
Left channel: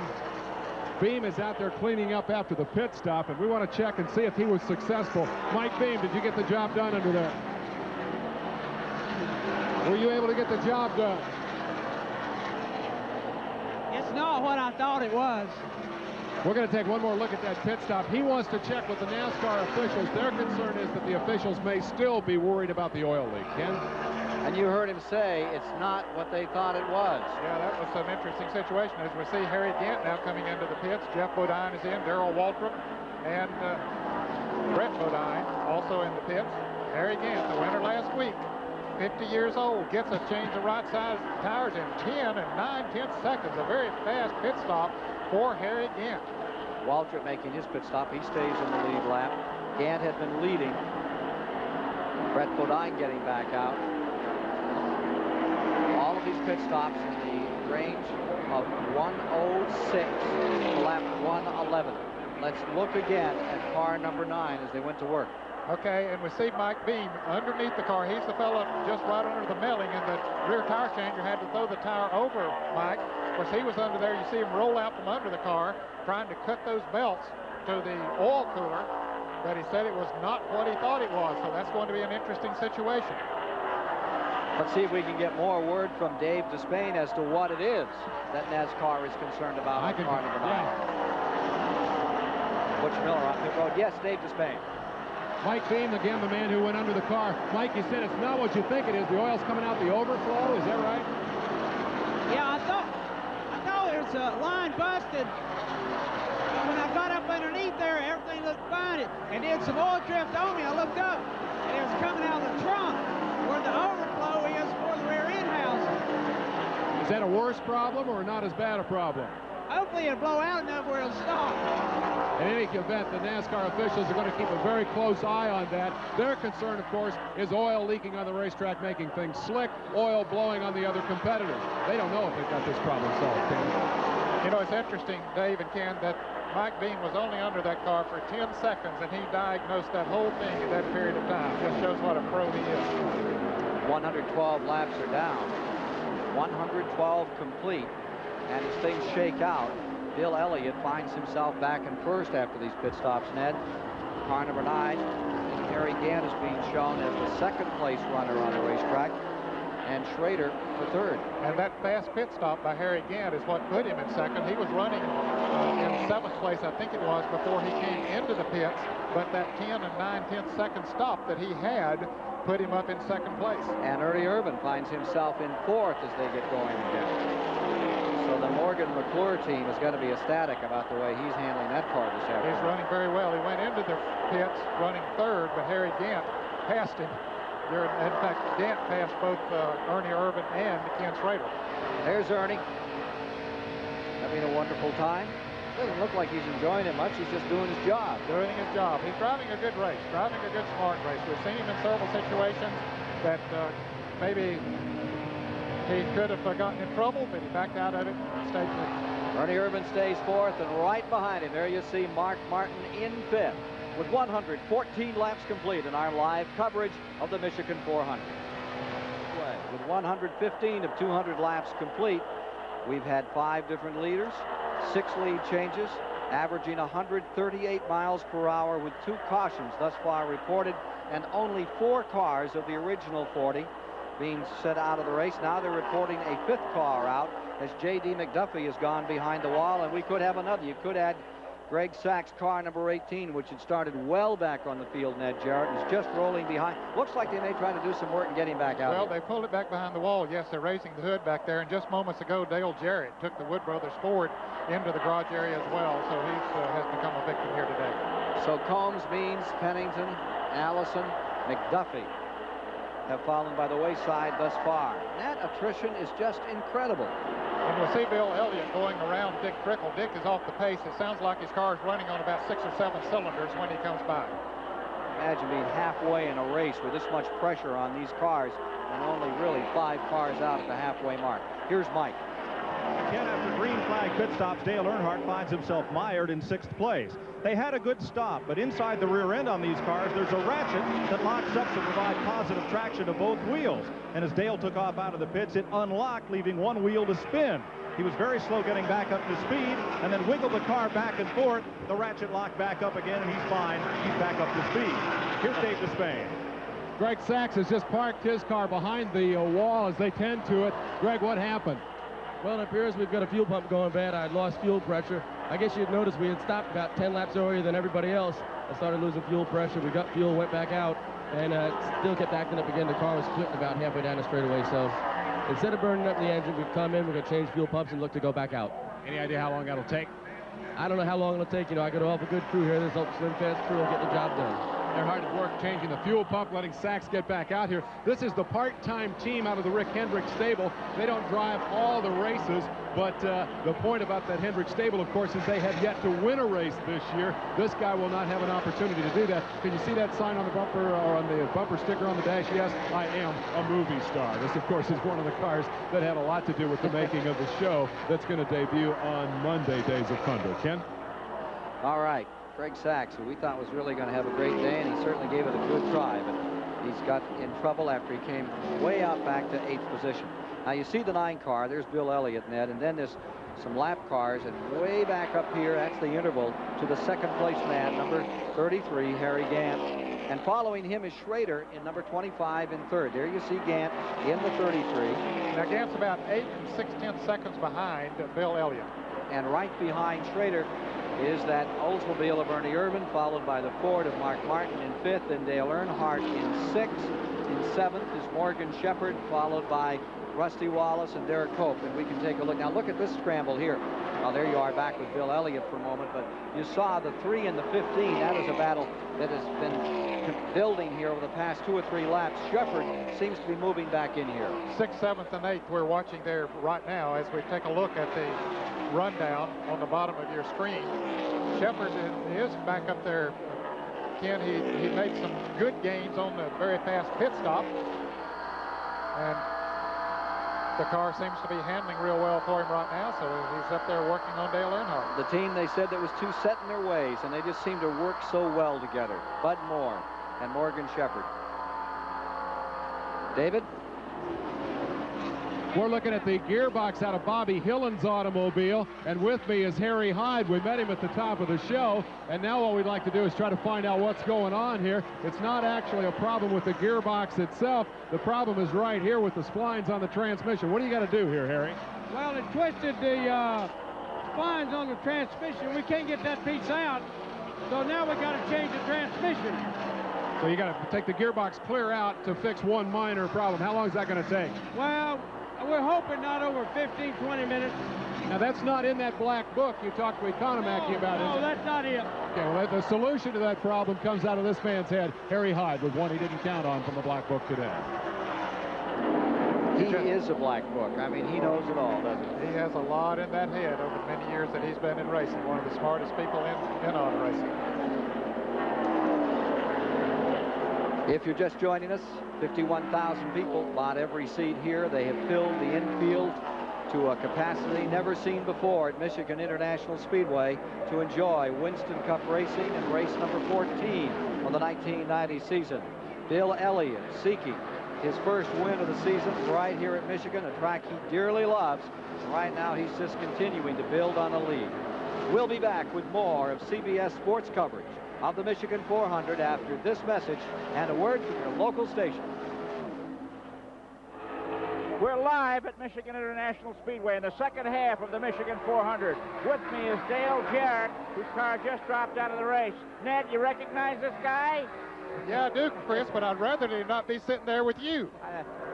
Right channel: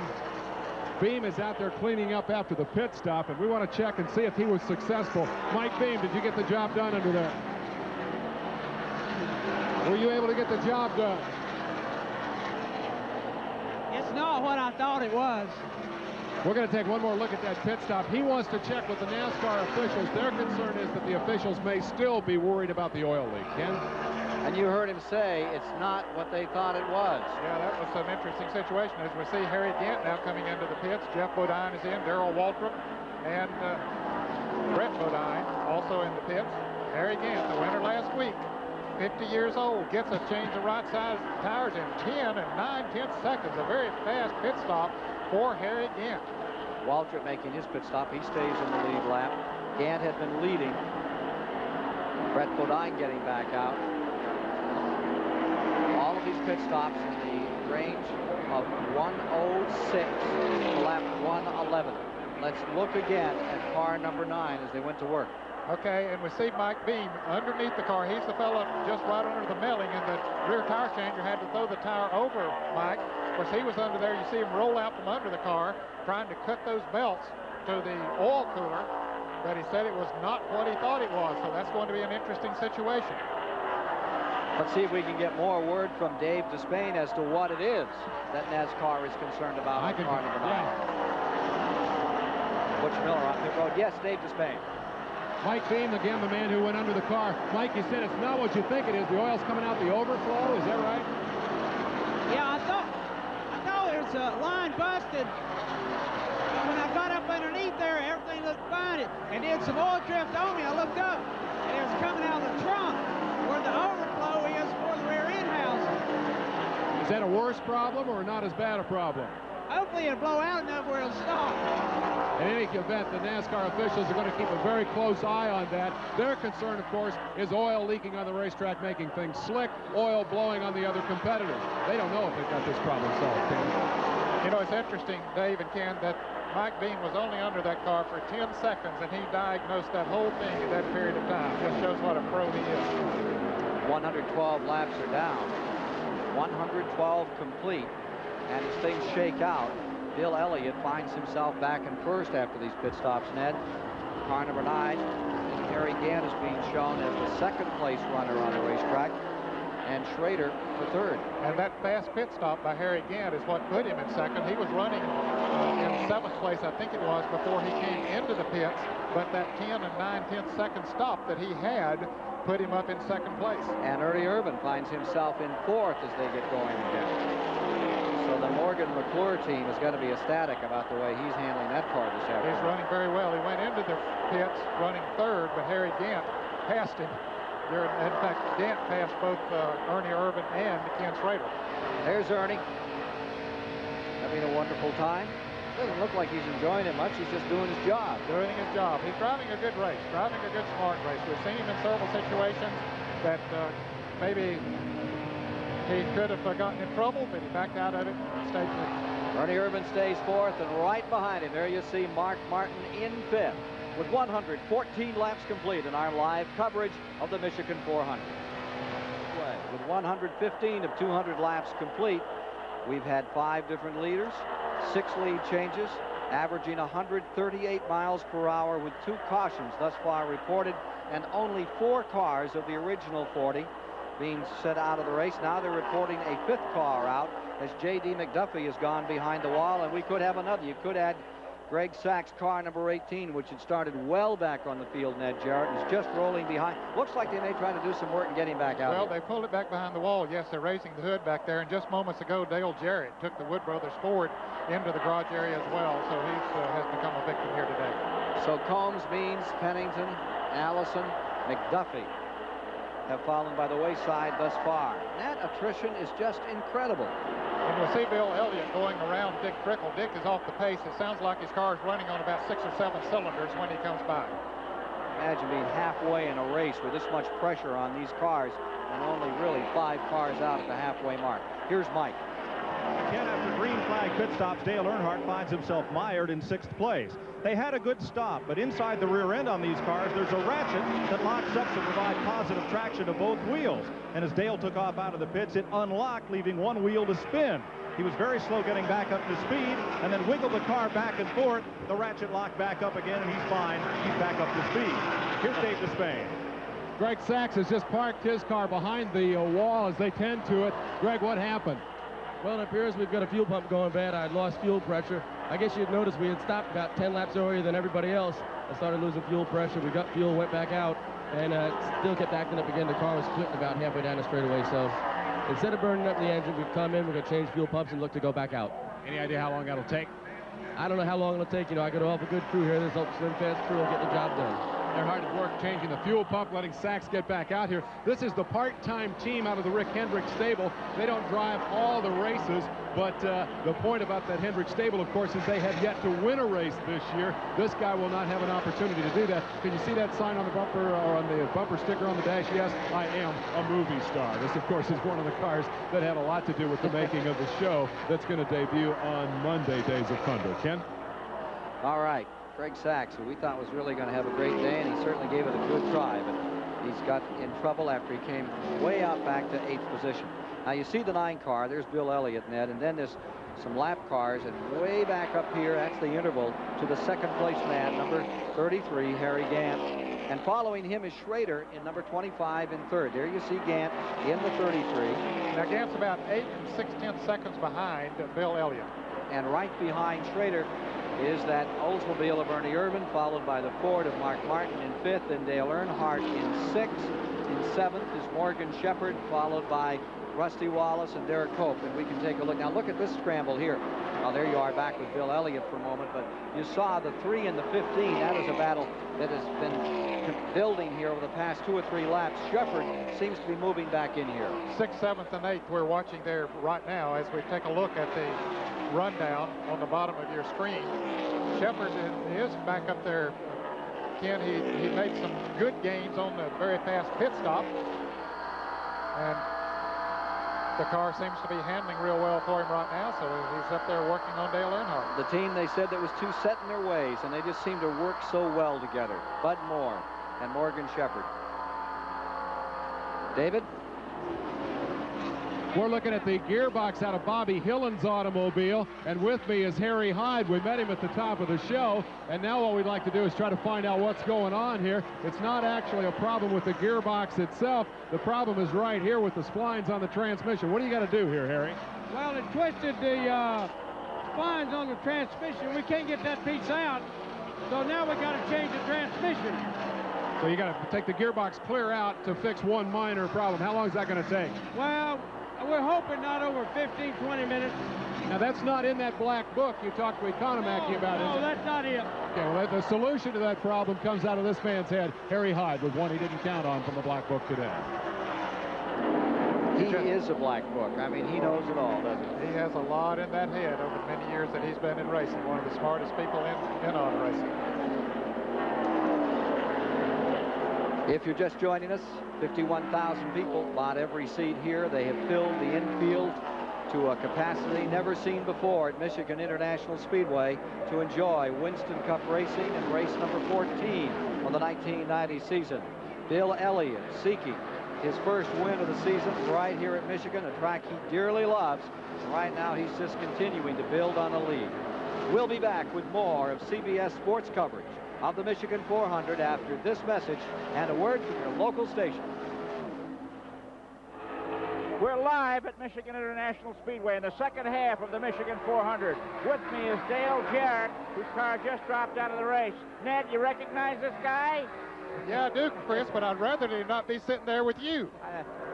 Beam is out there cleaning up after the pit stop, and we want to check and see if he was successful. Mike Beam, did you get the job done under there? Were you able to get the job done? It's not what I thought it was. We're going to take one more look at that pit stop. He wants to check with the NASCAR officials. Their concern is that the officials may still be worried about the oil leak. Ken? And you heard him say it's not what they thought it was. Yeah, that was an interesting situation. As we see Harry Gant now coming into the pits. Jeff Bodine is in, Darrell Waltrip, and Brett Bodine also in the pits. Harry Gant, the winner last week, 50 years old, gets a change of right side tires in 10 and 9/10 seconds. A very fast pit stop for Harry Gant. Waltrip making his pit stop. He stays in the lead lap. Gant had been leading. Brett Bodine getting back out. All of these pit stops in the range of 1:06 to lap 1:11. Let's look again at car number 9 as they went to work. Okay, and we see Mike Beam underneath the car. He's the fellow just right under the melling, and the rear tire changer had to throw the tire over Mike. Of course, he was under there. You see him roll out from under the car, trying to cut those belts to the oil cooler, but he said it was not what he thought it was, so that's going to be an interesting situation. Let's see if we can get more word from Dave Despain as to what it is that NASCAR is concerned about on car number 9. Butch Miller on pit road. Yes, Dave Despain. Mike Beam, again, the man who went under the car. Mike, you said it's not what you think it is. The oil's coming out the overflow. Is that right? Yeah, I thought there's a line busted. But when I got up underneath there, everything looked fine. It did some oil drift on me. I looked up, and it was coming out of the trunk where the overflow is for the rear end housing. Is that a worse problem or not as bad a problem? Hopefully it'll blow out enough where it'll stop. In any event, the NASCAR officials are going to keep a very close eye on that. Their concern, of course, is oil leaking on the racetrack, making things slick, oil blowing on the other competitors. They don't know if they've got this problem solved, Ken. You know, it's interesting, Dave and Ken, that Mike Beam was only under that car for 10 seconds, and he diagnosed that whole thing in that period of time. Just shows what a pro he is. 112 laps are down. 112 complete. And as things shake out, Bill Elliott finds himself back in first after these pit stops, Ned. Car number 9, Harry Gant is being shown as the second place runner on the racetrack, and Schrader for third. And that fast pit stop by Harry Gant is what put him in second. He was running in 7th place, I think it was, before he came into the pits, but that 10 and 9/10 second stop that he had put him up in second place. And Ernie Irvin finds himself in 4th as they get going again. So the Morgan McClure team is going to be ecstatic about the way he's handling that car this afternoon. He's running very well. He went into the pits running 3rd, but Harry Gant passed him. In fact, Gant passed both Ernie Irvin and Ken Schrader. There's Ernie. Having a wonderful time. Doesn't look like he's enjoying it much. He's just doing his job. Doing his job. He's driving a good race, driving a good smart race. We've seen him in several situations that maybe he could have gotten in trouble, but he backed out of it and stayed clean. Ernie Irvin stays 4th, and right behind him, there you see Mark Martin in 5th with 114 laps complete in our live coverage of the Michigan 400. With 115 of 200 laps complete, we've had 5 different leaders, 6 lead changes, averaging 138 miles per hour with 2 cautions thus far reported, and only 4 cars of the original 40 being set out of the race. Now they're reporting a 5th car out as J.D. McDuffie has gone behind the wall, and we could have another. You could add Greg Sachs' car number 18, which had started well back on the field, Ned Jarrett, is just rolling behind. Looks like they may try to do some work and get him back out. Well, they pulled it back behind the wall. Yes, they're raising the hood back there. And just moments ago, Dale Jarrett took the Wood Brothers Ford into the garage area as well. So he has become a victim here today. So Combs, Means, Pennington, Allison, McDuffie have fallen by the wayside thus far. That attrition is just incredible. And we'll see Bill Elliott going around Dick Trickle. Dick is off the pace. It sounds like his car is running on about 6 or 7 cylinders when he comes by. Imagine being halfway in a race with this much pressure on these cars and only really 5 cars out at the halfway mark. Here's Mike. Again, after green flag pit stops, Dale Earnhardt finds himself mired in 6th place. They had a good stop, but inside the rear end on these cars, there's a ratchet that locks up to provide positive traction to both wheels. And as Dale took off out of the pits, it unlocked, leaving one wheel to spin. He was very slow getting back up to speed, and then wiggled the car back and forth. The ratchet locked back up again, and he's fine. He's back up to speed. Here's Dave Despain. Greg Sachs has just parked his car behind the wall as they tend to it. Greg, what happened? Well, it appears we've got a fuel pump going bad. I lost fuel pressure. I guess you'd notice we had stopped about 10 laps earlier than everybody else. I started losing fuel pressure. We got fuel, went back out, and still kept acting up again. The car was splitting about halfway down the straightaway. So instead of burning up the engine, we've come in, we're going to change fuel pumps and look to go back out. Any idea how long that'll take? I don't know how long it'll take. You know, I got an awful good crew here. This Slim Fast crew will get the job done. They're hard at work changing the fuel pump, letting Sachs get back out here. This is the part-time team out of the Rick Hendrick stable. They don't drive all the races, but the point about that Hendrick stable, of course, is they have yet to win a race this year. This guy will not have an opportunity to do that. Can you see that sign on the bumper or on the bumper sticker on the dash? Yes, I am a movie star. This, of course, is one of the cars that had a lot to do with the making of the show that's going to debut on Monday, Days of Thunder. Ken? All right. Greg Sachs, who we thought was really going to have a great day, and he certainly gave it a good try, but he's got in trouble after he came way out back to 8th position. Now you see the 9 car, there's Bill Elliott, Ned, and then there's some lap cars, and way back up here, that's the interval to the 2nd place man, number 33, Harry Gant. And following him is Schrader in number 25 in 3rd. There you see Gant in the 33. Now Gant's about 8 6/10 seconds behind Bill Elliott. And right behind Schrader is that Oldsmobile of Ernie Irvin, followed by the Ford of Mark Martin in 5th, and Dale Earnhardt in 6th. In 7th is Morgan Shepherd, followed by Rusty Wallace and Derek Cope. And we can take a look. Now look at this scramble here. Now there you are back with Bill Elliott for a moment, but you saw the 3 and the 15. That is a battle that has been building here over the past 2 or 3 laps. Shepherd seems to be moving back in here. 6th, 7th, and 8th we're watching there right now as we take a look at the rundown on the bottom of your screen. Shepherd is back up there. Ken, he made some good gains on the very fast pit stop, and the car seems to be handling real well for him right now, so he's up there working on Dale Earnhardt. The team, they said, that was too set in their ways, and they just seem to work so well together. Bud Moore and Morgan Shepherd. David? We're looking at the gearbox out of Bobby Hillen's automobile, and with me is Harry Hyde. We met him at the top of the show, and now what we'd like to do is try to find out what's going on here. It's not actually a problem with the gearbox itself. The problem is right here with the splines on the transmission. What do you got to do here, Harry? Well, it twisted the splines on the transmission. We can't get that piece out, so now we got to change the transmission. So you got to take the gearbox clear out to fix one minor problem. How long is that going to take? Well, we're hoping not over 15, 20 minutes. Now, that's not in that black book you talked to Economaki about. No, that's not it. Okay, well, the solution to that problem comes out of this man's head. Harry Hyde with one he didn't count on from the black book today. He is a black book. I mean, he knows it all, doesn't he? He has a lot in that head over the many years that he's been in racing. One of the smartest people in auto racing. If you're just joining us, 51,000 people bought every seat here. They have filled the infield to a capacity never seen before at Michigan International Speedway to enjoy Winston Cup racing and race number 14 on the 1990 season. Bill Elliott seeking his first win of the season right here at Michigan, a track he dearly loves. Right now, he's just continuing to build on a lead. We'll be back with more of CBS Sports coverage of the Michigan 400 after this message and a word from your local station. We're live at Michigan International Speedway in the second half of the Michigan 400. With me is Dale Jarrett, whose car just dropped out of the race. Ned, you recognize this guy? Yeah, I do, Chris, but I'd rather he not be sitting there with you.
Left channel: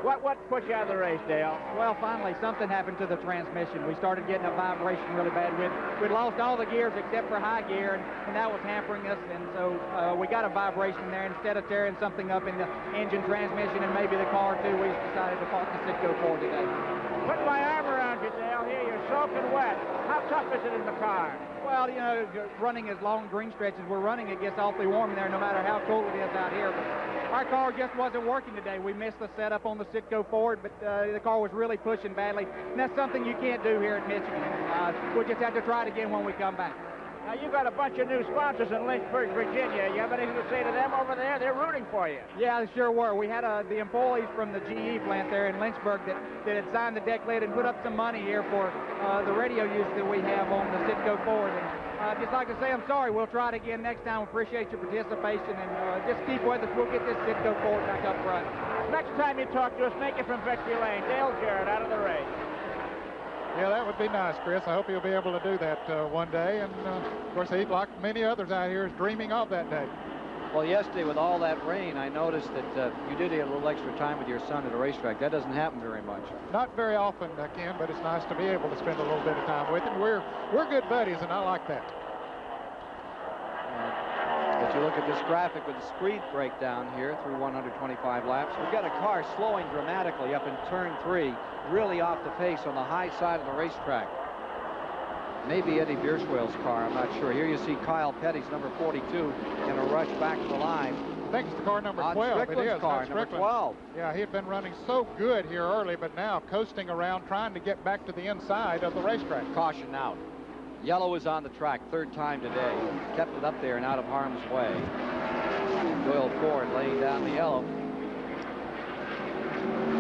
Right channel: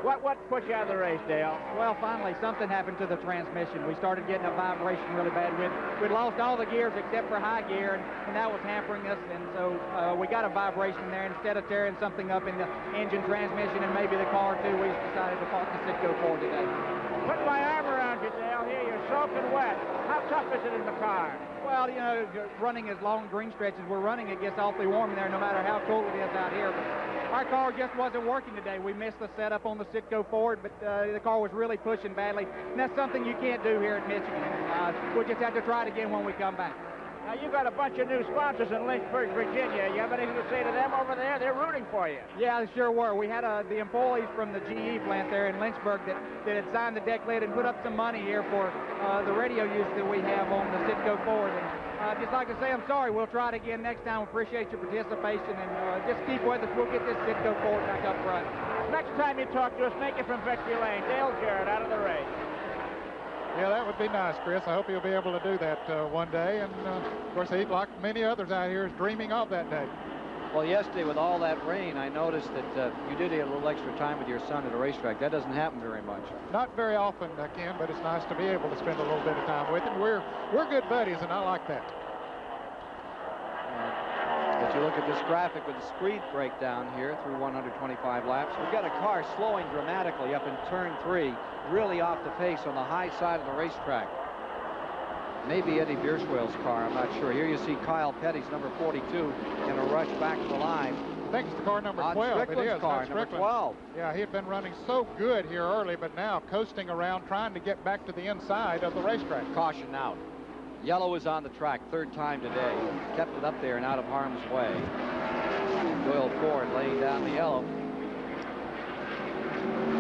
What put you out of the race, Dale? Well, finally, something happened to the transmission. We started getting a vibration really bad. We'd lost all the gears except for high gear, and that was hampering us, and so we got a vibration there. Instead of tearing something up in the engine, transmission, and maybe the car, too, we decided to park the Citgo Ford today. Put my arm around you, Dale. Here, you're soaking wet. How tough is it in the car? Well, you know, running as long green stretches we're running, it gets awfully warm in there no matter how cold it is out here. But our car just wasn't working today. We missed the setup on the Citgo Ford, but the car was really pushing badly. And that's something you can't do here at Michigan. We'll just have to try it again when we come back. Now, you've got a bunch of new sponsors in Lynchburg, Virginia. You have anything to say to them over there? They're rooting for you. Yeah, they sure were. We had the employees from the GE plant there in Lynchburg that had signed the deck lid and put up some money here for the radio use that we have on the Citgo Ford. And I'd just like to say I'm sorry. We'll try it again next time. We appreciate your participation, and just keep with us. We'll get this Citgo Ford back up front. Next time you talk to us, make it from Victory Lane. Dale Jarrett out of the race. Yeah, that would be nice, Chris. I hope he'll be able to do that one day. And, of course, he, like many others out here, is dreaming of that day. Well, yesterday with all that rain, I noticed that you did get a little extra time with your son at a racetrack. That doesn't happen very much. Not very often, Ken, but it's nice to be able to spend a little bit of time with him. We're good buddies, and I like that. If you look at this graphic with the speed breakdown here through 125 laps, we've got a car slowing dramatically up in turn 3, really off the pace on the high side of the racetrack. Maybe Eddie Bierschwell's car, I'm not sure. Here you see Kyle Petty's number 42 in a rush back to the line. I think it's the car number 12. Strickland's it is. car, number 12. Yeah, he had been running so good here early, but now coasting around, trying to get back to the inside of the racetrack. Caution out. Yellow is on the track, third time today. Kept it up there and out of harm's way. Doyle Ford laying down the yellow.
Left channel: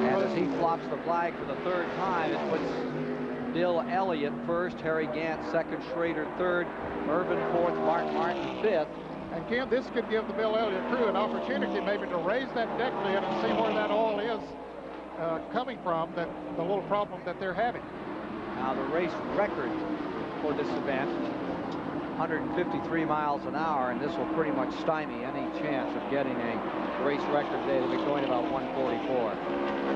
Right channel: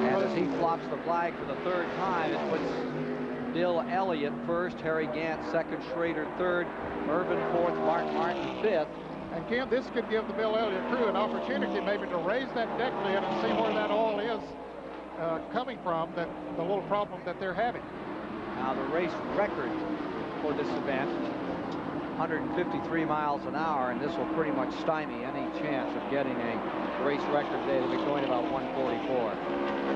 And as he flops the flag for the third time, it puts Bill Elliott first, Harry Gant second, Schrader third, Irvin fourth, Mark Martin fifth. And Kim, this could give the Bill Elliott crew an opportunity maybe to raise that deck lid and see where that oil is coming from, the little problem that they're having. Now the race record for this event, 153 miles an hour, and this will pretty much stymie any chance of getting a race record day. They'll be going about 144.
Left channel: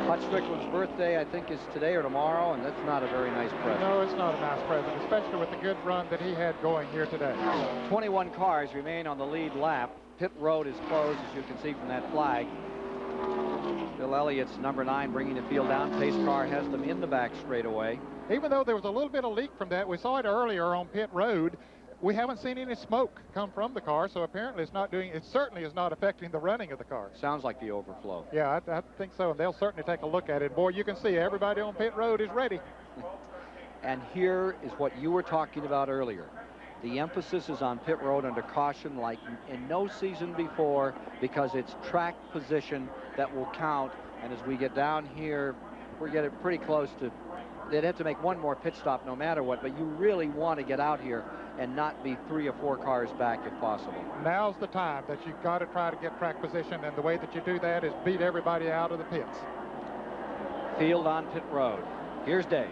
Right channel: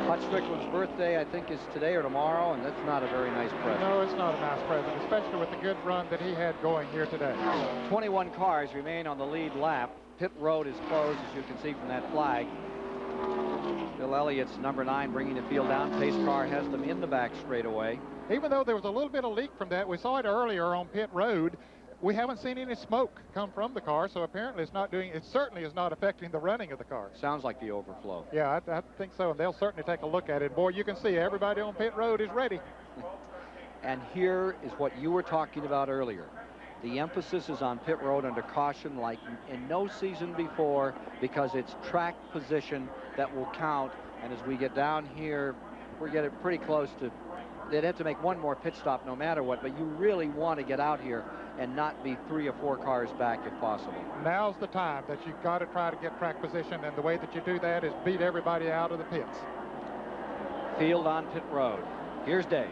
Hutch Strickland's birthday, I think, is today or tomorrow, and that's not a very nice present. No, it's not a nice present, especially with the good run that he had going here today. 21 cars remain on the lead lap. Pit road is closed, as you can see from that flag. Bill Elliott's number 9 bringing the field down. Pace car has them in the back straightaway. Even though there was a little bit of leak from that, we saw it earlier on pit road. We haven't seen any smoke come from the car, so apparently it certainly is not affecting the running of the car. Sounds like the overflow. Yeah, I think so, and they'll certainly take a look at it. Boy, you can see everybody on pit road is ready. And here is what you were talking about earlier. The emphasis is on pit road under caution like in no season before, because it's track position that will count. And as we get down here, we're getting pretty close to, they'd have to make one more pit stop no matter what, but you really want to get out here and not be 3 or 4 cars back if possible. Now's the time that you've got to try to get track position, and the way that you do that is beat everybody out of the pits. Field on pit road. Here's Dave.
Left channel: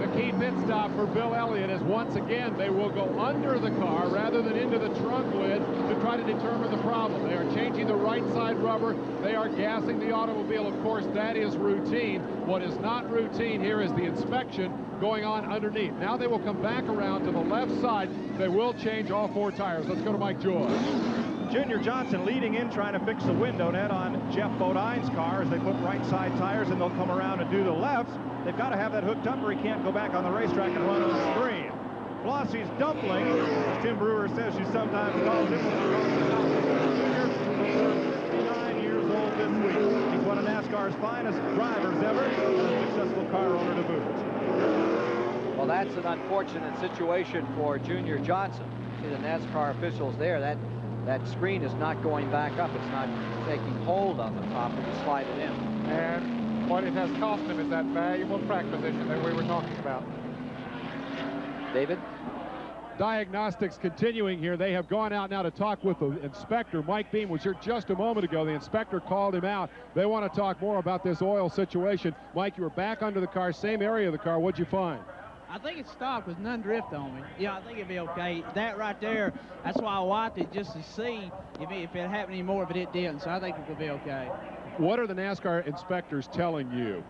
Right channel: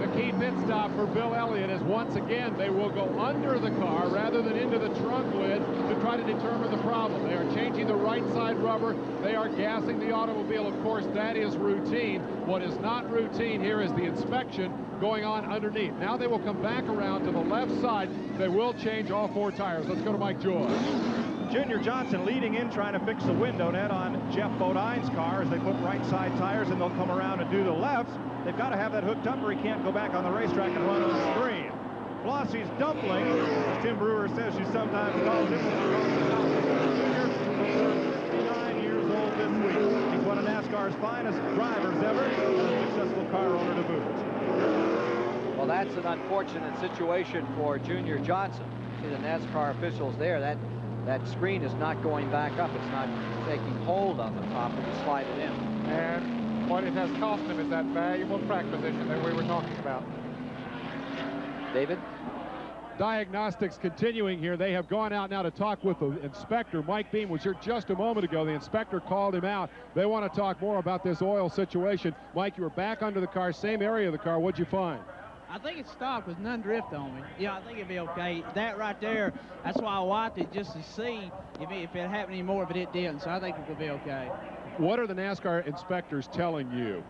The key pit stop for Bill Elliott is once again they will go under the car rather than into the trunk lid to try to determine the problem. They are changing the right side rubber. They are gassing the automobile. Of course, that is routine. What is not routine here is the inspection going on underneath. Now they will come back around to the left side. They will change all 4 tires. Let's go to Mike George. Junior Johnson leading in, trying to fix the window net on Jeff Bodine's car as they put right side tires, and they'll come around and do the lefts. They've got to have that hooked up or he can't go back on the racetrack and run on the screen. Flossie's dumpling, as Tim Brewer says she sometimes calls him. Junior, 59 years old this week. He's one of NASCAR's finest drivers ever, and a successful car owner to boot. Well, that's an unfortunate situation for Junior Johnson. See the NASCAR officials there. That screen is not going back up. It's not taking hold on the top and you slide it in. And what it has cost him is that valuable track position that we were talking about. David? diagnostics continuing here. They have gone out now to talk with the inspector. Mike Beam was here just a moment ago. The inspector called him out. They want to talk more about this oil situation. Mike, you were back under the car, same area of the car. What'd you find? I think it stopped with none drift on me. Yeah, I think it'd be okay. That right there, that's why I wiped it, just to see if it happened anymore, but it didn't, so I think it will be okay. What are the NASCAR inspectors telling you?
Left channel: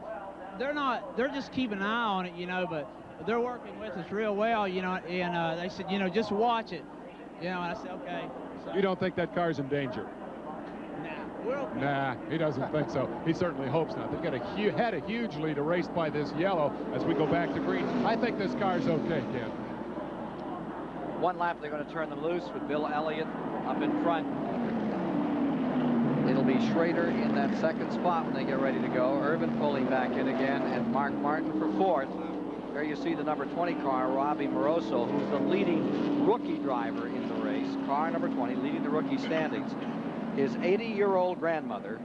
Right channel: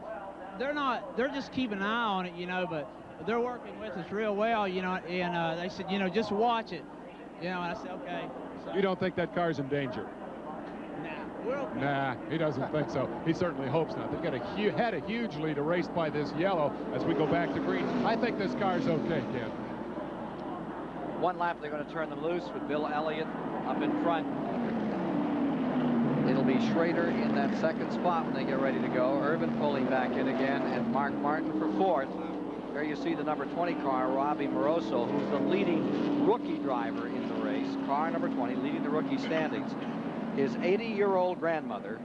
They're just keeping an eye on it, you know, but they're working with us real well, you know, and they said, you know, just watch it, you know, and I said, okay. So, you don't think that car's in danger? Nah, he doesn't think so. He certainly hopes not. They've had a huge lead erased by this yellow as we go back to green. I think this car's okay, Ken. One lap, they're going to turn them loose with Bill Elliott up in front. It'll be Schrader in that second spot when they get ready to go. Irvin pulling back in again, and Mark Martin for fourth. There you see the number 20 car, Robbie Moroso, who's the leading rookie driver in the race. Car number 20, leading the rookie standings. His 80-year-old grandmother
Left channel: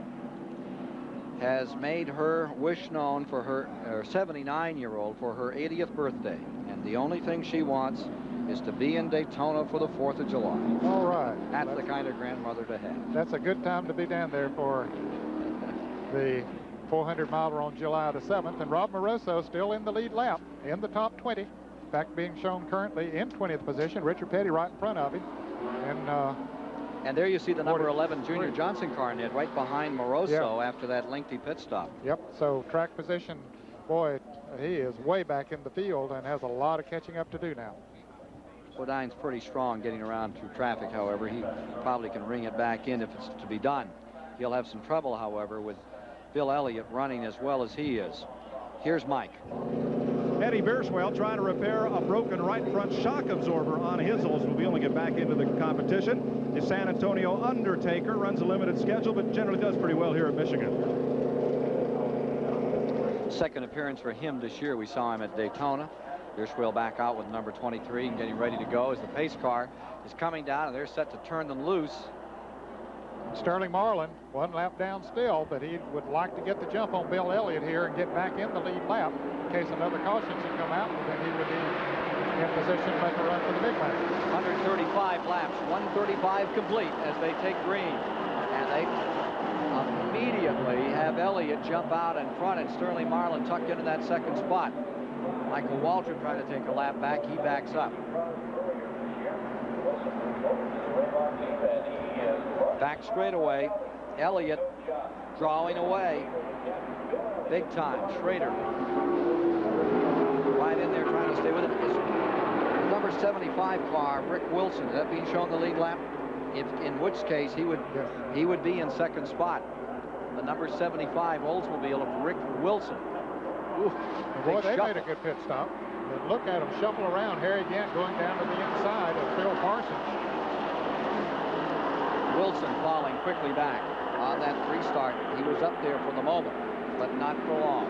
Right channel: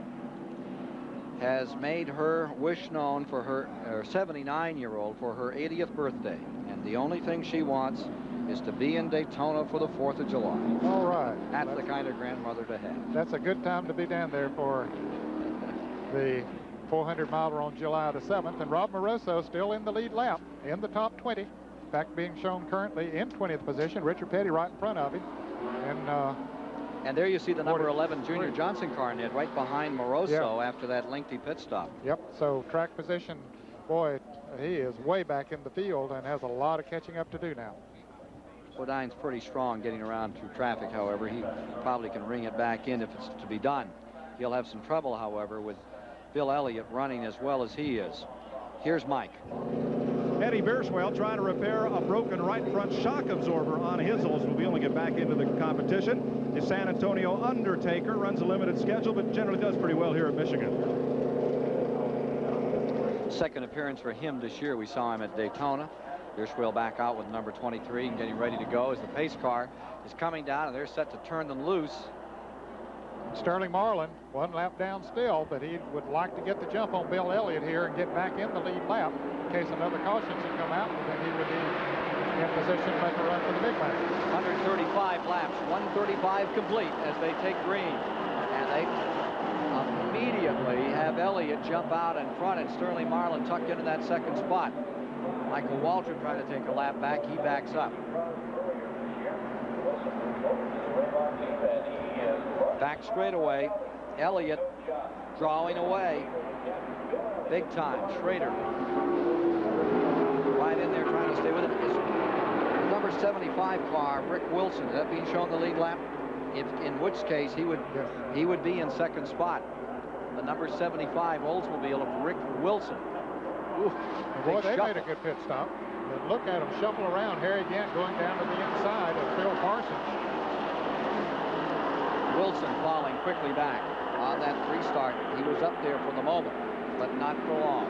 has made her wish known for her 79-year-old for her 80th birthday. And the only thing she wants is to be in Daytona for the 4th of July. All right. That's the kind of grandmother to have. That's a good time to be down there for the 400-miler on July the 7th. And Rob Moroso still in the lead lap in the top 20. In fact, being shown currently in 20th position. Richard Petty right in front of him. And there you see the number 11 Junior Johnson car, Ned, right behind Moroso after that lengthy pit stop. Yep, so track position, boy, he is way back in the field and has a lot of catching up to do now. Bodine's pretty strong getting around through traffic, however. He probably can ring it back in if it's to be done. He'll have some trouble, however, with Bill Elliott running as well as he is. Here's Mike. Eddie Bierswell trying to repair a broken right front shock absorber on his will be able to get back into the competition. The San Antonio Undertaker runs a limited schedule, but generally does pretty well here at Michigan. Second appearance for him this year. We saw him at Daytona. Bierswell back out with number 23 and getting ready to go as the pace car is coming down, and they're set to turn them loose. Sterling Marlin, one lap down still, but he would like to get the jump on Bill Elliott here and get back in the lead lap in case another caution should come out, and then he would be in position to make a run for the big lap. 135 laps, 135 complete as they take green, and they immediately have Elliott jump out in front and Sterling Marlin tucked into that second spot. Michael Waltrip trying to take a lap back. He backs up. Back straightaway. Elliott drawing away. Big time. Schrader right in there trying to stay with it. The number 75 car, Rick Wilson. Is that being shown the lead lap? In which case he would be in second spot. The number 75 Oldsmobile of Rick Wilson. Ooh, boy, they made a good pit stop. But look at him shuffle around. Harry Gant going down to the inside of Phil Parsons. Wilson falling quickly back on that restart. He was up there for the moment, but not for long.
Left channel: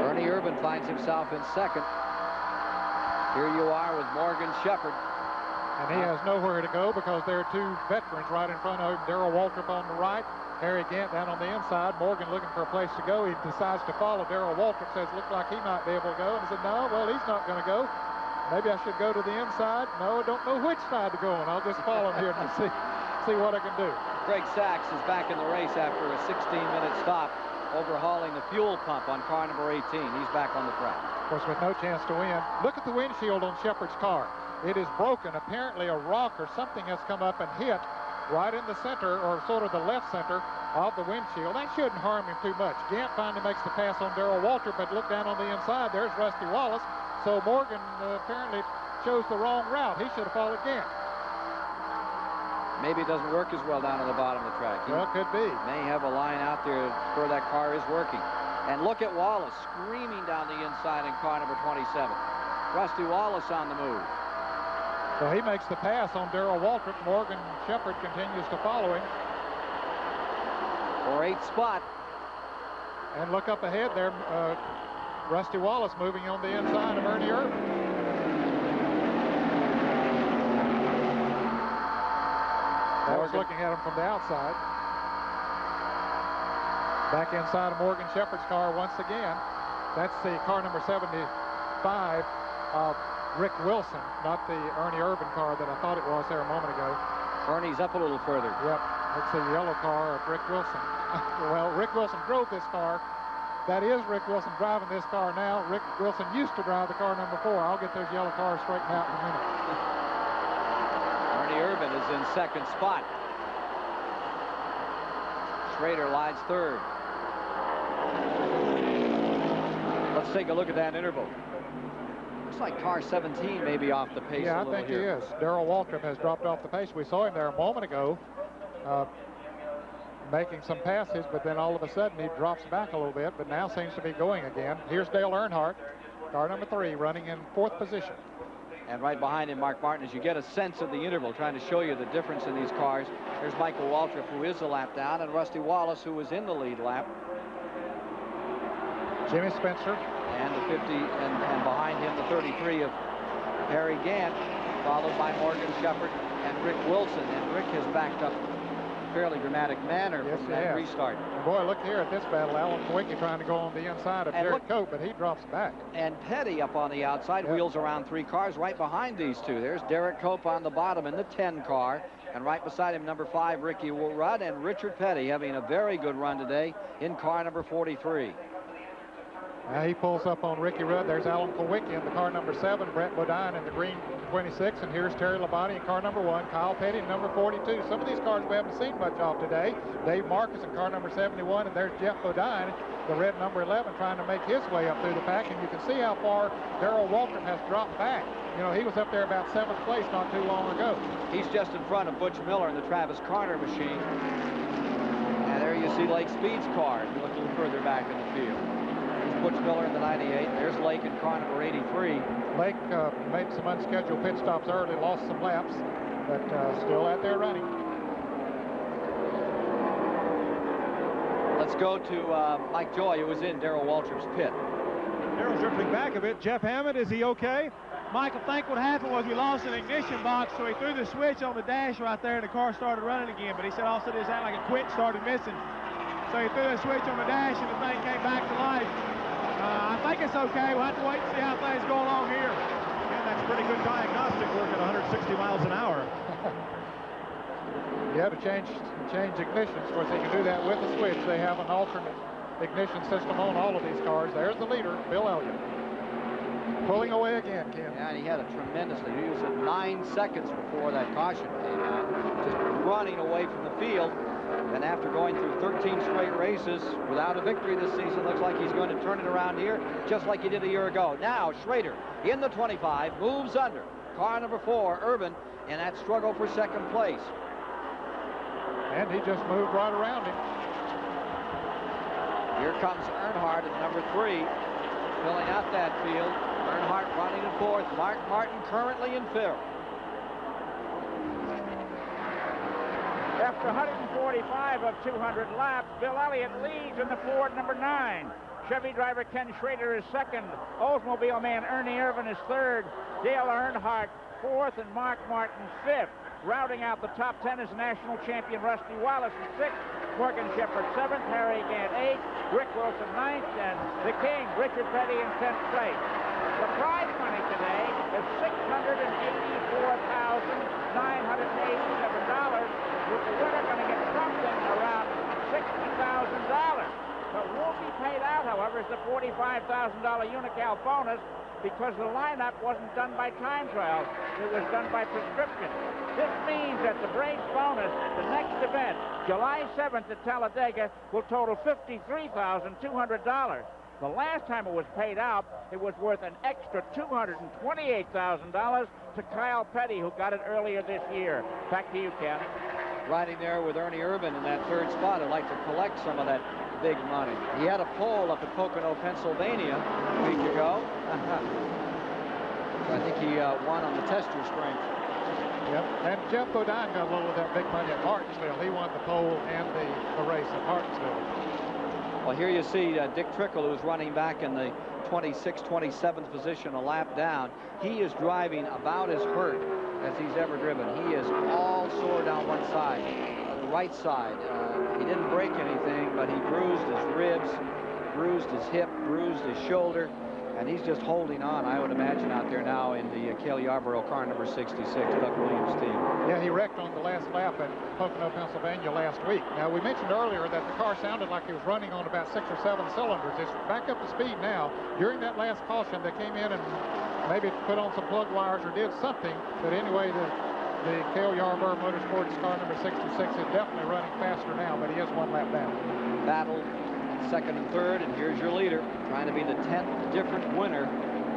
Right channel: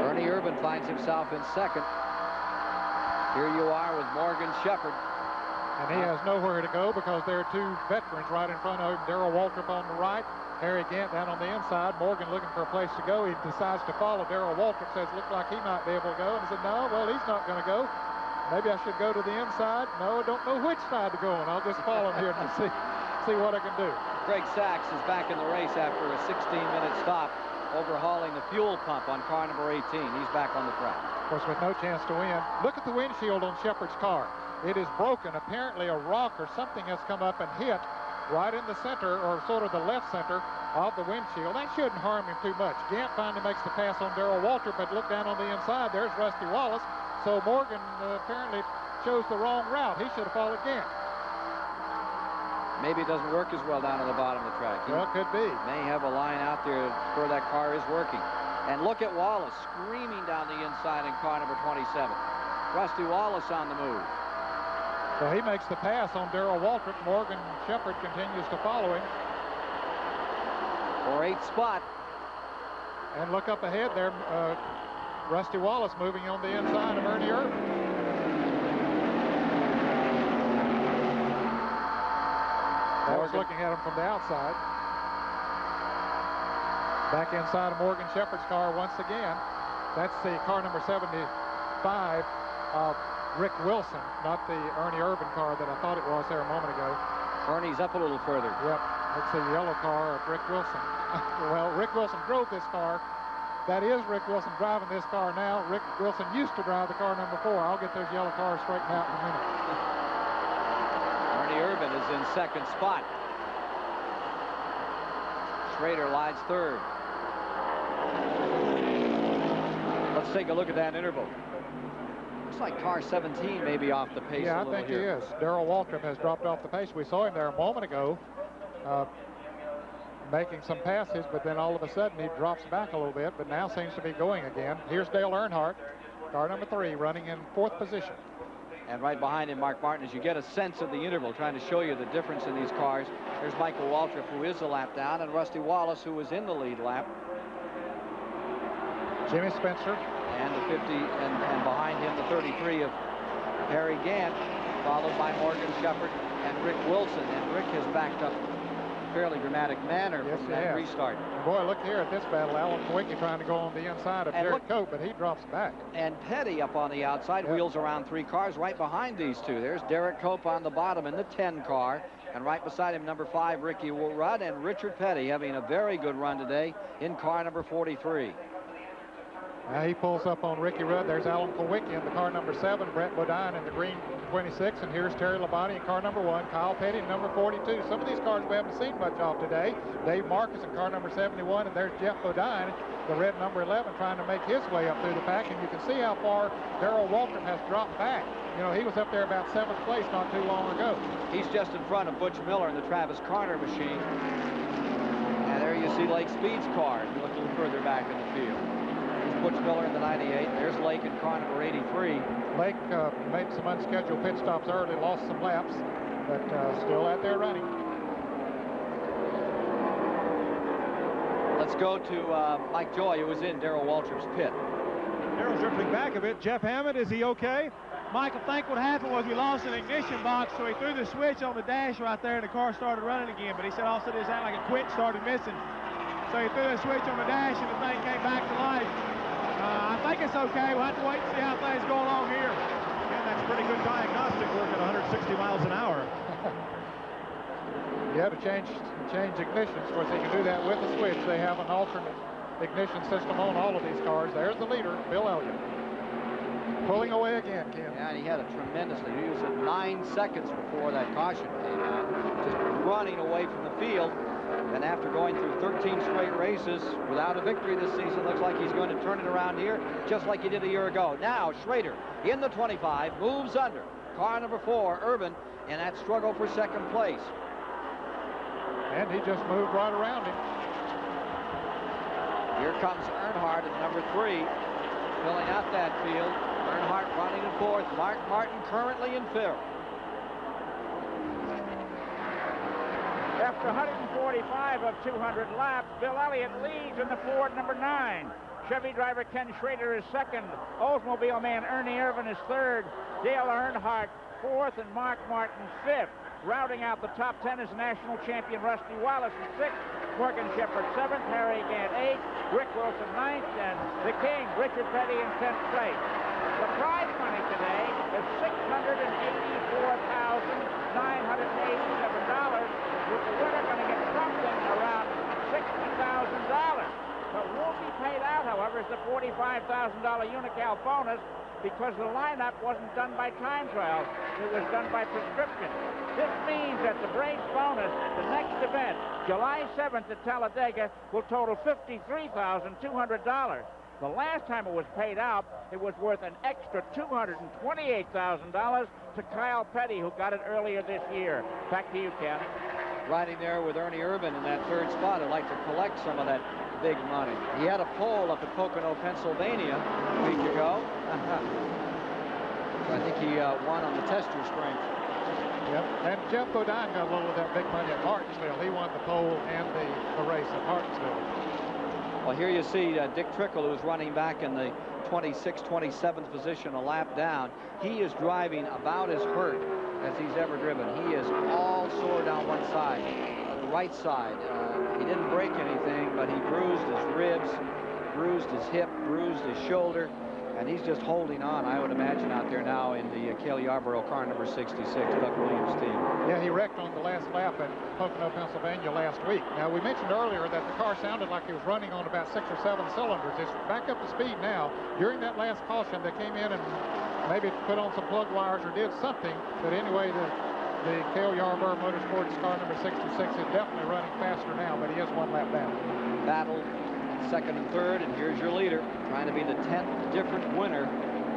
Ernie Irvin finds himself in second. Here you are with Morgan Shepherd. And he has nowhere to go because there are two veterans right in front of him. Darrell Waltrip on the right, Harry Gant down on the inside. Morgan looking for a place to go. He decides to follow. Darrell Waltrip says, look like he might be able to go. And he said, no, well, he's not going to go. Maybe I should go to the inside. No, I don't know which side to go on. I'll just follow him here to see what I can do. Greg Sachs is back in the race after a 16-minute stop overhauling the fuel pump on car number 18. He's back on the track. Of course, with no chance to win. Look at the windshield on Shepherd's car. It is broken. Apparently a rock or something has come up and hit right in the center, or sort of the left center of the windshield. That shouldn't harm him too much. Gant finally makes the pass on Darrell Waltrip, but look down on the inside. There's Rusty Wallace. So Morgan apparently chose the wrong route. He should have followed Gant. Maybe it doesn't work as well down at the bottom of the track. Well, could be. May have a line out there where that car is working. And look at Wallace screaming down the inside in car number 27. Rusty Wallace on the move. So he makes the pass on Darrell Waltrip. Morgan Shepherd continues to follow him. For 8th spot. And look up ahead there, Rusty Wallace moving on the inside of Ernie Irvin. I was looking at him from the outside. Back inside of Morgan Shepherd's car once again. That's the car number 75 of Rick Wilson, not the Ernie Irvin car that I thought it was there a moment ago. Ernie's up a little further. Yep, it's the yellow car of Rick Wilson. Well, Rick Wilson drove this car. That is Rick Wilson driving this car now. Rick Wilson used to drive the car number 4. I'll get those yellow cars straightened out in a minute. Ernie Irvin is in second spot. Schrader lies third. Let's take a look at that interval. Looks like car 17 may be off the pace a little I think here. he is. Darrell Waltrip has dropped off the pace. We saw him there a moment ago making some passes, but then all of a sudden he drops back a little bit, but now seems to be going again. Here's Dale Earnhardt, car number 3, running in 4th position. And right behind him, Mark Martin, as you get a sense of the interval, trying to show you the difference in these cars. There's Michael Waltrip, who is a lap down, and Rusty Wallace, who was in the lead lap. Jimmy Spencer. And the 50, and behind him, the 33 of Harry Gant, followed by Morgan Shepherd and Rick Wilson. And Rick has backed up in a fairly dramatic manner from that restart. And boy, look here at this battle. Alan Kowicki trying to go on the inside of Derek Cope, but he drops back. And Petty up on the outside, wheels around 3 cars right behind these two. There's Derek Cope on the bottom in the 10 car. And right beside him, number 5, Ricky Rudd, and Richard Petty having a very good run today in car number 43. Now he pulls up on Ricky Rudd. There's Alan Kowicki in the car number 7, Brett Bodine in the green 26, and here's Terry Labonte in car number 1, Kyle Petty in number 42. Some of these cars we haven't seen much of today. Dave Marcus in car number 71, and there's Jeff Bodine, the red number 11, trying to make his way up through the pack, and you can see how far Darrell Waltrip has dropped back. You know, he was up there about 7th place not too long ago. He's just in front of Butch Miller in the Travis Carter machine. And there you see Lake Speed's car, if you look a little further back in the field. Butch Miller in the 98. There's Lake in car number 83. Lake made some unscheduled pit stops early, lost some laps, but still out there running. Let's go to Mike Joy, who was in Darrell Waltrip's pit. Darrell's drifting back a bit. Jeff Hammond, is he okay? Mike, I think what happened was we lost an ignition box, so he threw the switch on the dash right there, and the car started running again. But he said also it sounded like it quit, started missing. So he threw the switch on the dash, and the thing came back to life. I think it's okay. We'll have to wait and see how things go along here. And that's pretty good diagnostic work at 160 miles an hour. You have to change ignitions. Of course, they can do that with the switch. They have an alternate ignition system on all of these cars. There's the leader, Bill Elliott. Pulling away again, Ken. Yeah, and he had a tremendously. He was at 9 seconds before that caution came out. Just running away from the field. And after going through 13 straight races without a victory this season, looks like he's going to turn it around here just like he did a year ago. Now, Schrader in the 25 moves under. Car number 4, Urban, in that struggle for second place. And he just moved right around him. Here comes Earnhardt at number 3, filling out that field. Earnhardt running in 4th. Mark Martin currently in 5th. After 145 of 200 laps, Bill Elliott leads in the Ford number 9. Chevy driver Ken Schrader is 2nd. Oldsmobile man Ernie Irvin is 3rd. Dale Earnhardt 4th, and Mark Martin 5th. Rounding out the top 10 is national champion Rusty Wallace in 6th. Morgan Shepherd 7th. Harry Gant 8th. Rick Wilson 9th. And the king, Richard Petty, in 10th place. The prize money today is $684,987. With the winner going to get something around $60,000. What won't be paid out, however, is the $45,000 Unical bonus, because the lineup wasn't done by time trials. It was done by prescription. This means that the Braves bonus, the next event, July 7th at Talladega, will total $53,200. The last time it was paid out, it was worth an extra $228,000 to Kyle Petty, who got it earlier this year. Back to you, Ken. Riding there with Ernie Irvin in that 3rd spot. I'd like to collect some of that big money. He had a pole up at Pocono, Pennsylvania a week ago. I think he won on the tester strength. Yep, and Jeff Bodine got a little of that big money at Martinsville. He won the pole and the race at Martinsville. Well, here you see Dick Trickle, who's running back in the 26th, 27th position, a lap down. He is driving about as hurt as he's ever driven. He is all sore down one side, the right side. He didn't break anything, but he bruised his bruised his hip, bruised his shoulder, and he's just holding on, I would imagine, out there now in the Cale Yarborough car number 66, Doug Williams' team. Yeah, he wrecked on the last lap at Pocono, Pennsylvania last week. Now, we mentioned earlier that the car sounded like it was running on about 6 or 7 cylinders. It's back up to speed now. During that last caution, they came in and maybe put on some plug wires or did something. But anyway, the Cale Yarborough Motorsports car number 66 is definitely running faster now, but he is 1 lap down. Battle second and third, and here's your leader, trying to be the 10th different winner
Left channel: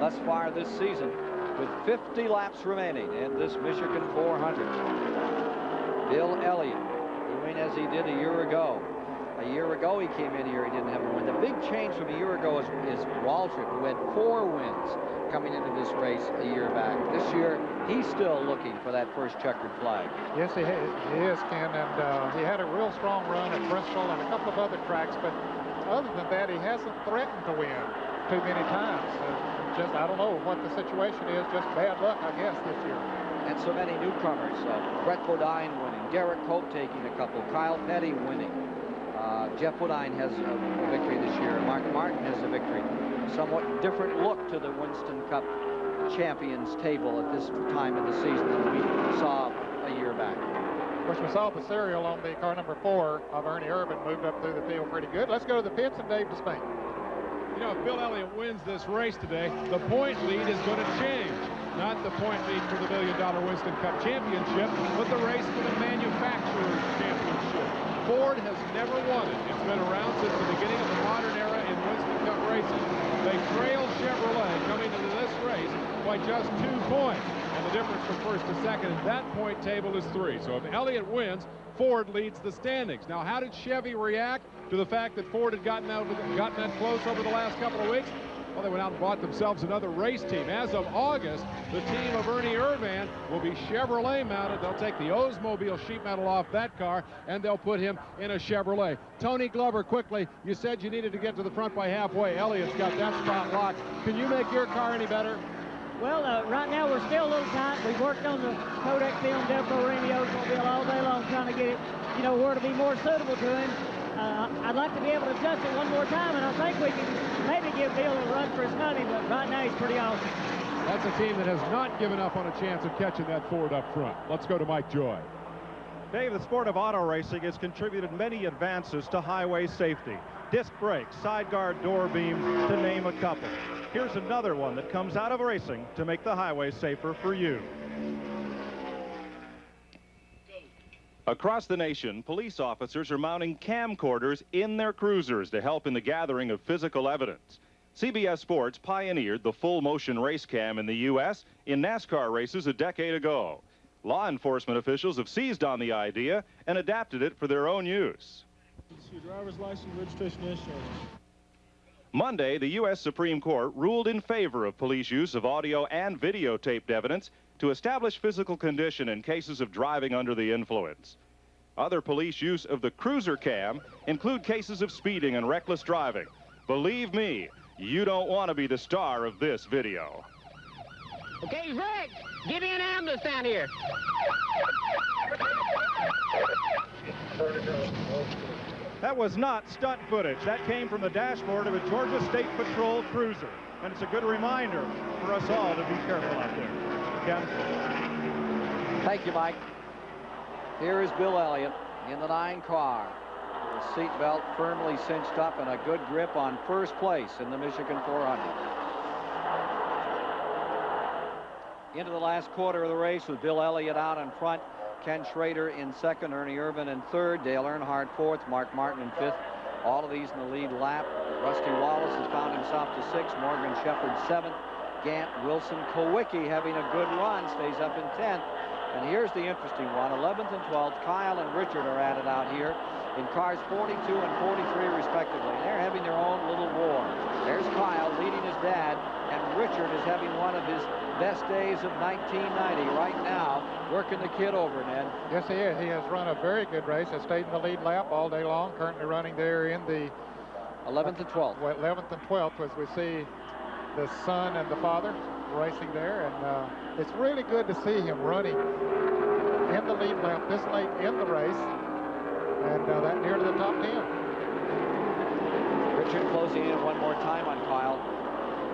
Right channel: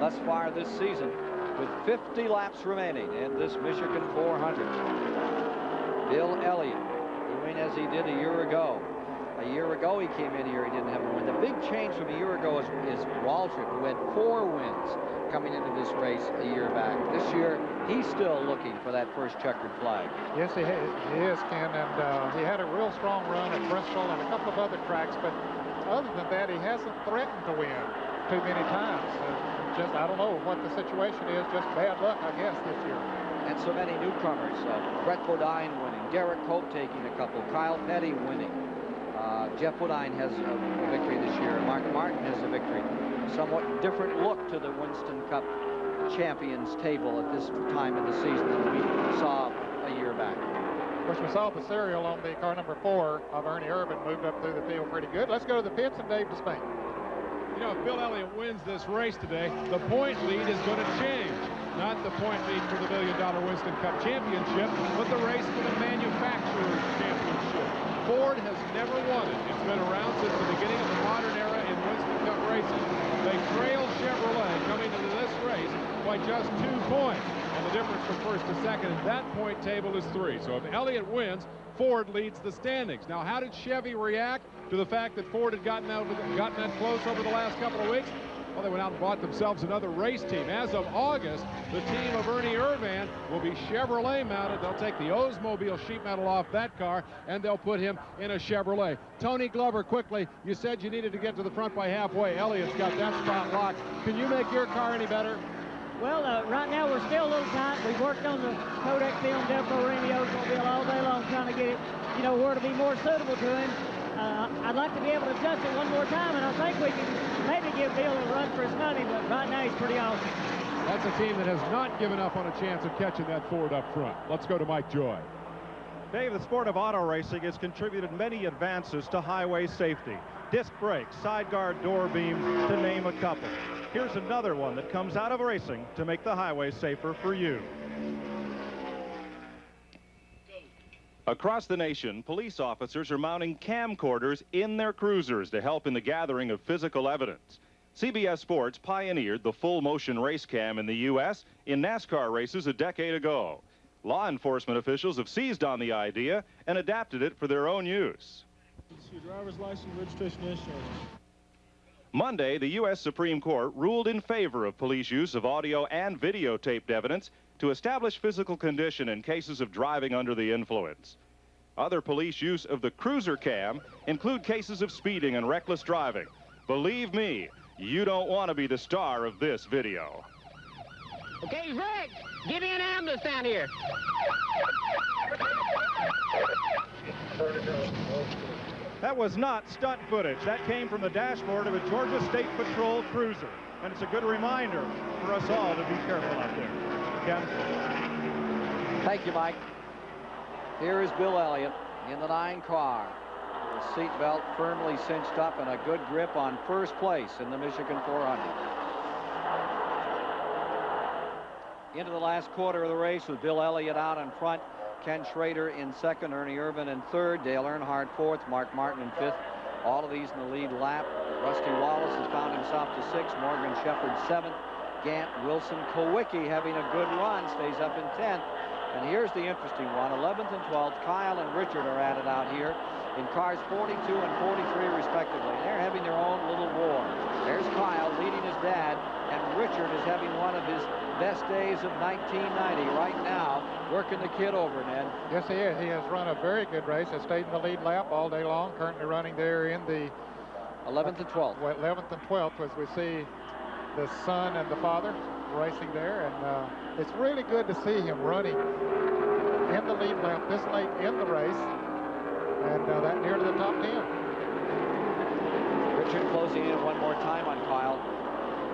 thus far this season, with 50 laps remaining in this Michigan 400. Bill Elliott, doing as he did a year ago. A year ago he came in here, he didn't have a win. The big change from a year ago is Waltrip, who had 4 wins coming into this race a year back. This year, he's still looking for that first checkered flag. Yes, he is, Ken, and he had a real strong run at Bristol and a couple of other tracks, but other than that, he hasn't threatened to win too many times. Just, I don't know what the situation is, just bad luck, I guess, this year. And so many newcomers. Brett Bodine winning, Derek Cope taking a couple, Kyle Petty winning. Jeff Bodine has a victory this year. Mark Martin has a victory. Somewhat different look to the Winston Cup champions table at this time in the season than we saw a year back. Of course, we saw the serial on the car number 4 of Ernie Irvin moved up through the field pretty good. Let's go to the pits and Dave Despain. You know, if Bill Elliott wins this race today, the point lead is going to change. Not the point lead for the $1 million Winston Cup Championship, but the race for the Manufacturers Championship. Ford has never won it. It's been around since the beginning of the modern era in Winston Cup racing. They trailed Chevrolet coming into this race by just 2 points. And the difference from first to second in that point table is 3. So if Elliott wins, Ford leads the standings. Now, how did Chevy react to the fact that Ford had gotten that close over the last couple of weeks? Well, they went out and bought themselves another race team. As of August, the team of Ernie Irvan will be Chevrolet mounted. They'll take the Oldsmobile sheet metal off that car, and they'll put him in a Chevrolet. Tony Glover, quickly, you said you needed to get to the front by halfway. Elliott's got that spot locked. Can you make your car any better? Well, right now we're still a little tight. We've worked on the Kodak film Delco Remy Oldsmobile all day long trying to get it, you know, where to be more suitable to him. I'd like to be able to adjust it one more time, and I think we can maybe give Bill a run for his money, but right now he's pretty awesome. That's a team that has not given up on a chance of catching that Ford up front. Let's go to Mike Joy. Dave, the sport of auto racing has contributed many advances to highway safety. Disc brakes, side guard door beams, to name a couple. Here's another one that comes out of racing to make the highway safer for you. Across the nation, police officers are mounting camcorders in their cruisers to help in the gathering of physical evidence. CBS Sports pioneered the full-motion race cam in the U.S. in NASCAR races a decade ago. Law enforcement officials have seized on the idea and adapted it for their own use. Your driver's license, registration, insurance. Monday, the U.S. Supreme Court ruled in favor of police use of audio and videotaped evidence to establish physical condition in cases of driving under the influence. Other police use of the cruiser cam include cases of speeding and reckless driving. Believe me, you don't want to be the star of this video. Okay, Rick, get in ambulance down here. That was not stunt footage. That came from the dashboard of a Georgia State Patrol cruiser. And it's a good reminder for us all to be careful out there. Ken? Thank you, Mike. Here is Bill Elliott in the 9 car. The seatbelt firmly cinched up and a good grip on first place in the Michigan 400. Into the last quarter of the race with Bill Elliott out in front. Ken Schrader in second, Ernie Irvan in third, Dale Earnhardt fourth, Mark Martin in fifth. All of these in the lead lap. Rusty Wallace has found himself to 6th, Morgan Shepherd 7th, Gant, Wilson, Kowicki having a good run, stays up in 10th. And here's the interesting one, 11th and 12th, Kyle and Richard are at it out here in cars 42 and 43 respectively. They're having their own little war. There's Kyle leading his dad, and Richard is having one of his best days of 1990 right now, working the kid over, Ned. Yes, he is. He has run a very good race. Has stayed in the lead lap all day long. Currently running there in the 11th and 12th. 11th and 12th, as we see the son and the father racing there, and it's really good to see him running in the lead lap this late in the race, and that near to the top 10. Richard closing in one more time on Kyle.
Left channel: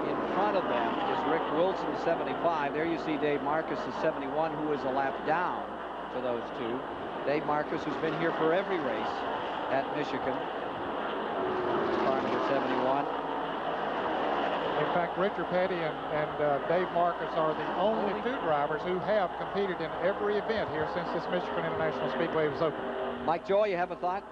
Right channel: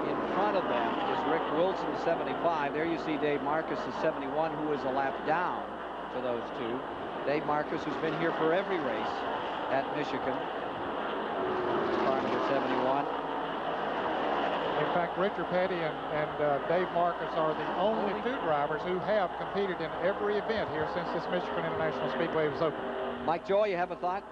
In front of them is Rick Wilson, 75. There you see Dave Marcus, the 71, who is a lap down to those two. Dave Marcus, who's been here for every race at Michigan. Car number 71. In fact, Richard Petty and Dave Marcus are the only two drivers who have competed in every event here since this Michigan International Speedway was open. Mike Joy, you have a thought?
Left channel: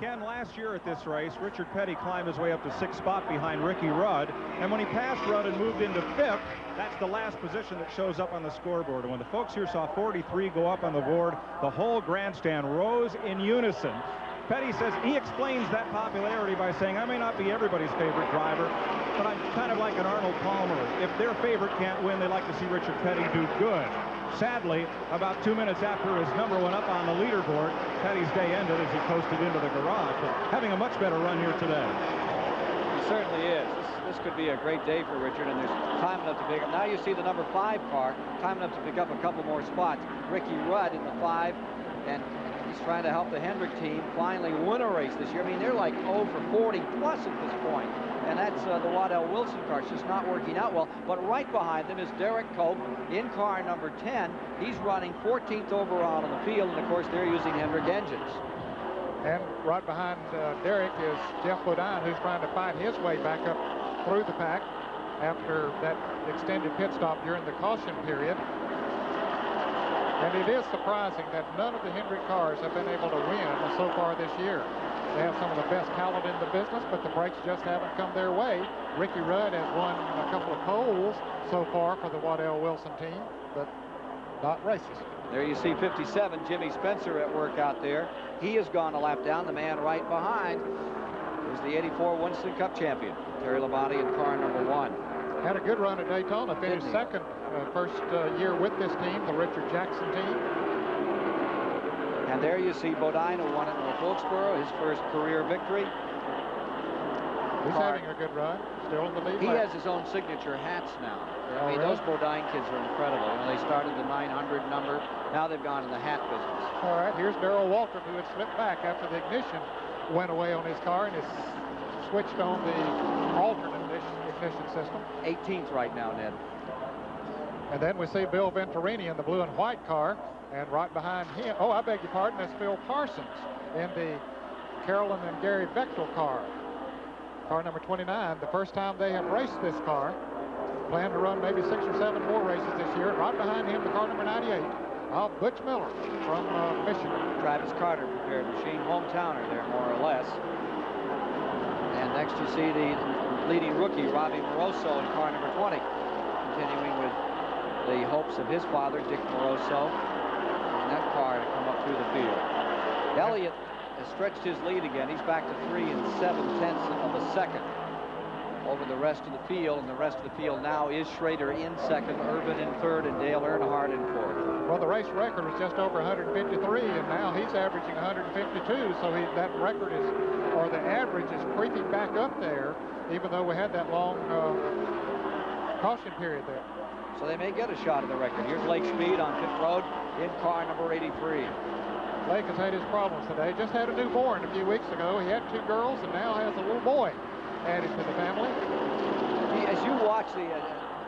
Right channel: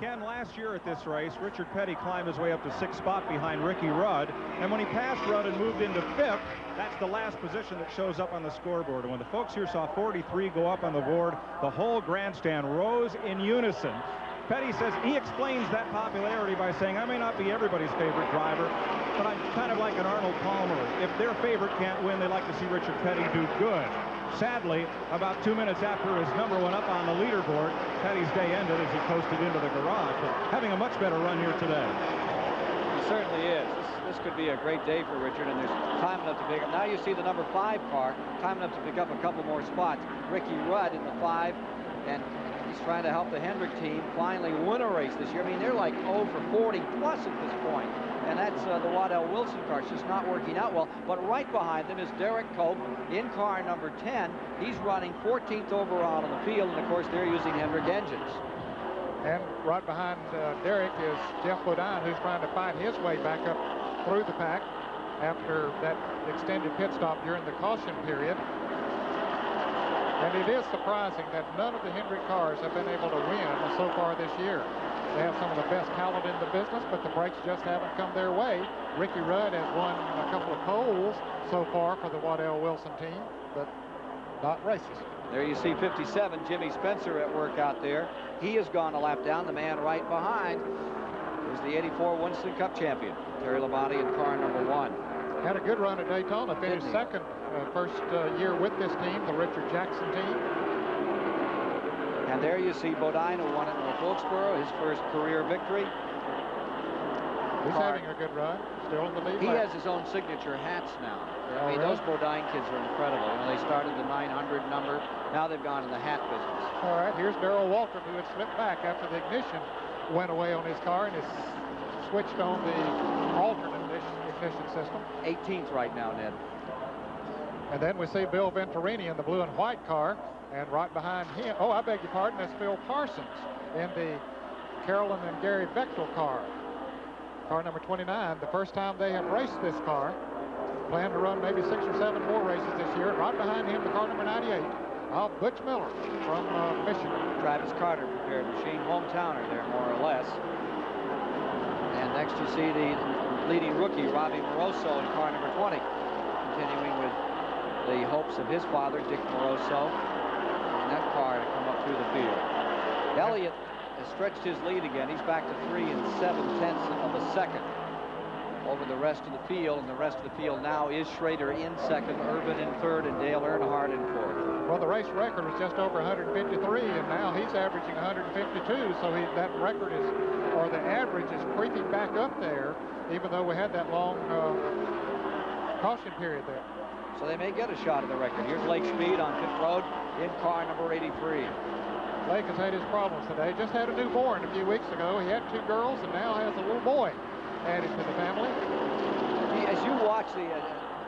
Ken, last year at this race, Richard Petty climbed his way up to 6th spot behind Ricky Rudd, and when he passed Rudd and moved into 5th, that's the last position that shows up on the scoreboard. And when the folks here saw 43 go up on the board, the whole grandstand rose in unison. Petty says he explains that popularity by saying, I may not be everybody's favorite driver, but I'm kind of like an Arnold Palmer. If their favorite can't win, they like to see Richard Petty do good. Sadly, about 2 minutes after his number went up on the leaderboard, Petty's day ended as he coasted into the garage. But having a much better run here today. He certainly is. This could be a great day for Richard, and there's time enough to pick up. Now you see the number 5 car, time enough to pick up a couple more spots. Ricky Rudd in the 5, and he's trying to help the Hendrick team finally win a race this year. I mean, they're like 0 for 40 plus at this point. And that's the Waddell Wilson car. It's just not working out well. But right behind them is Derek Cope in car number 10. He's running 14th overall in the field, and of course they're using Hendrick engines. And right behind Derek is Jeff Bodine, who's trying to fight his way back up through the pack after that extended pit stop during the caution period. And it is surprising that none of the Hendrick cars have been able to win so far this year. They have some of the best talent in the business, but the brakes just haven't come their way. Ricky Rudd has won a couple of poles so far for the Waddell Wilson team, but not races. There you see 57, Jimmy Spencer at work out there. He has gone a lap down. The man right behind is the 84 Winston Cup champion, Terry Labonte in car number 1. Had a good run at Daytona, finished second first year with this team, the Richard Jackson team. And there you see Bodine, who won at North Wilkesboro, his first career victory. He's having a good run, still in the lead. He has his own signature hats now. I mean, those Bodine kids are incredible. You know, they started the 900 number. Now they've gone in the hat business. All right, here's Darrell Waltrip, who had slipped back after the ignition went away on his car and has switched on the alternate ignition system. 18th right now, Ned. And then we see Bill Venturini in the blue and white car. And right behind him, oh, I beg your pardon, that's Phil Parsons in the Carolyn and Gary Bechtel car. Car number 29, the first time they have raced this car. Plan to run maybe 6 or 7 more races this year. Right behind him, the car number 98, Butch Miller from Michigan. Travis Carter prepared machine, hometowner there, more or less. And next you see the leading rookie, Robbie Moroso, in car number 20. Continuing with the hopes of his father, Dick Moroso, in that car to come up through the field. Elliott has stretched his lead again. He's back to 3 7/10 of a second over the rest of the field, and the rest of the field now is Schrader in second, Irvin in third, and Dale Earnhardt in fourth. Well, the race record was just over 153, and now he's averaging 152, so that record is, or the average is creeping back up there, even though we had that long caution period there. So they may get a shot at the record. Here's Lake Speed on pit road in car number 83. Lake has had his problems today. Just had a newborn a few weeks ago. He had 2 girls and now has a little boy added to the family. As you watch the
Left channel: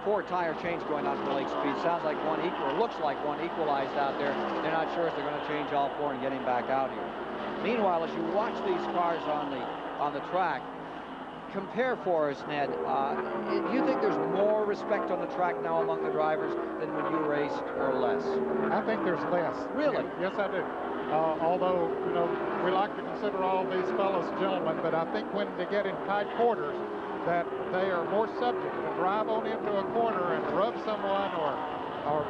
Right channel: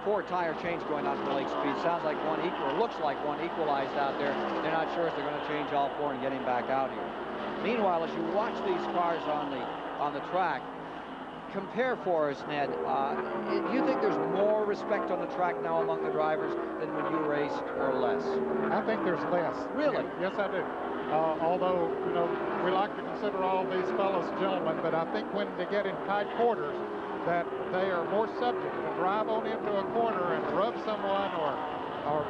4 tire change going on for Lake Speed, sounds like one looks like one equalized out there. They're not sure if they're going to change all 4 and get him back out here. Meanwhile, as you watch these cars on the track, compare for us, Ned. Do you think there's more respect on the track now among the drivers than when you raced, or less? I think there's less. Really? Yes, I do. Although, you know, we like to consider all these fellows gentlemen, but I think when they get in tight quarters, that they are more subject to drive on into a corner and rub someone or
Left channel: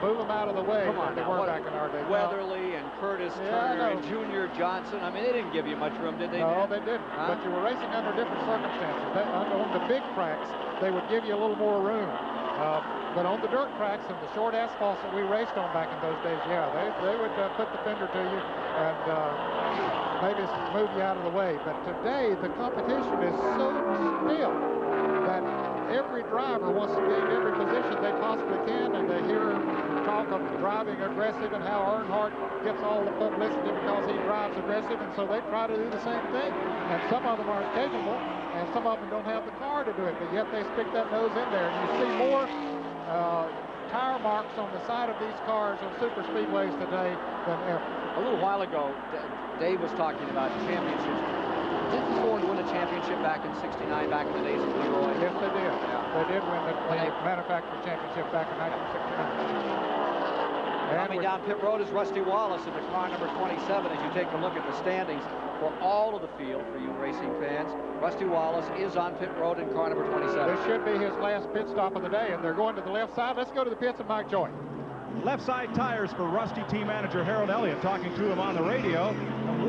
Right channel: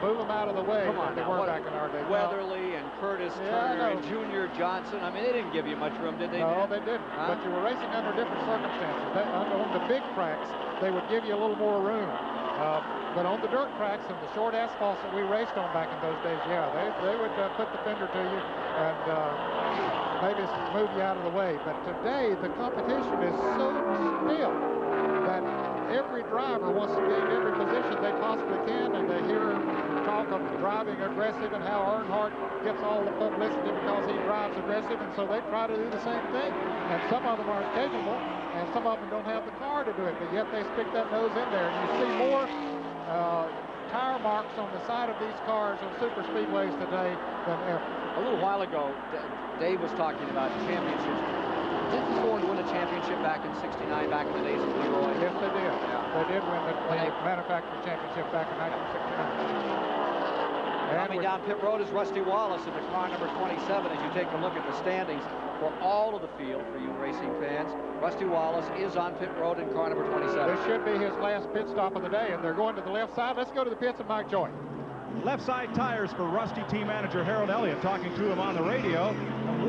move them out of the way than they were back in our day. Weatherly and Curtis Turner and Junior Johnson. I mean, they didn't give you much room, did they? No, they didn't. Huh? But you were racing under different circumstances. On the big tracks, they would give you a little more room. But on the dirt tracks and the short asphalts that we raced on back in those days, yeah, they would put the fender to you and maybe move you out of the way. But today, the competition is so still that every driver wants to gain every position they possibly can, and they hear talk of driving aggressive and how Earnhardt gets all the publicity because he drives aggressive, and so they try to do the same thing. And some of them aren't capable, and some of them don't have the car to do it, but yet they stick that nose in there. And you see more tire marks on the side of these cars on super speedways today than ever. A little while ago, Dave was talking about championships. Didn't Ford win a championship back in '69, back in the days of Leroy? Yes, they did. Yeah. They did win the manufacturer championship back in 1969. Coming down pit road is Rusty Wallace in the car number 27. As you take a look at the standings for all of the field for you racing fans, Rusty Wallace is on pit road in car number 27. This should be his last pit stop of the day, and they're going to the left side. Let's go to the pits and Mike Joy. Left side tires for Rusty team manager Harold Elliott, talking to him on the radio. A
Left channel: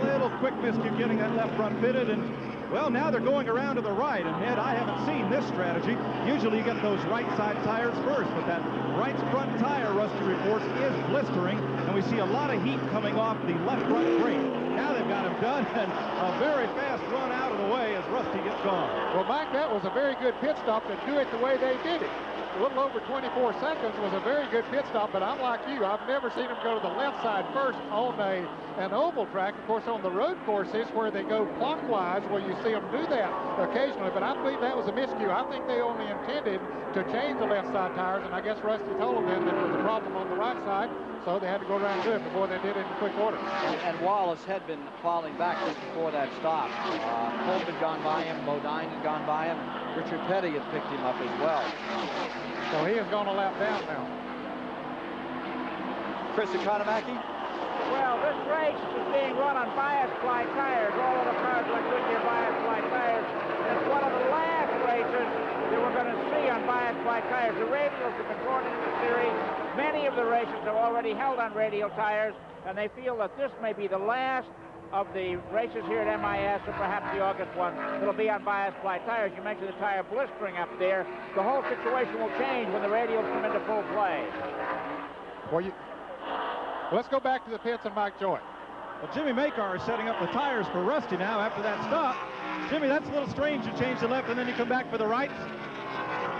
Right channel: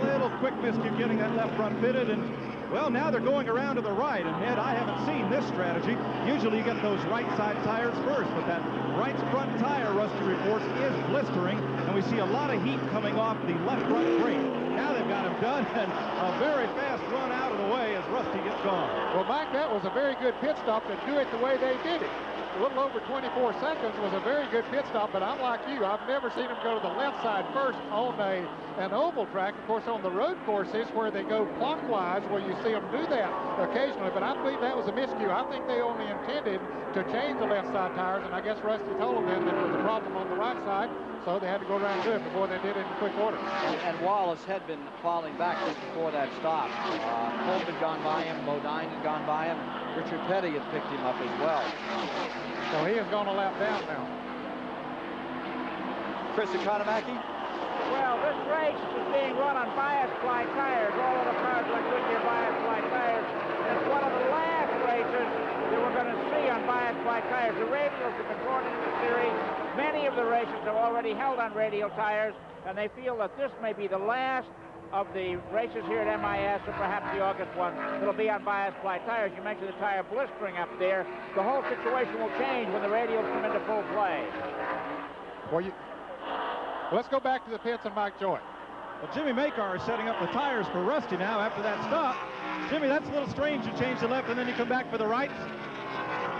little quick miscue getting that left front fitted, and well, now they're going around to the right, and Ed, I haven't seen this strategy. Usually you get those right side tires first, but that right front tire, Rusty reports, is blistering, and we see a lot of heat coming off the left front brake. Now they've got him done, and a very fast run out of the way as Rusty gets gone. Well, Mike, that was a very good pit stop to do it the way they did it. A little over 24 seconds was a very good pit stop, but I'm like you. I've never seen them go to the left side first on an oval track. Of course, on the road courses where they go clockwise, where you see them do that occasionally, but I believe that was a miscue. I think they only intended to change the left side tires, and I guess Rusty told them that there was a problem on the right side, so they had to go around and do it before they did it in quick order. And Wallace had been falling back just before that stop. Hope had gone by him, Bodine had gone by him, Richard Petty had picked him up as well. So he has gone a lap down now. Chris Economaki? Well, this race is being run on bias ply tires. All of the cars like Goodyear bias ply tires. It's one of the last races that we're going to see on bias ply tires. The radials have been brought into the series. Many of the races have already held on radial tires, and they feel that this may be the last of the races here at MIS, and perhaps the August one, it'll be on bias ply tires. You mentioned the tire blistering up there. The whole situation will change when the radials come into full play. Well, let's go back to the pits and Mike Joy. Well, Jimmy Makar is setting up the tires for Rusty now after that stop. Jimmy, that's a little strange. You change the left and then you come back for the rights.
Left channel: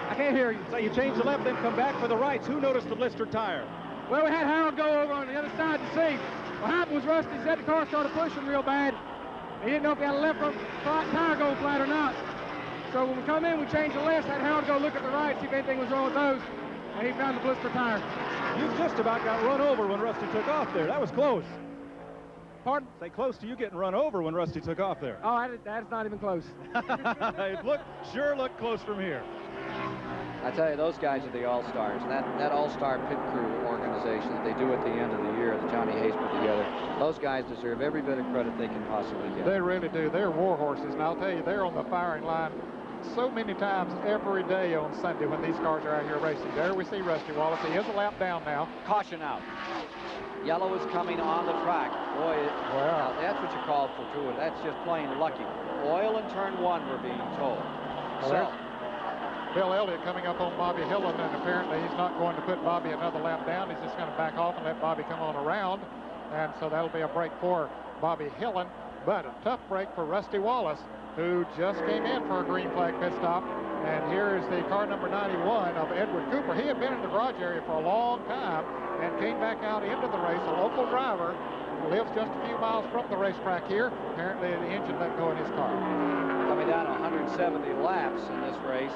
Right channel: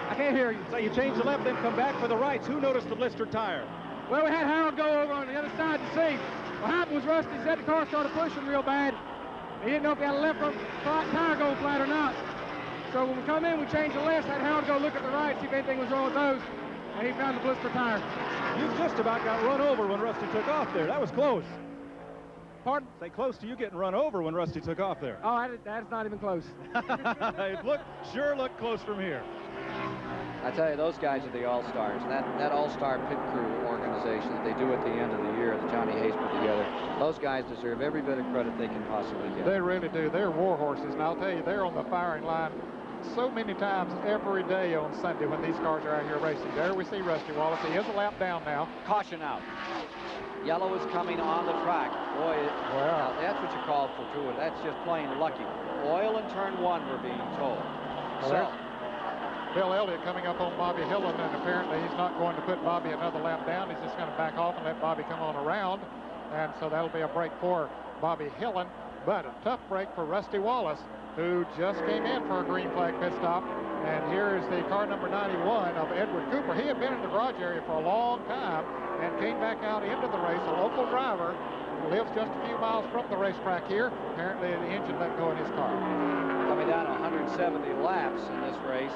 I can't hear you. So you change the left, then come back for the rights. Who noticed the blistered tire? Well, we had Harold go over on the other side to see. What happened was Rusty said the car started pushing real bad. He didn't know if he had a left front tire going flat or not. So when we come in, we changed the left, had Harold go look at the right, see if anything was wrong with those, and he found the blister tire. You just about got run over when Rusty took off there. That was close. Pardon? Say close to you getting run over when Rusty took off there. Oh, that's not even close. It sure looked close from here. I tell you, those guys are the all-stars. That all-star pit crew organization that they do at the end of the year, that Johnny Hayes put together, those guys deserve every bit of credit they can possibly get. They really do. They're war horses, and I'll tell you, they're on the firing line so many times every day on Sunday when these cars are out here racing. There we see Rusty Wallace. He is a lap down now. Caution out. Yellow is coming on the track. Boy, wow. That's what you called for, too. That's just plain lucky. Oil in turn one, we're being told. So Bill Elliott coming up on Bobby Hillen, and apparently he's not going to put Bobby another lap down. He's just going to back off and let Bobby come on around. And so that'll be a break for Bobby Hillen, but a tough break for Rusty Wallace, who just came in for a green flag pit stop. And here is the car number 91 of Edward Cooper. He had been in the garage area for a long time and came back out into the race. A local driver who lives just a few miles from the racetrack here. Apparently the engine let go in his car. Coming down 170 laps in this race.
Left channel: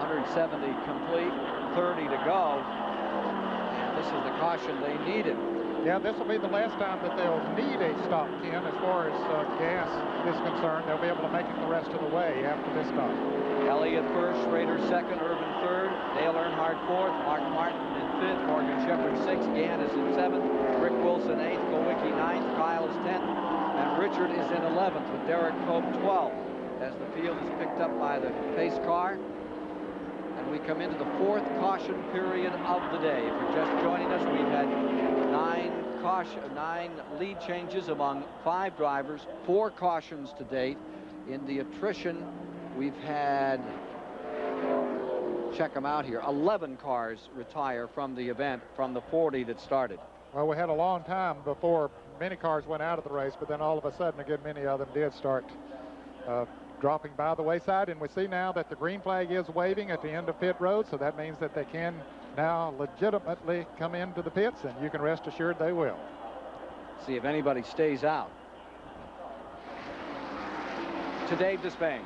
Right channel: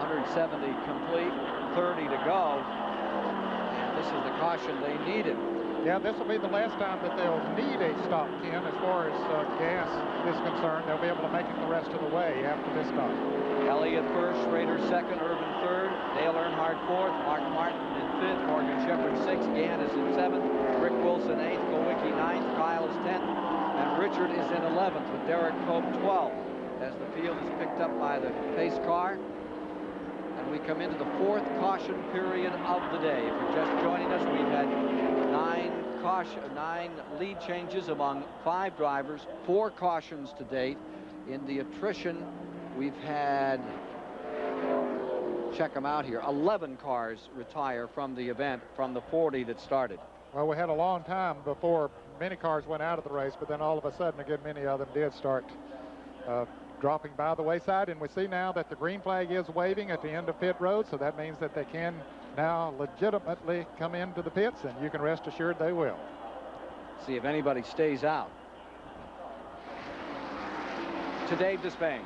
170 complete, 30 to go. And this is the caution they needed. Yeah, this will be the last time that they'll need a stop, Ken, as far as gas is concerned. They'll be able to make it the rest of the way after this stop. Elliott first, Schrader second, Irvin third, Dale Earnhardt fourth, Mark Martin in fifth, Morgan Shepherd sixth, Gann is in seventh, Rick Wilson eighth, Kowicki ninth, Kyle is 10th, and Richard is in 11th with Derek Pope 12th. As the field is picked up by the pace car. And we come into the fourth caution period of the day. If you're just joining us, we've had 9 lead changes among 5 drivers, 4 cautions to date. In the attrition, we've had, check them out here, 11 cars retire from the event from the 40 that started. Well, we had a long time before many cars went out of the race, but then all of a sudden, again, many of them did start dropping by the wayside. And we see now that the green flag is waving at the end of pit road, so that means that they can now legitimately come into the pits, and you can rest assured they will. See if anybody stays out. To Dave Despain.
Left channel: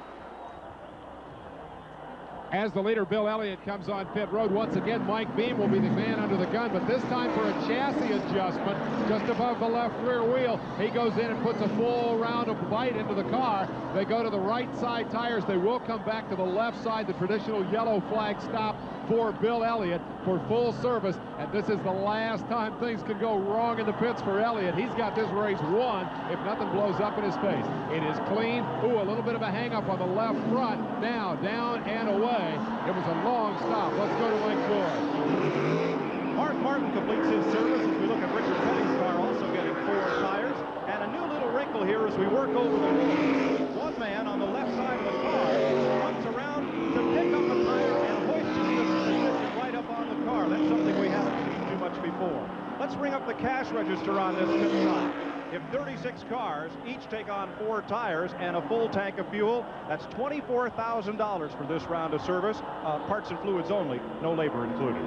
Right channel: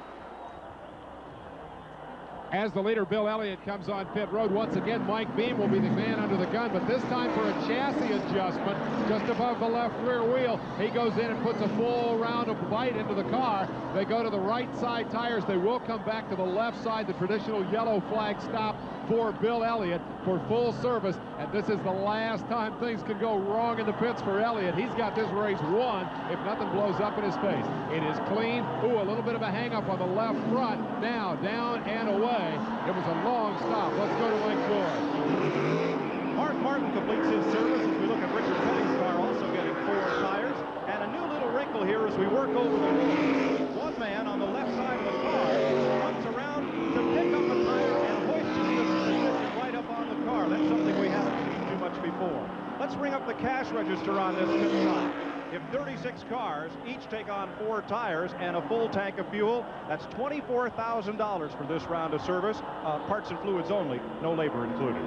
As the leader, Bill Elliott, comes on pit road, once again, Mike Beam will be the man under the gun, but this time for a chassis adjustment just above the left rear wheel. He goes in and puts a full round of bite into the car. They go to the right side tires. They will come back to the left side, the traditional yellow flag stop for Bill Elliott for full service, and this is the last time things can go wrong in the pits for Elliott. He's got this race won if nothing blows up in his face. It is clean. Ooh, a little bit of a hang-up on the left front. Now down and away. It was a long stop. Let's go to Mike Joy. Mark Martin completes his service as we look at Richard Petty's car also getting 4 tires. And a new little wrinkle here as we work over the wall. One man on the left side of the car comes around to pick up a tire and hoist it into position right up on the car. That's something we haven't seen too much before. Let's bring up the cash register on this pit stop. If 36 cars each take on 4 tires and a full tank of fuel, that's $24,000 for this round of service. Parts and fluids only, no labor included.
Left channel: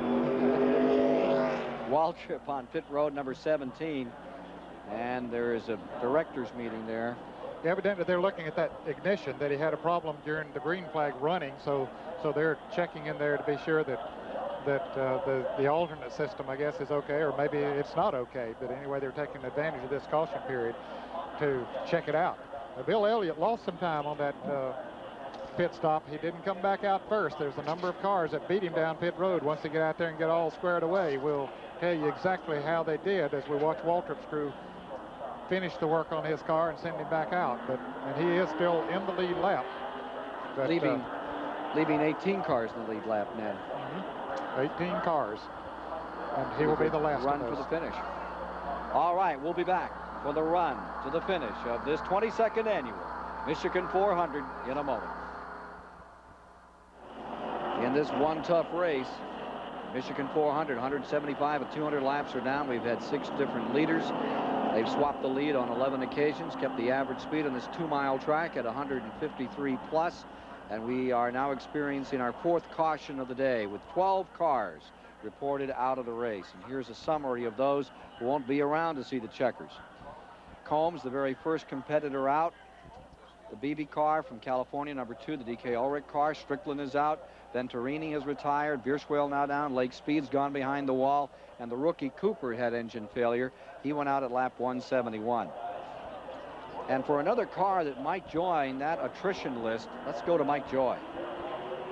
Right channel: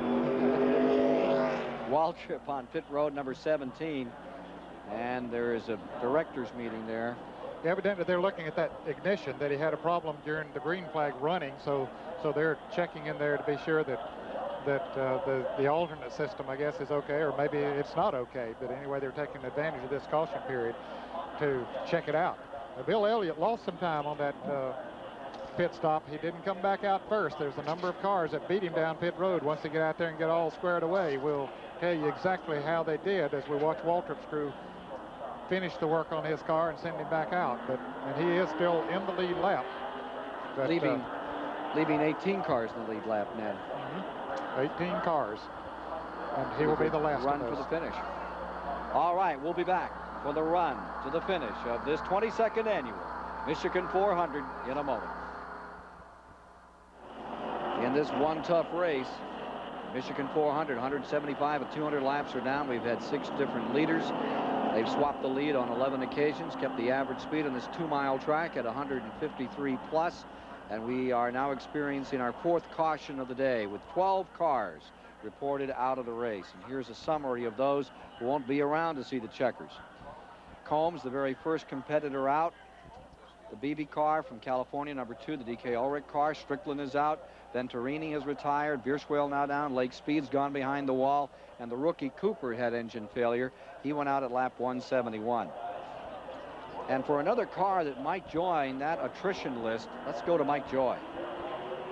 Waltrip on pit road number 17, and there is a director's meeting there. Evidently, they're looking at that ignition, that he had a problem during the green flag running, so they're checking in there to be sure that the alternate system, I guess, is okay, or maybe it's not okay. But anyway, they're taking advantage of this caution period to check it out. Bill Elliott lost some time on that pit stop. He didn't come back out first. There's a number of cars that beat him down pit road. Once they get out there and get all squared away, we'll tell you exactly how they did as we watch Waltrip's crew finish the work on his car and send him back out. And he is still in the lead lap. But, leaving 18 cars in the lead lap, Ned. 18 cars, and he will be the last run for the finish. All right, we'll be back for the run to the finish of this 22nd annual Michigan 400 in a moment. In this one tough race, Michigan 400, 175 and 200 laps are down. We've had 6 different leaders. They've swapped the lead on 11 occasions, kept the average speed on this 2-mile track at 153 plus. And we are now experiencing our 4th caution of the day with 12 cars reported out of the race. And here's a summary of those who won't be around to see the checkers. Combs, the very first competitor out. The BB car from California, number 2, the DK Ulrich car. Strickland is out. Venturini has retired. Bierswell now down. Lake Speed's gone behind the wall. And the rookie Cooper had engine failure. He went out at lap 171. And for another car that might join that attrition list, let's go to Mike Joy.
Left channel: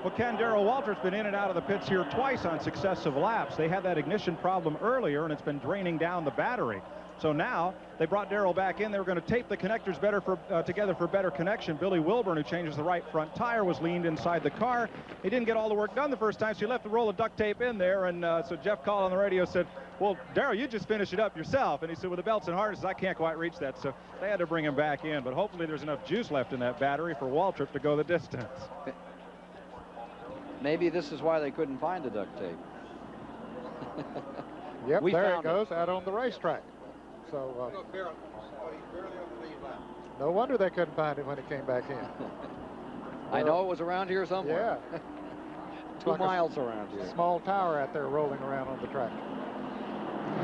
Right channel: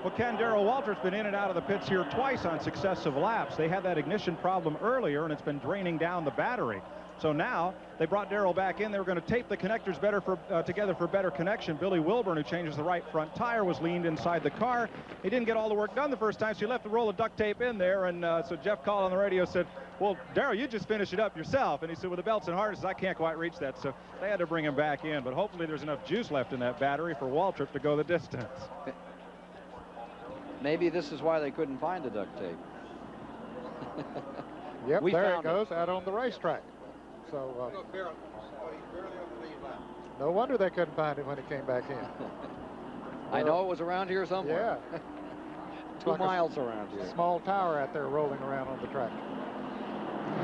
Well, Ken, Darrell Waltrip's been in and out of the pits here twice on successive laps. They had that ignition problem earlier, and it's been draining down the battery. So now they brought Darrell back in. They were going to tape the connectors better together for better connection. Billy Wilburn, who changes the right front tire, was leaned inside the car. He didn't get all the work done the first time, so he left the roll of duct tape in there. And so Jeff called on the radio, said, well, Darrell, you just finish it up yourself. And he said, with the belts and harnesses, I can't quite reach that. So they had to bring him back in. But hopefully there's enough juice left in that battery for Waltrip to go the distance. Maybe this is why they couldn't find the duct tape. Yep, there it goes, out on the racetrack. So no wonder they couldn't find him when he came back in. I know it was around here somewhere. Yeah. 2 like miles around here. Small tower out there rolling around on the track.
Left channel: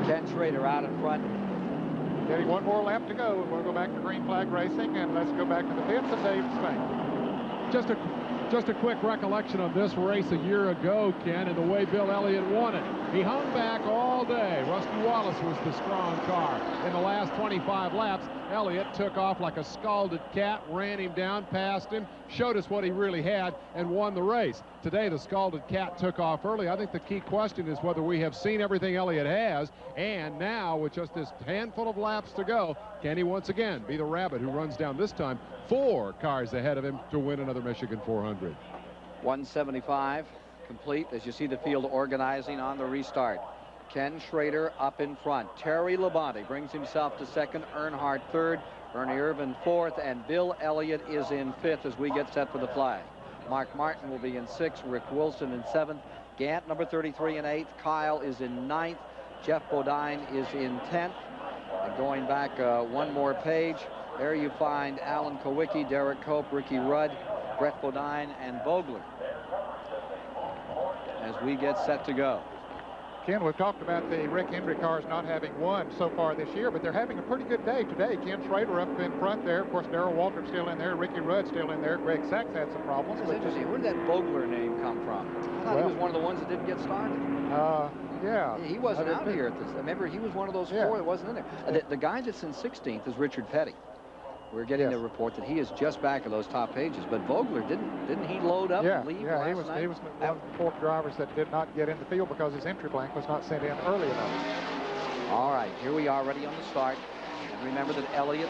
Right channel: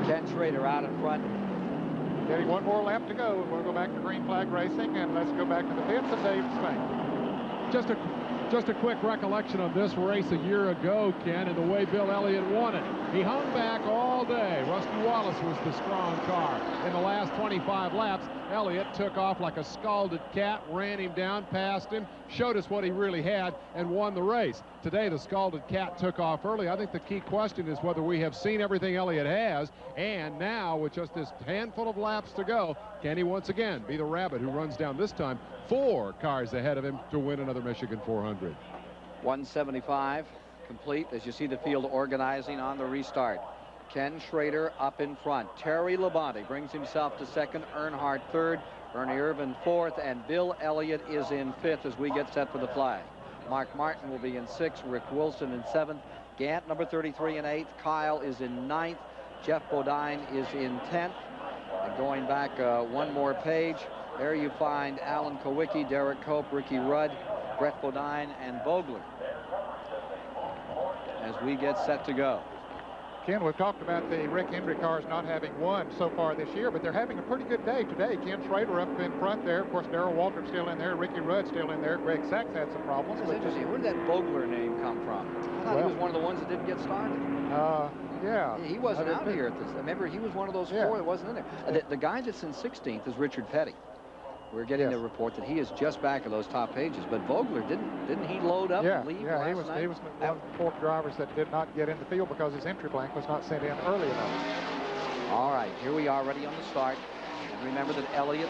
Ken Schrader out in front. Getting one more lap to go. We'll go back to green flag racing, and let's go back to the pits and Dave Spain. Just a quick recollection of this race a year ago, Ken, and the way Bill Elliott won it. He hung back all day. Rusty Wallace was the strong car. In the last 25 laps, Elliott took off like a scalded cat, ran him down, passed him, showed us what he really had, and won the race. Today, the scalded cat took off early. I think the key question is whether we have seen everything Elliott has, and now, with just this handful of laps to go, can he once again be the rabbit who runs down this time 4 cars ahead of him to win another Michigan 400? 175 complete as you see the field organizing on the restart. Ken Schrader up in front. Terry Labonte brings himself to second. Earnhardt third. Ernie Irvin fourth. And Bill Elliott is in fifth as we get set for the flag. Mark Martin will be in sixth. Rick Wilson in seventh. Gant, number 33, in eighth. Kyle is in ninth. Jeff Bodine is in 10th. And going back one more page, there you find Alan Kowicki, Derek Cope, Ricky Rudd, Brett Bodine, and Vogler as we get set to go. Ken, we've talked about the Rick Hendrick cars not having won so far this year, but they're having a pretty good day today. Ken Schrader up in front there. Of course, Darrell Waltrip still in there. Ricky Rudd still in there. Greg Sachs had some problems. That's interesting. Where did that Vogler name come from? I thought he was one of the ones that didn't get started. Yeah. He wasn't out here at this. Remember, he was one of those four that wasn't in there. The guy that's in 16th is Richard Petty. We're getting the report that he is just back of those top pages. But Vogler, didn't he load up and leave last night? He was one of the 4 drivers that did not get in the field because his entry blank was not sent in early enough. All right, here we are ready on the start. And remember that Elliott,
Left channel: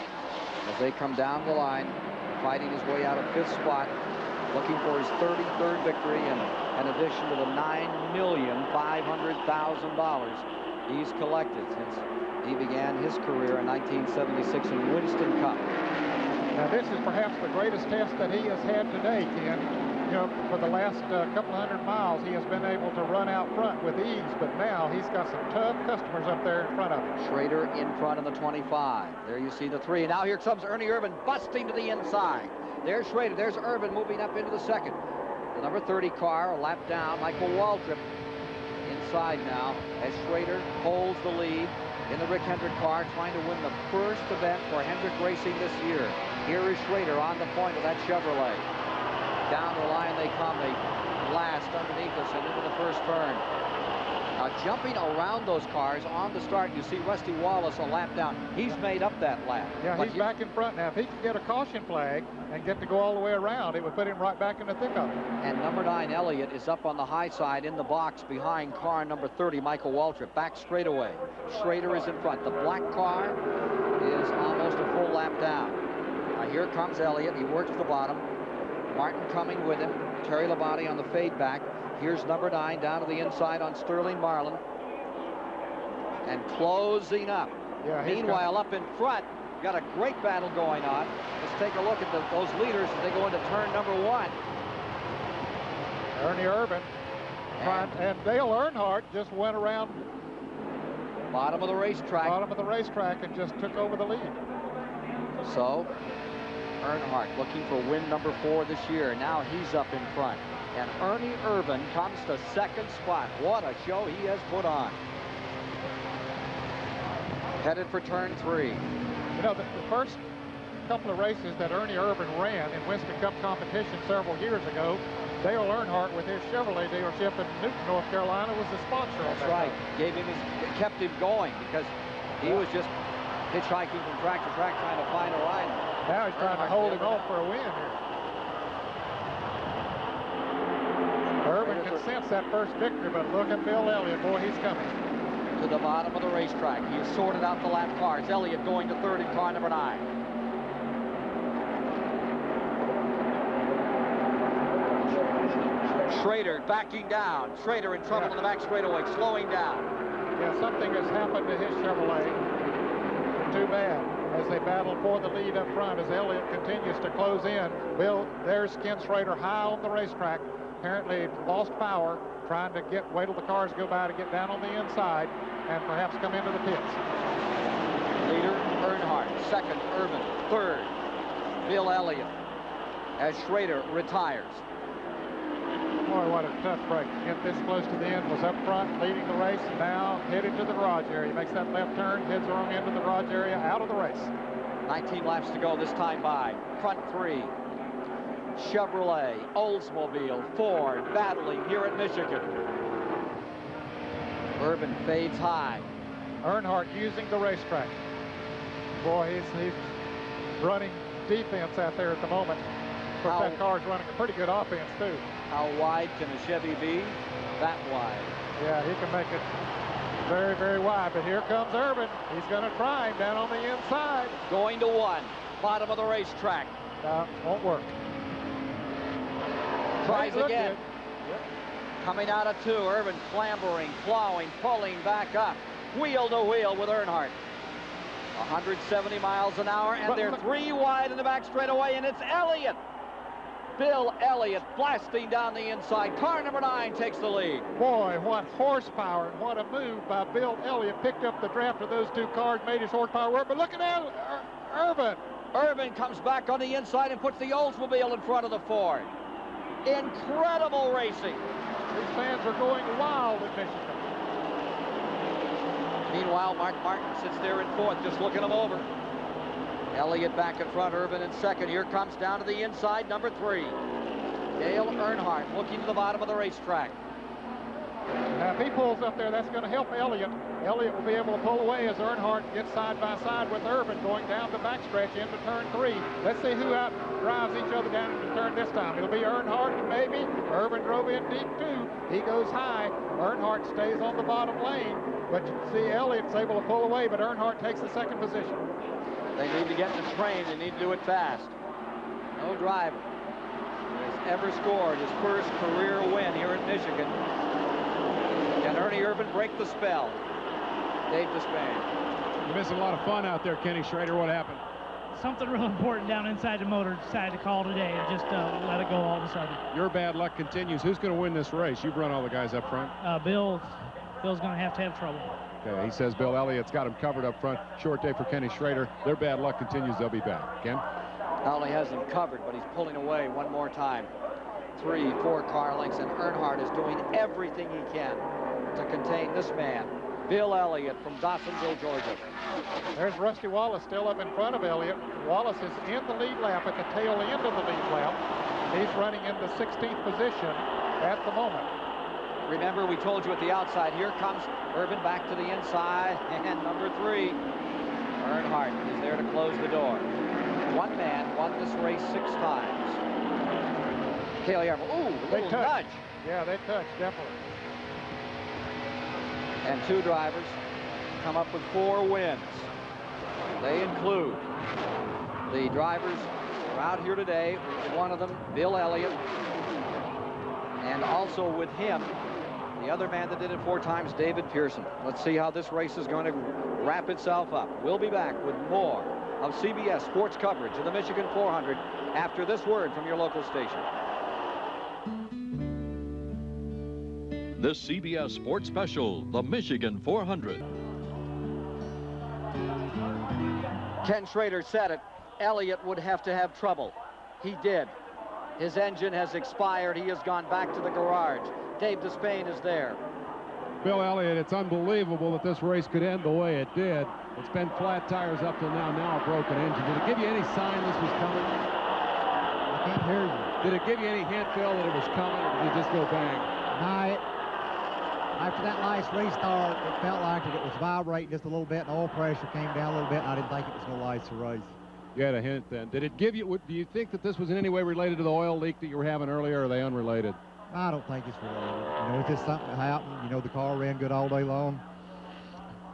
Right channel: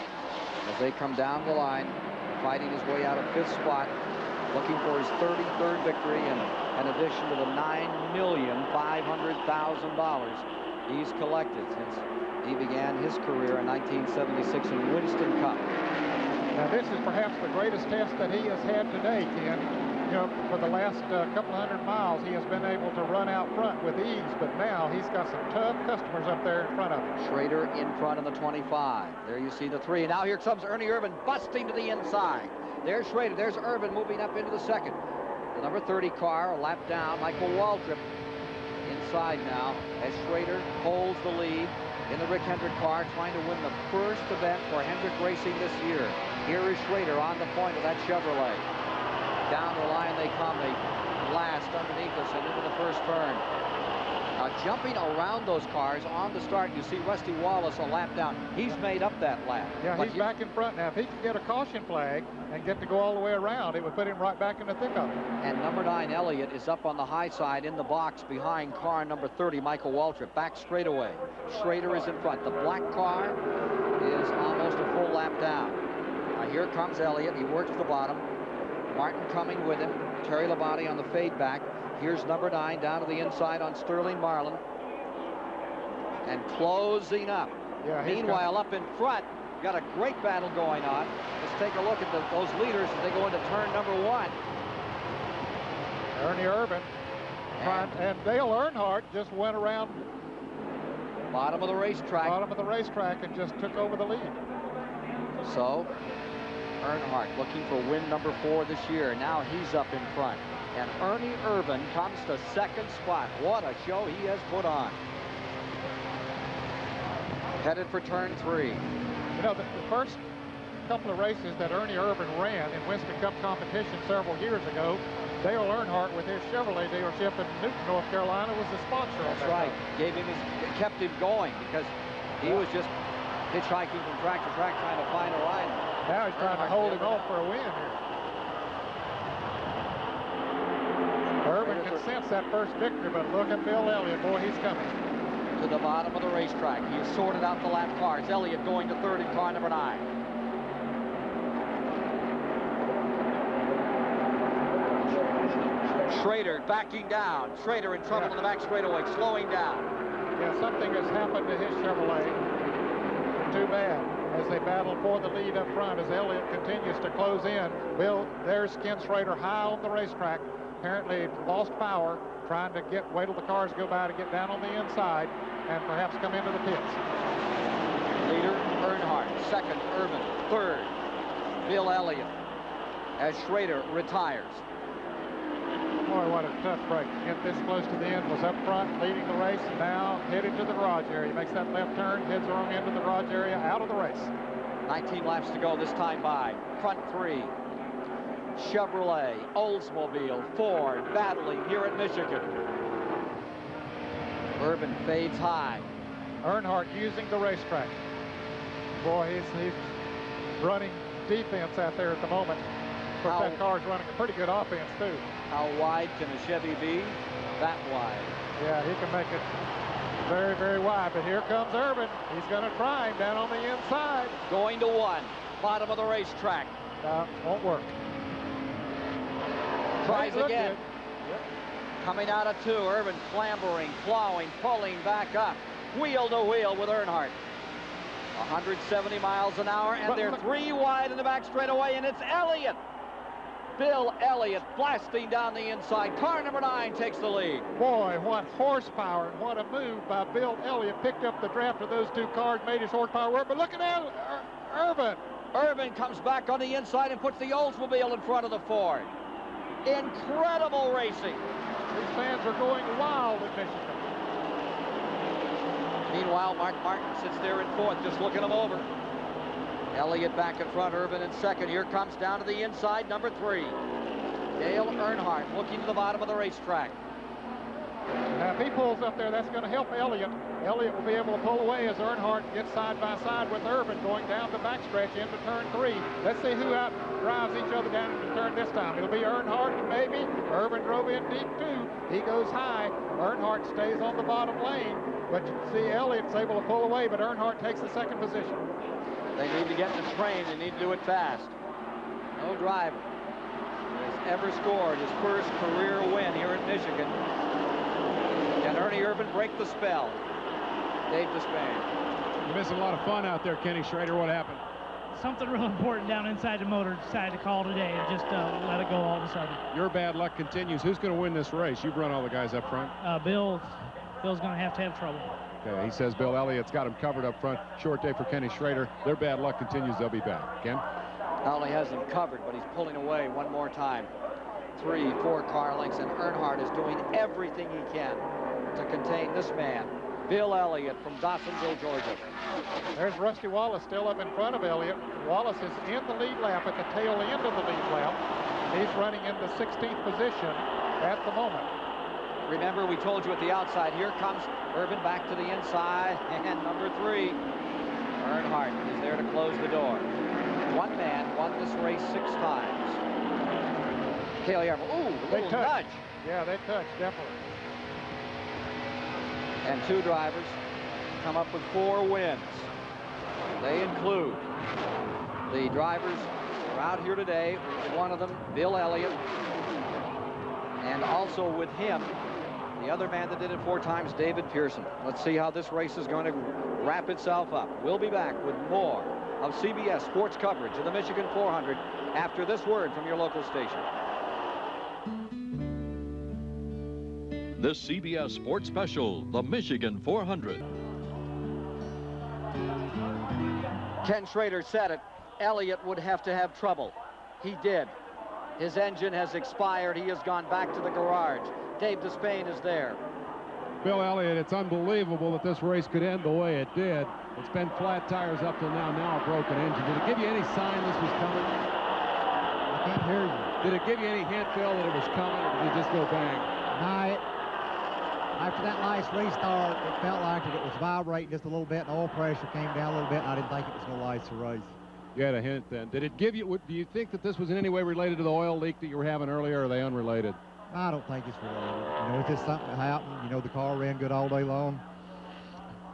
as they come down the line, fighting his way out of 5th spot, looking for his 33rd victory and an addition to the $9,500,000 he's collected since he began his career in 1976 in Winston Cup. Now, this is perhaps the greatest test that he has had today, Ken. You know, for the last couple hundred miles, he has been able to run out front with ease, but now he's got some tough customers up there in front of him. Schrader in front of the 25. There you see the 3. Now here comes Ernie Irvan busting to the inside. There's Schrader. There's Irvan moving up into the 2nd. The number 30 car, a lap down. Michael Waltrip inside now as Schrader holds the lead in the Rick Hendrick car, trying to win the first event for Hendrick Racing this year. Here is Schrader on the point of that Chevrolet. Down the line they come. They blast underneath us and into the first turn. Now jumping around those cars on the start, you see Rusty Wallace a lap down. He's made up that lap. Yeah, he's back in front now. If he can get a caution flag and get to go all the way around, it would put him right back in the thick of it. And number 9, Elliott, is up on the high side in the box behind car number 30, Michael Waltrip. Back straightaway. Schrader is in front. The black car is almost a full lap down. Now here comes Elliott. He works the bottom. Martin coming with him. Terry Labonte on the fade back. Here's number 9 down to the inside on Sterling Marlin. And closing up. Yeah, meanwhile, up in front, got a great battle going on. Let's take a look at those leaders as they go into turn number 1. Ernie Irvan and Dale Earnhardt just went around bottom of the racetrack. Bottom of the racetrack and just took over the lead. So Earnhardt looking for win number 4 this year. Now he's up in front. And Ernie Irvan comes to 2nd spot. What a show he has put on. Headed for turn 3. You know, the first couple of races that Ernie Irvan ran in Winston Cup competition several years ago, Dale Earnhardt with his Chevrolet dealership in Newton, North Carolina, was the sponsor. That's right. Kept him going because he was just hitchhiking from track to track trying to find a line. Now he's trying to hold him off for a win here. Irvan can sense that first victory, but look at Bill Elliott. Boy, he's coming. To the bottom of the racetrack. He has sorted out the lap cars. Elliott going to 3rd in car number 9. Schrader backing down. Schrader in trouble in the back straightaway, slowing down. Yeah, something has happened to his Chevrolet. Too bad. As they battle for the lead up front, as Elliott continues to close in. There's Ken Schrader high on the racetrack. Apparently lost power, trying to wait till the cars go by to get down on the inside and perhaps come into the pits. Leader Earnhardt, 2nd Irvan, 3rd Bill Elliott as Schrader retires. Boy, what a tough break. To get this close to the end, was up front leading the race, now headed to the garage area. He makes that left turn, heads on into the garage area, out of the race. 19 laps to go this time by. Front 3. Chevrolet, Oldsmobile, Ford battling here at Michigan. Irvan fades high. Earnhardt using the racetrack. Boy, he's running defense out there at the moment. But that car's running a pretty good offense, too. How wide can a Chevy be? That wide. Yeah, he can make it very, very wide. But here comes Irvan. He's going to try him down on the inside. Going to 1. Bottom of the racetrack. Won't work. Tries again. Yep. Coming out of 2. Irvan clambering, plowing, pulling back up. Wheel to wheel with Earnhardt. 170 miles an hour, and they're 3 wide in the back straightaway, and it's Elliott Bill Elliott blasting down the inside. Car number 9 takes the lead. Boy, what horsepower and what a move by Bill Elliott. Picked up the draft of those two cars, made his horsepower work. But look at Irvin. Irvin comes back on the inside and puts the Oldsmobile in front of the Ford. Incredible racing. These fans are going wild in Michigan. Meanwhile, Mark Martin sits there in 4th, just looking him over. Elliott back in front, Irvin in 2nd. Here comes down to the inside, number 3. Dale Earnhardt looking to the bottom of the racetrack. Now, if he pulls up there, that's going to help Elliott. Elliott will be able to pull away as Earnhardt gets side by side with Irvin going down the backstretch into turn 3. Let's see who out drives each other down into turn this time. It'll be Earnhardt, maybe. Irvin drove in deep, too. He goes high. Earnhardt stays on the bottom lane. But you can see Elliott's able to pull away, but Earnhardt takes the 2nd position. They need to get in the train. They need to do it fast. No driver has ever scored his first career win here in Michigan. Can Ernie Irvin break the spell? Dave Despain. You're missing a lot of fun out there, Kenny Schrader. What happened? Something real important down inside the motor decided to call today and just let it go all of a sudden. Your bad luck continues. Who's going to win this race? You've run all the guys up front. Bill's going to have trouble. Okay, he says Bill Elliott's got him covered up front. Short day for Kenny Schrader. Their bad luck continues. They'll be back. Ken? Not only has him covered, but he's pulling away one more time. 3, 4 car lengths, and Earnhardt is doing everything he can to contain this man, Bill Elliott from Dawsonville, Georgia. There's Rusty Wallace still up in front of Elliott. Wallace is in the lead lap at the tail end of the lead lap. He's running in the 16th position at the moment. Remember, we told you at the outside, here comes Irvin back to the inside, and number 3, Earnhardt is there to close the door. One man won this race 6 times. Cale Yarmouth, ooh, a little nudge. Yeah, they touched, definitely. And 2 drivers come up with 4 wins. They include the drivers who are out here today. One of them, Bill Elliott, and also with him, the other man that did it 4 times, David Pearson. Let's see how this race is going to wrap itself up. We'll be back with more of CBS Sports coverage of the Michigan 400 after this word from your local station. This CBS Sports Special, the Michigan 400. Ken Schrader said it. Elliott would have to have trouble. He did. His engine has expired. He has gone back to the garage. Dave Despain is there. Bill Elliott, it's unbelievable that this race could end the way it did. It's been flat tires up till now a broken engine. Did it give you any sign this was coming? I can't hear you. Did it give you any hint, Phil, that it was coming, or did it just go bang? No, after that last restart, it felt like it was vibrating just a little bit, and oil pressure came down a little bit, and I didn't think it was going to last the race. You had a hint then. Did it give you, do you think that this was in any way related to the oil leak that you were having earlier, or are they unrelated? I don't think it's related. You know, it's just something that happened. You know, the car ran good all day long,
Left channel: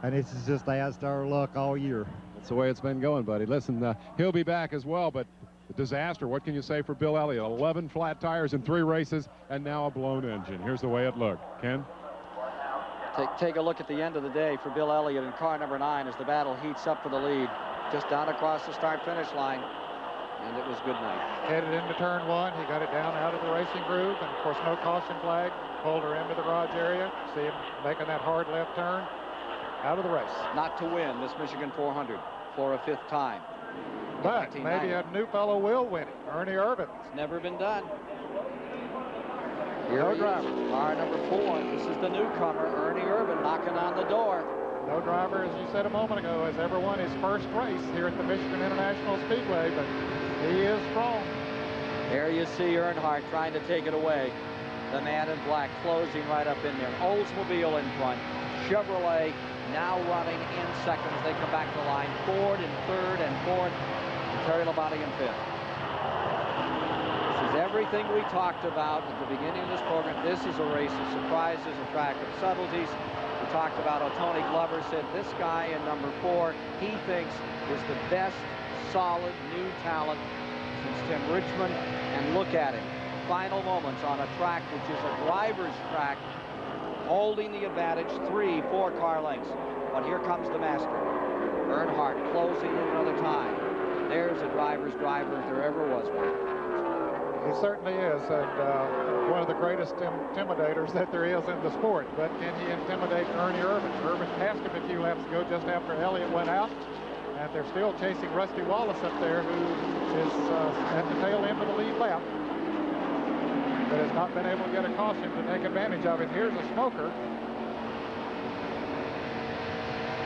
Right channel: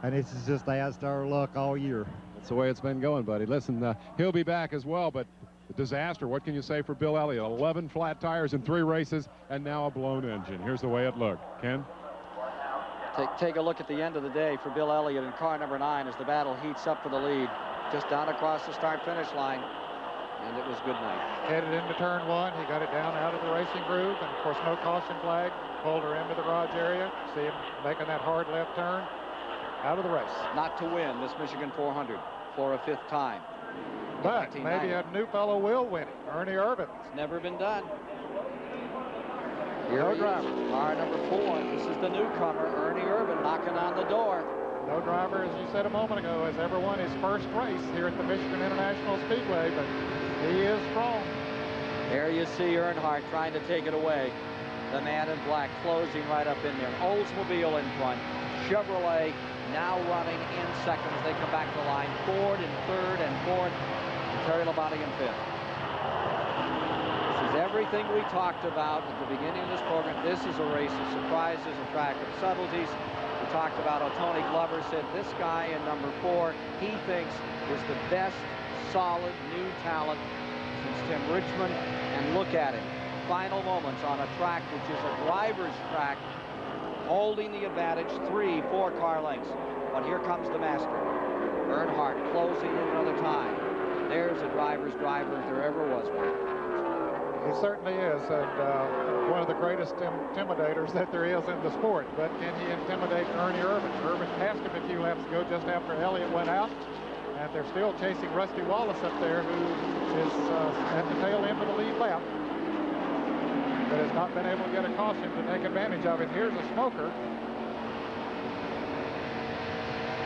and this is just that's our luck all year. That's the way it's been going, buddy. Listen, he'll be back as well, but a disaster. What can you say for Bill Elliott? 11 flat tires in 3 races, and now a blown engine. Here's the way it looked. Ken? Take a look at the end of the day for Bill Elliott in car number 9 as the battle heats up for the lead. Just down across the start-finish line, and it was good night. Headed into turn 1, he got it down out of the racing groove, and of course no caution flag. Pulled her into the garage area. See him making that hard left turn out of the race. Not to win this Michigan 400 for a 5th time. But maybe a new fellow will win it. Ernie Irvin. It's never been done. Here he is, car number 4. This is the newcomer, Ernie Irvin, knocking on the door. No driver, as you said a moment ago, has ever won his first race here at the Michigan International Speedway, but he is strong. There you see Earnhardt trying to take it away. The man in black closing right up in there. Oldsmobile in front. Chevrolet now running in second as they come back to the line. Ford in 3rd and 4th. And Terry Labonte in 5th. This is everything we talked about at the beginning of this program. This is a race of surprises, a track of subtleties. We talked about how Tony Glover said this guy in number 4, he thinks is the best solid new talent since Tim Richmond. And look at him. Final moments on a track which is a driver's track, holding the advantage 3, 4 car lengths. But here comes the master. Earnhardt closing in another time. There's a driver's driver if there ever was one. He certainly is, and one of the greatest intimidators that there is in the sport. But can he intimidate Ernie Irvin? Irvin passed him a few laps ago just after Elliott went out, and they're still chasing Rusty Wallace up there, who is at the tail end of the lead lap, but has not been able to get a caution to take advantage of it. Here's a smoker.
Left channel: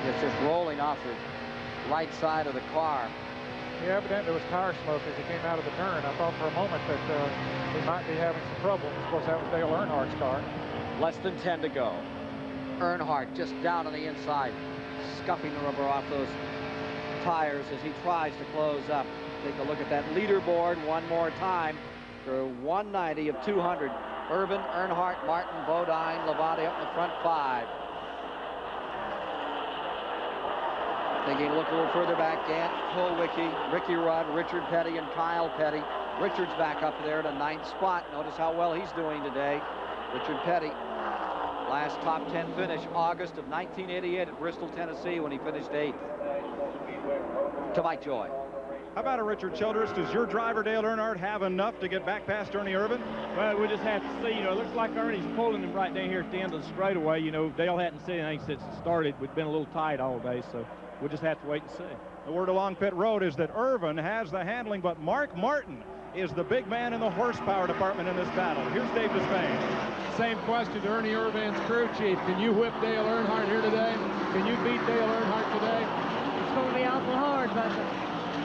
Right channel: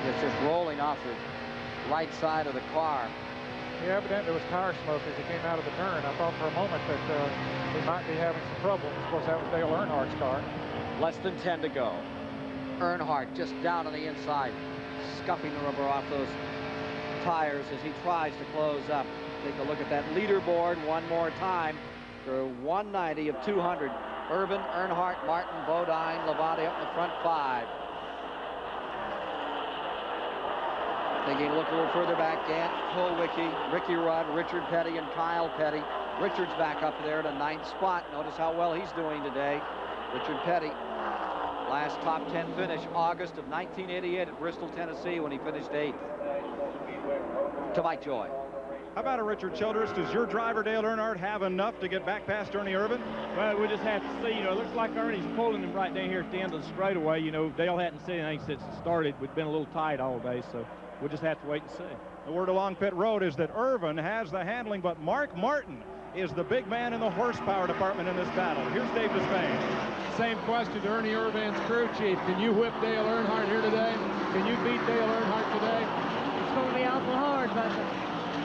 It's just rolling off the right side of the car. He evidently was tire smoke as he came out of the turn. I thought for a moment that he might be having some trouble. Of course, that was Dale Earnhardt's car. Less than 10 to go. Earnhardt just down on the inside, scuffing the rubber off those tires as he tries to close up. Take a look at that leaderboard one more time. For 190 of 200. Irvin, Earnhardt, Martin, Bodine, Labonte up in the front 5. Thinking look a little further back, Gant, Kulwicki, Ricky Rudd, Richard Petty, and Kyle Petty. Richard's back up there at a 9th spot. Notice how well he's doing today. Richard Petty, last top 10 finish, August of 1988 at Bristol, Tennessee, when he finished 8th. To Mike Joy. How about it, Richard Childress? Does your driver, Dale Earnhardt, have enough to get back past Ernie Irvin? Well, we just have to see. You know, it looks like Ernie's pulling him right down here at the end of the straightaway. You know, Dale hadn't said anything since it started. We've been a little tight all day, so we'll just have to wait and see. The word along pit road is that Irvin has the handling, but Mark Martin is the big man in the horsepower department in this battle. Here's Dave Despain. Same question to Ernie Irvin's crew chief. Can you whip Dale Earnhardt here today? Can you beat Dale Earnhardt today? It's going to be awful hard, but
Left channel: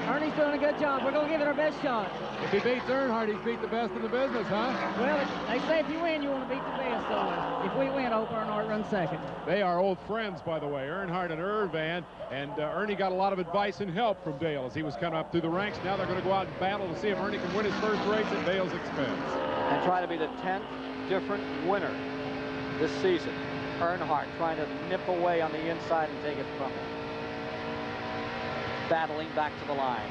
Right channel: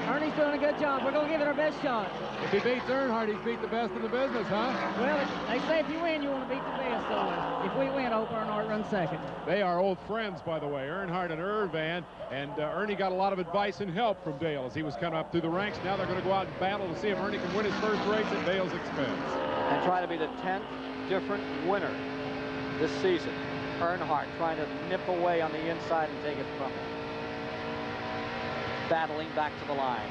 Ernie's doing a good job. We're going to give it our best shot. If he beats Earnhardt, he's beat the best in the business, huh? Well, they say if you win, you want to beat the best. So if we win, I hope Earnhardt runs second. They are old friends, by the way, Earnhardt and Irvan. And Ernie got a lot of advice and help from Dale as he was coming up through the ranks. Now they're going to go out and battle to see if Ernie can win his first race at Dale's expense. And try to be the 10th different winner this season. Earnhardt trying to nip away on the inside and take it from him. Battling back to the line.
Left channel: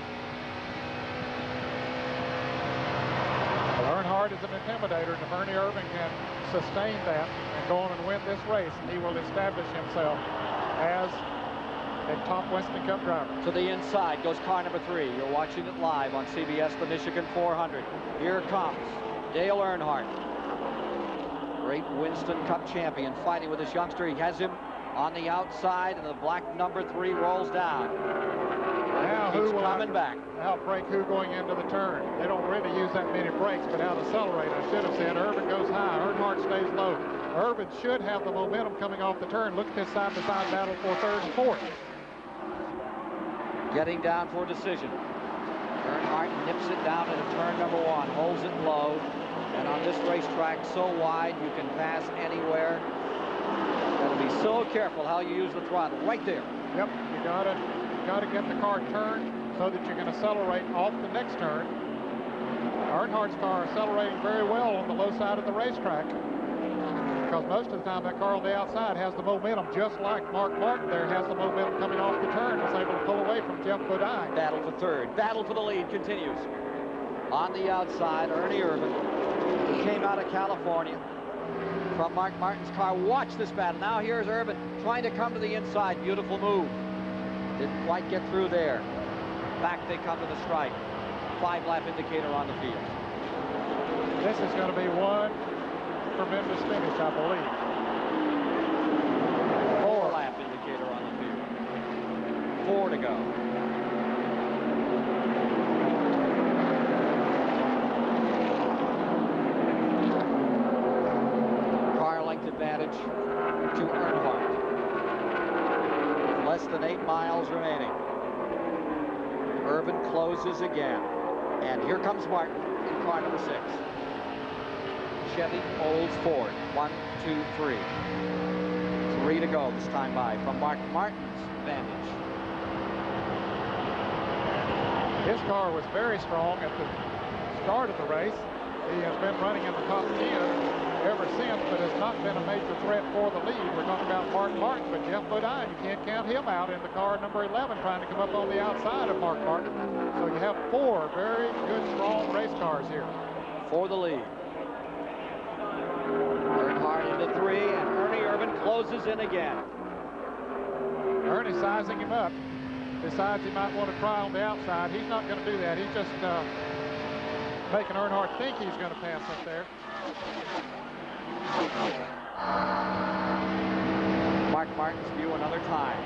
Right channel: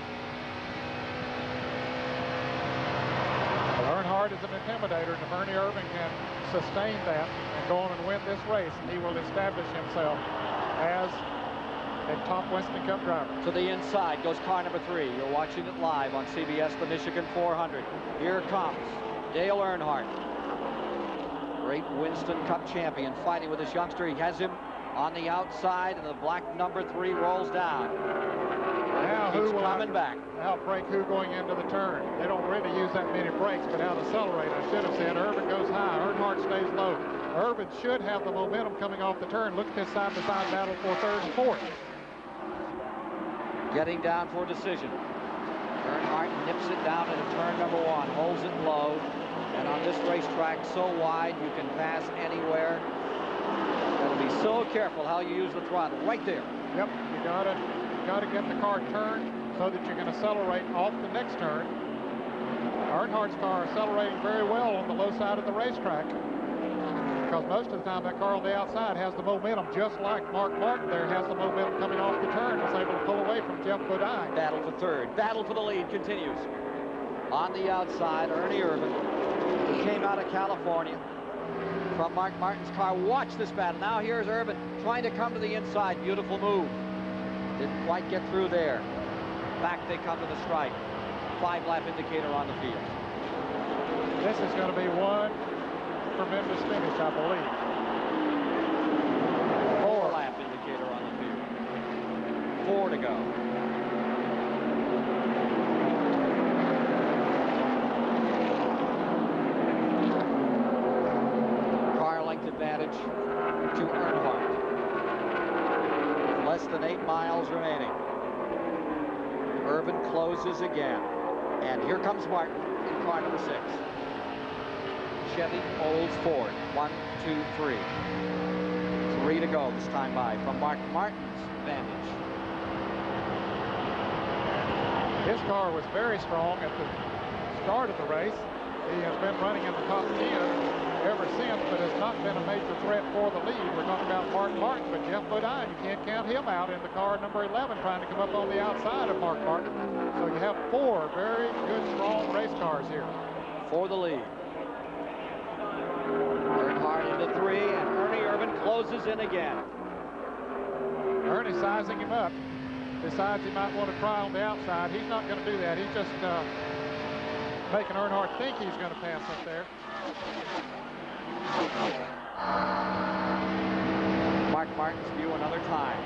Well, Earnhardt is an intimidator, and if Ernie Irvin can sustain that and go on and win this race, he will establish himself as a top Winston Cup driver. To the inside goes car number 3. You're watching it live on CBS, the Michigan 400. Here comes Dale Earnhardt, great Winston Cup champion, fighting with this youngster. He has him on the outside, and the black number 3 rolls down. Now He's who will coming back. outbrake who going into the turn? They don't really use that many brakes, but out accelerate. I should have said Irvin goes high, Earnhardt stays low. Irvin should have the momentum coming off the turn. Look at this side-by-side battle for 3rd and 4th. Getting down for a decision. Earnhardt nips it down into turn number 1, holds it low, and on this racetrack so wide you can pass anywhere. Got to be so careful how you use the throttle. Right there. Yep, you gotta get the car turned so that you can accelerate off the next turn. Earnhardt's car accelerating very well on the low side of the racetrack, because most of the time that car on the outside has the momentum, just like Mark Martin there has the momentum coming off the turn, was able to pull away from Jeff Bodine. Battle for 3rd. Battle for the lead continues. On the outside, Ernie Irvin, who came out of California from Mark Martin's car. Watch this battle. Now here's Irvin trying to come to the inside. Beautiful move. Didn't quite get through there. Back they come to the stripe. 5-lap indicator on the field. This is going to be one tremendous finish, I believe. 4-lap indicator on the field. 4 to go. Car length advantage to Earnhardt. Less than 8 miles remaining. Irvin closes again. And here comes Martin in car number 6. Chevy Olds Ford. 1, 2, 3. 3 to go this time by from Mark Martin's vantage. His car was very strong at the start of the race. He has been running in the top 10 ever since, but has not been a major threat for the lead. We're talking about Mark Martin, but Jeff Bodine, you can't count him out in the car number 11 trying to come up on the outside of Mark Martin. So you have 4 very good, strong race cars here. For the lead. Earnhardt into 3, and Ernie Irvin closes in again. Ernie sizing him up. Decides he might want to try on the outside. He's not going to do that. He's just making Earnhardt think he's going to pass up there. Mark Martin's view another time.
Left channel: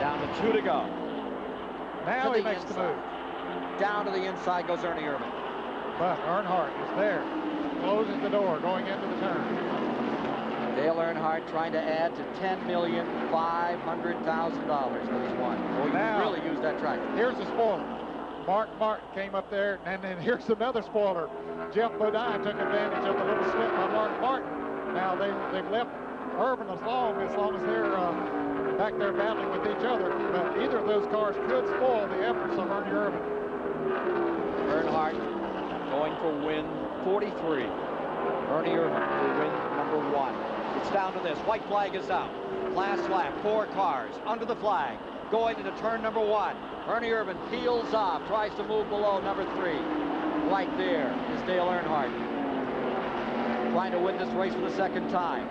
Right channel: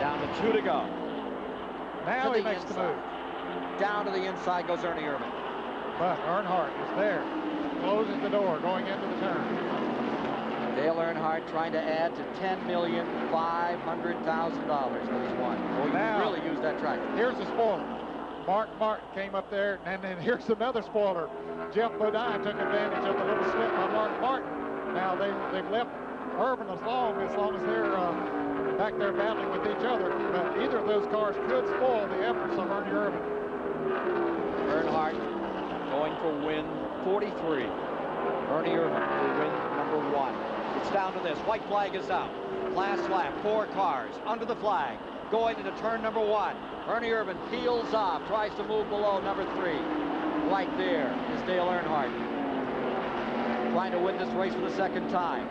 Down to 2 to go. Now he makes the move. Down to the inside goes Ernie Irvan. But Earnhardt is there. Closes the door going into the turn. Dale Earnhardt trying to add to $10,500,000 that he's won. Boy, you really used that track. Here's the spoiler. Mark Martin came up there, and then here's another spoiler. Jeff Bodine took advantage of the little slip by Mark Martin. Now they've left Irvan as long as they're back there battling with each other. But either of those cars could spoil the efforts of Ernie Irvan. Earnhardt going for win 43. Ernie Irvan for win number 1. It's down to this. White flag is out. Last lap, 4 cars under the flag. Going into turn number 1. Ernie Irvan peels off, tries to move below number 3. Right there is Dale Earnhardt, trying to win this race for the second time.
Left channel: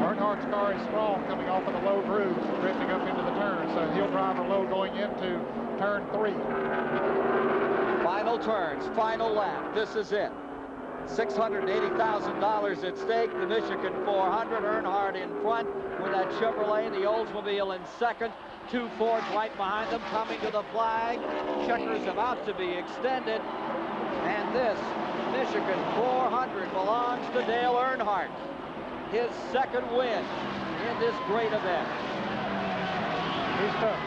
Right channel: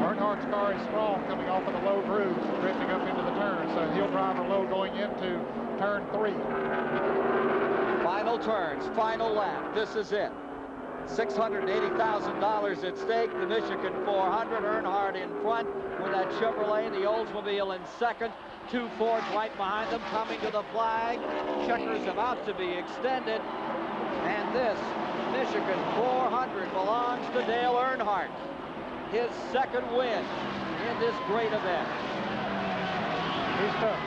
Earnhardt's car is strong coming off of the low grooves, drifting up into the turn, so he'll drive her low going into turn 3. Final turns, final lap. This is it. $680,000 at stake. The Michigan 400. Earnhardt in front with that Chevrolet. The Oldsmobile in second. 2 Fords right behind them coming to the flag. Checkers about to be extended. And this Michigan 400 belongs to Dale Earnhardt. His second win in this great event. He's tough.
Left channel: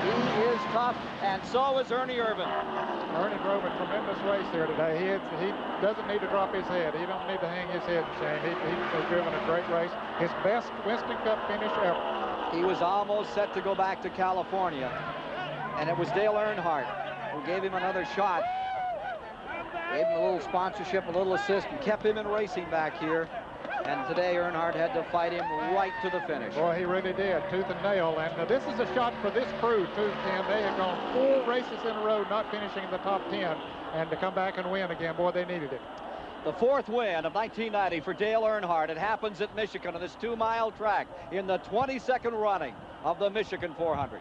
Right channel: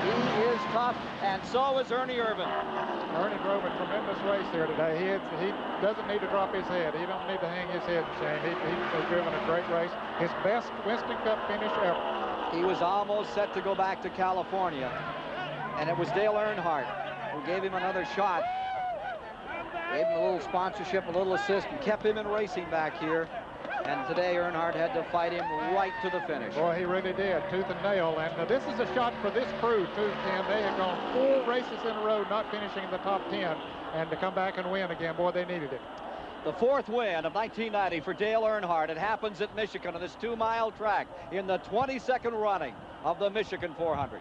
He is tough, and so is Ernie Irvan. Ernie drove a tremendous race here today. He doesn't need to drop his head. He don't need to hang his head, Shane. He's driven a great race. His best Winston Cup finish ever. He was almost set to go back to California, and it was Dale Earnhardt who gave him another shot. Gave him a little sponsorship, a little assist, and kept him in racing back here. And today Earnhardt had to fight him right to the finish. Boy, he really did, tooth and nail. And this is a shot for this crew, too, Ken. They have gone 4 races in a row not finishing in the top 10. And to come back and win again, boy, they needed it. The 4th win of 1990 for Dale Earnhardt. It happens at Michigan on this 2-mile track in the 22nd running of the Michigan 400.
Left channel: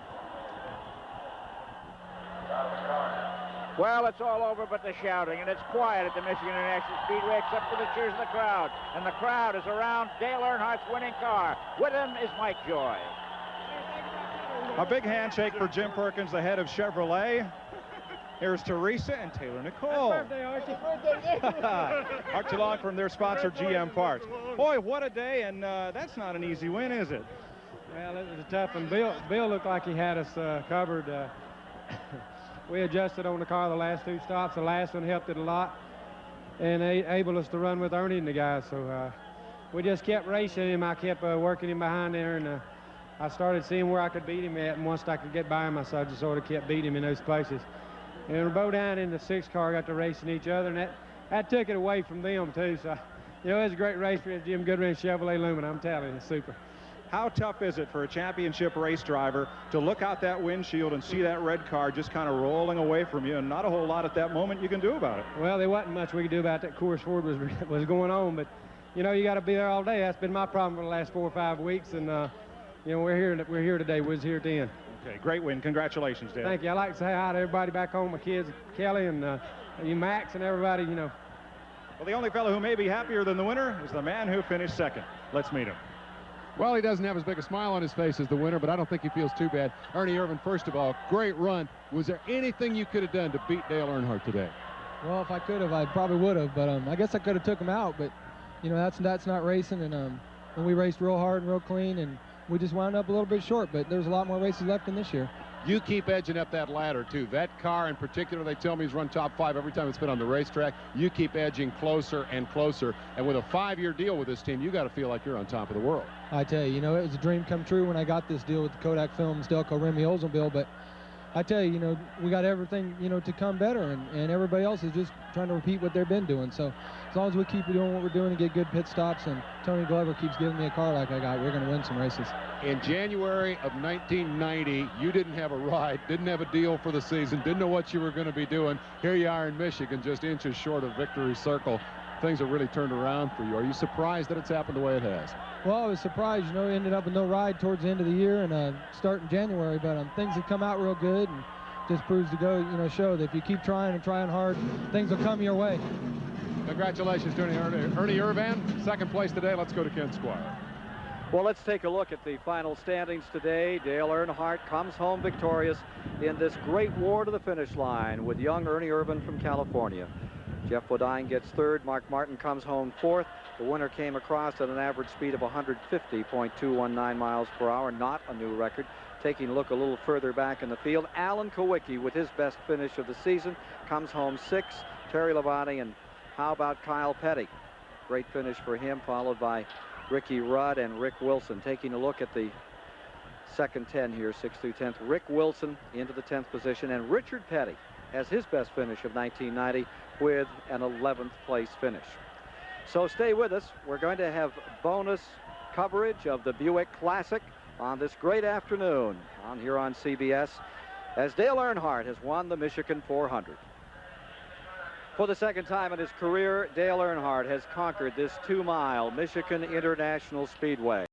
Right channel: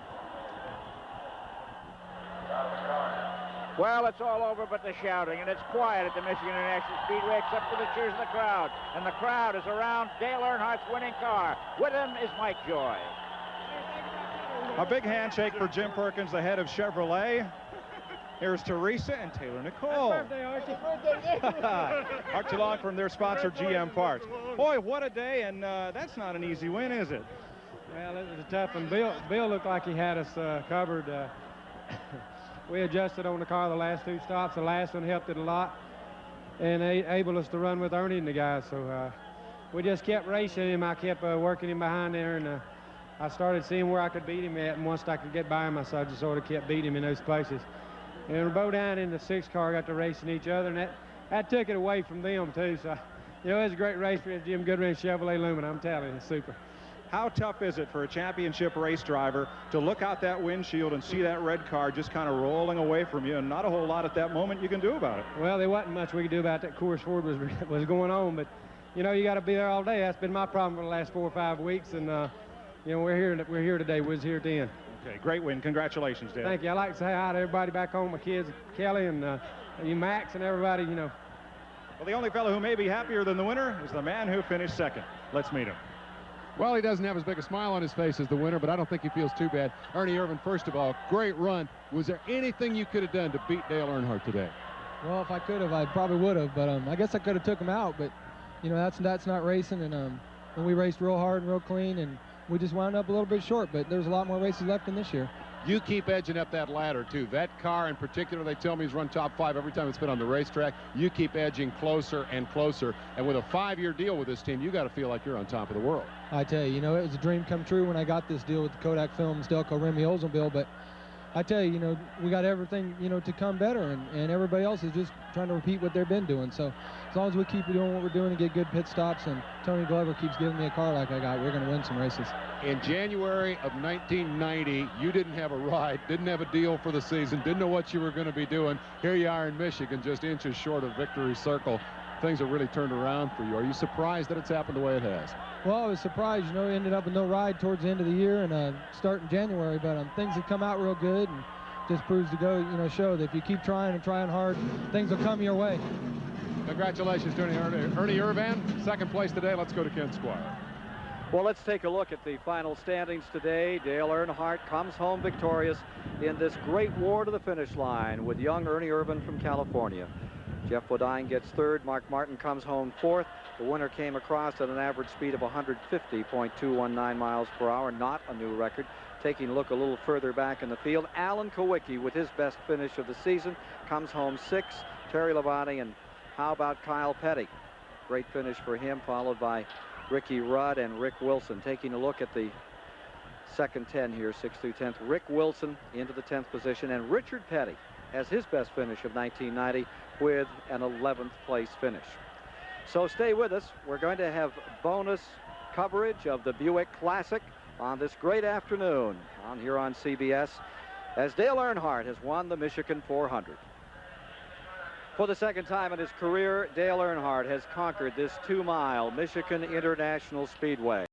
Well, it's all over but the shouting, and it's quiet at the Michigan International Speedway except for the cheers of the crowd. And the crowd is around Dale Earnhardt's winning car. With him is Mike Joy. A big handshake for Jim Perkins, the head of Chevrolet. Here's Teresa and Taylor Nicole. Happy birthday, Archie. Archie Long from their sponsor, GM Parts. Boy, what a day, and that's not an easy win, is it? Well, it was a tough one. Bill looked like he had us covered. We adjusted on the car the last 2 stops. The last one helped it a lot and able us to run with Ernie and the guys. So we just kept racing him. I kept working him behind there, and I started seeing where I could beat him at. And once I could get by him, I just sort of kept beating him in those places. And Bodine in the 6th car got to racing each other, and that took it away from them, too. So, you know, it was a great race for Jim Goodwin and Chevrolet Lumen. I'm telling you, it's super. How tough is it for a championship race driver to look out that windshield and see that red car just kind of rolling away from you, and not a whole lot at that moment you can do about it? Well, there wasn't much we could do about that. Course Ford was going on, but you know, you got to be there all day. That's been my problem for the last 4 or 5 weeks, and you know, we're here today. We was here at the end. Okay, great win. Congratulations, Dale. Thank you. I'd like to say hi to everybody back home, my kids, Kelly and you, Max, and everybody. You know. Well, the only fellow who may be happier than the winner is the man who finished second. Let's meet him. Well, he doesn't have as big a smile on his face as the winner, but I don't think he feels too bad. Ernie Irvan, first of all, great run. Was there anything you could have done to beat Dale Earnhardt today? Well, if I could have, I probably would have, but I guess I could have took him out, but, you know, that's not racing, and we raced real hard and real clean, and we just wound up a little bit short, but there's a lot more races left in this year. You keep edging up that ladder, too. That car in particular, they tell me, has run top 5 every time it's been on the racetrack. You keep edging closer and closer. And with a 5-year deal with this team, you got to feel like you're on top of the world. I tell you, you know, it was a dream come true when I got this deal with the Kodak Films, Delco Remy Oldsmobile, but I tell you, you know, we got everything, you know, to come better, and everybody else is just trying to repeat what they've been doing. So as long as we keep doing what we're doing and get good pit stops, and Tony Glover keeps giving me a car like I got, we're going to win some races. In January of 1990, you didn't have a ride, didn't have a deal for the season, didn't know what you were going to be doing. Here you are in Michigan, just inches short of victory circle. Things have really turned around for you. Are you surprised that it's happened the way it has? Well, I was surprised, you know, ended up with no ride towards the end of the year and start in January, but things have come out real good. And just proves to show that if you keep trying and trying hard, things will come your way. Congratulations to Ernie Irvan, second place today. Let's go to Ken Squire. Well, let's take a look at the final standings today. Dale Earnhardt comes home victorious in this great war to the finish line with young Ernie Irvan from California. Jeff Bodine gets third. Mark Martin comes home fourth. The winner came across at an average speed of 150.219 miles per hour, not a new record. Taking a look a little further back in the field, Alan Kowicki with his best finish of the season comes home sixth. Terry Labonte, and how about Kyle Petty? Great finish for him, followed by Ricky Rudd and Rick Wilson. Taking a look at the second 10 here, 6th through 10th. Rick Wilson into the 10th position, and Richard Petty has his best finish of 1990 with an 11th place finish. So stay with us. We're going to have bonus coverage of the Buick Classic on this great afternoon here on CBS, as Dale Earnhardt has won the Michigan 400. For the second time in his career, Dale Earnhardt has conquered this 2-mile Michigan International Speedway.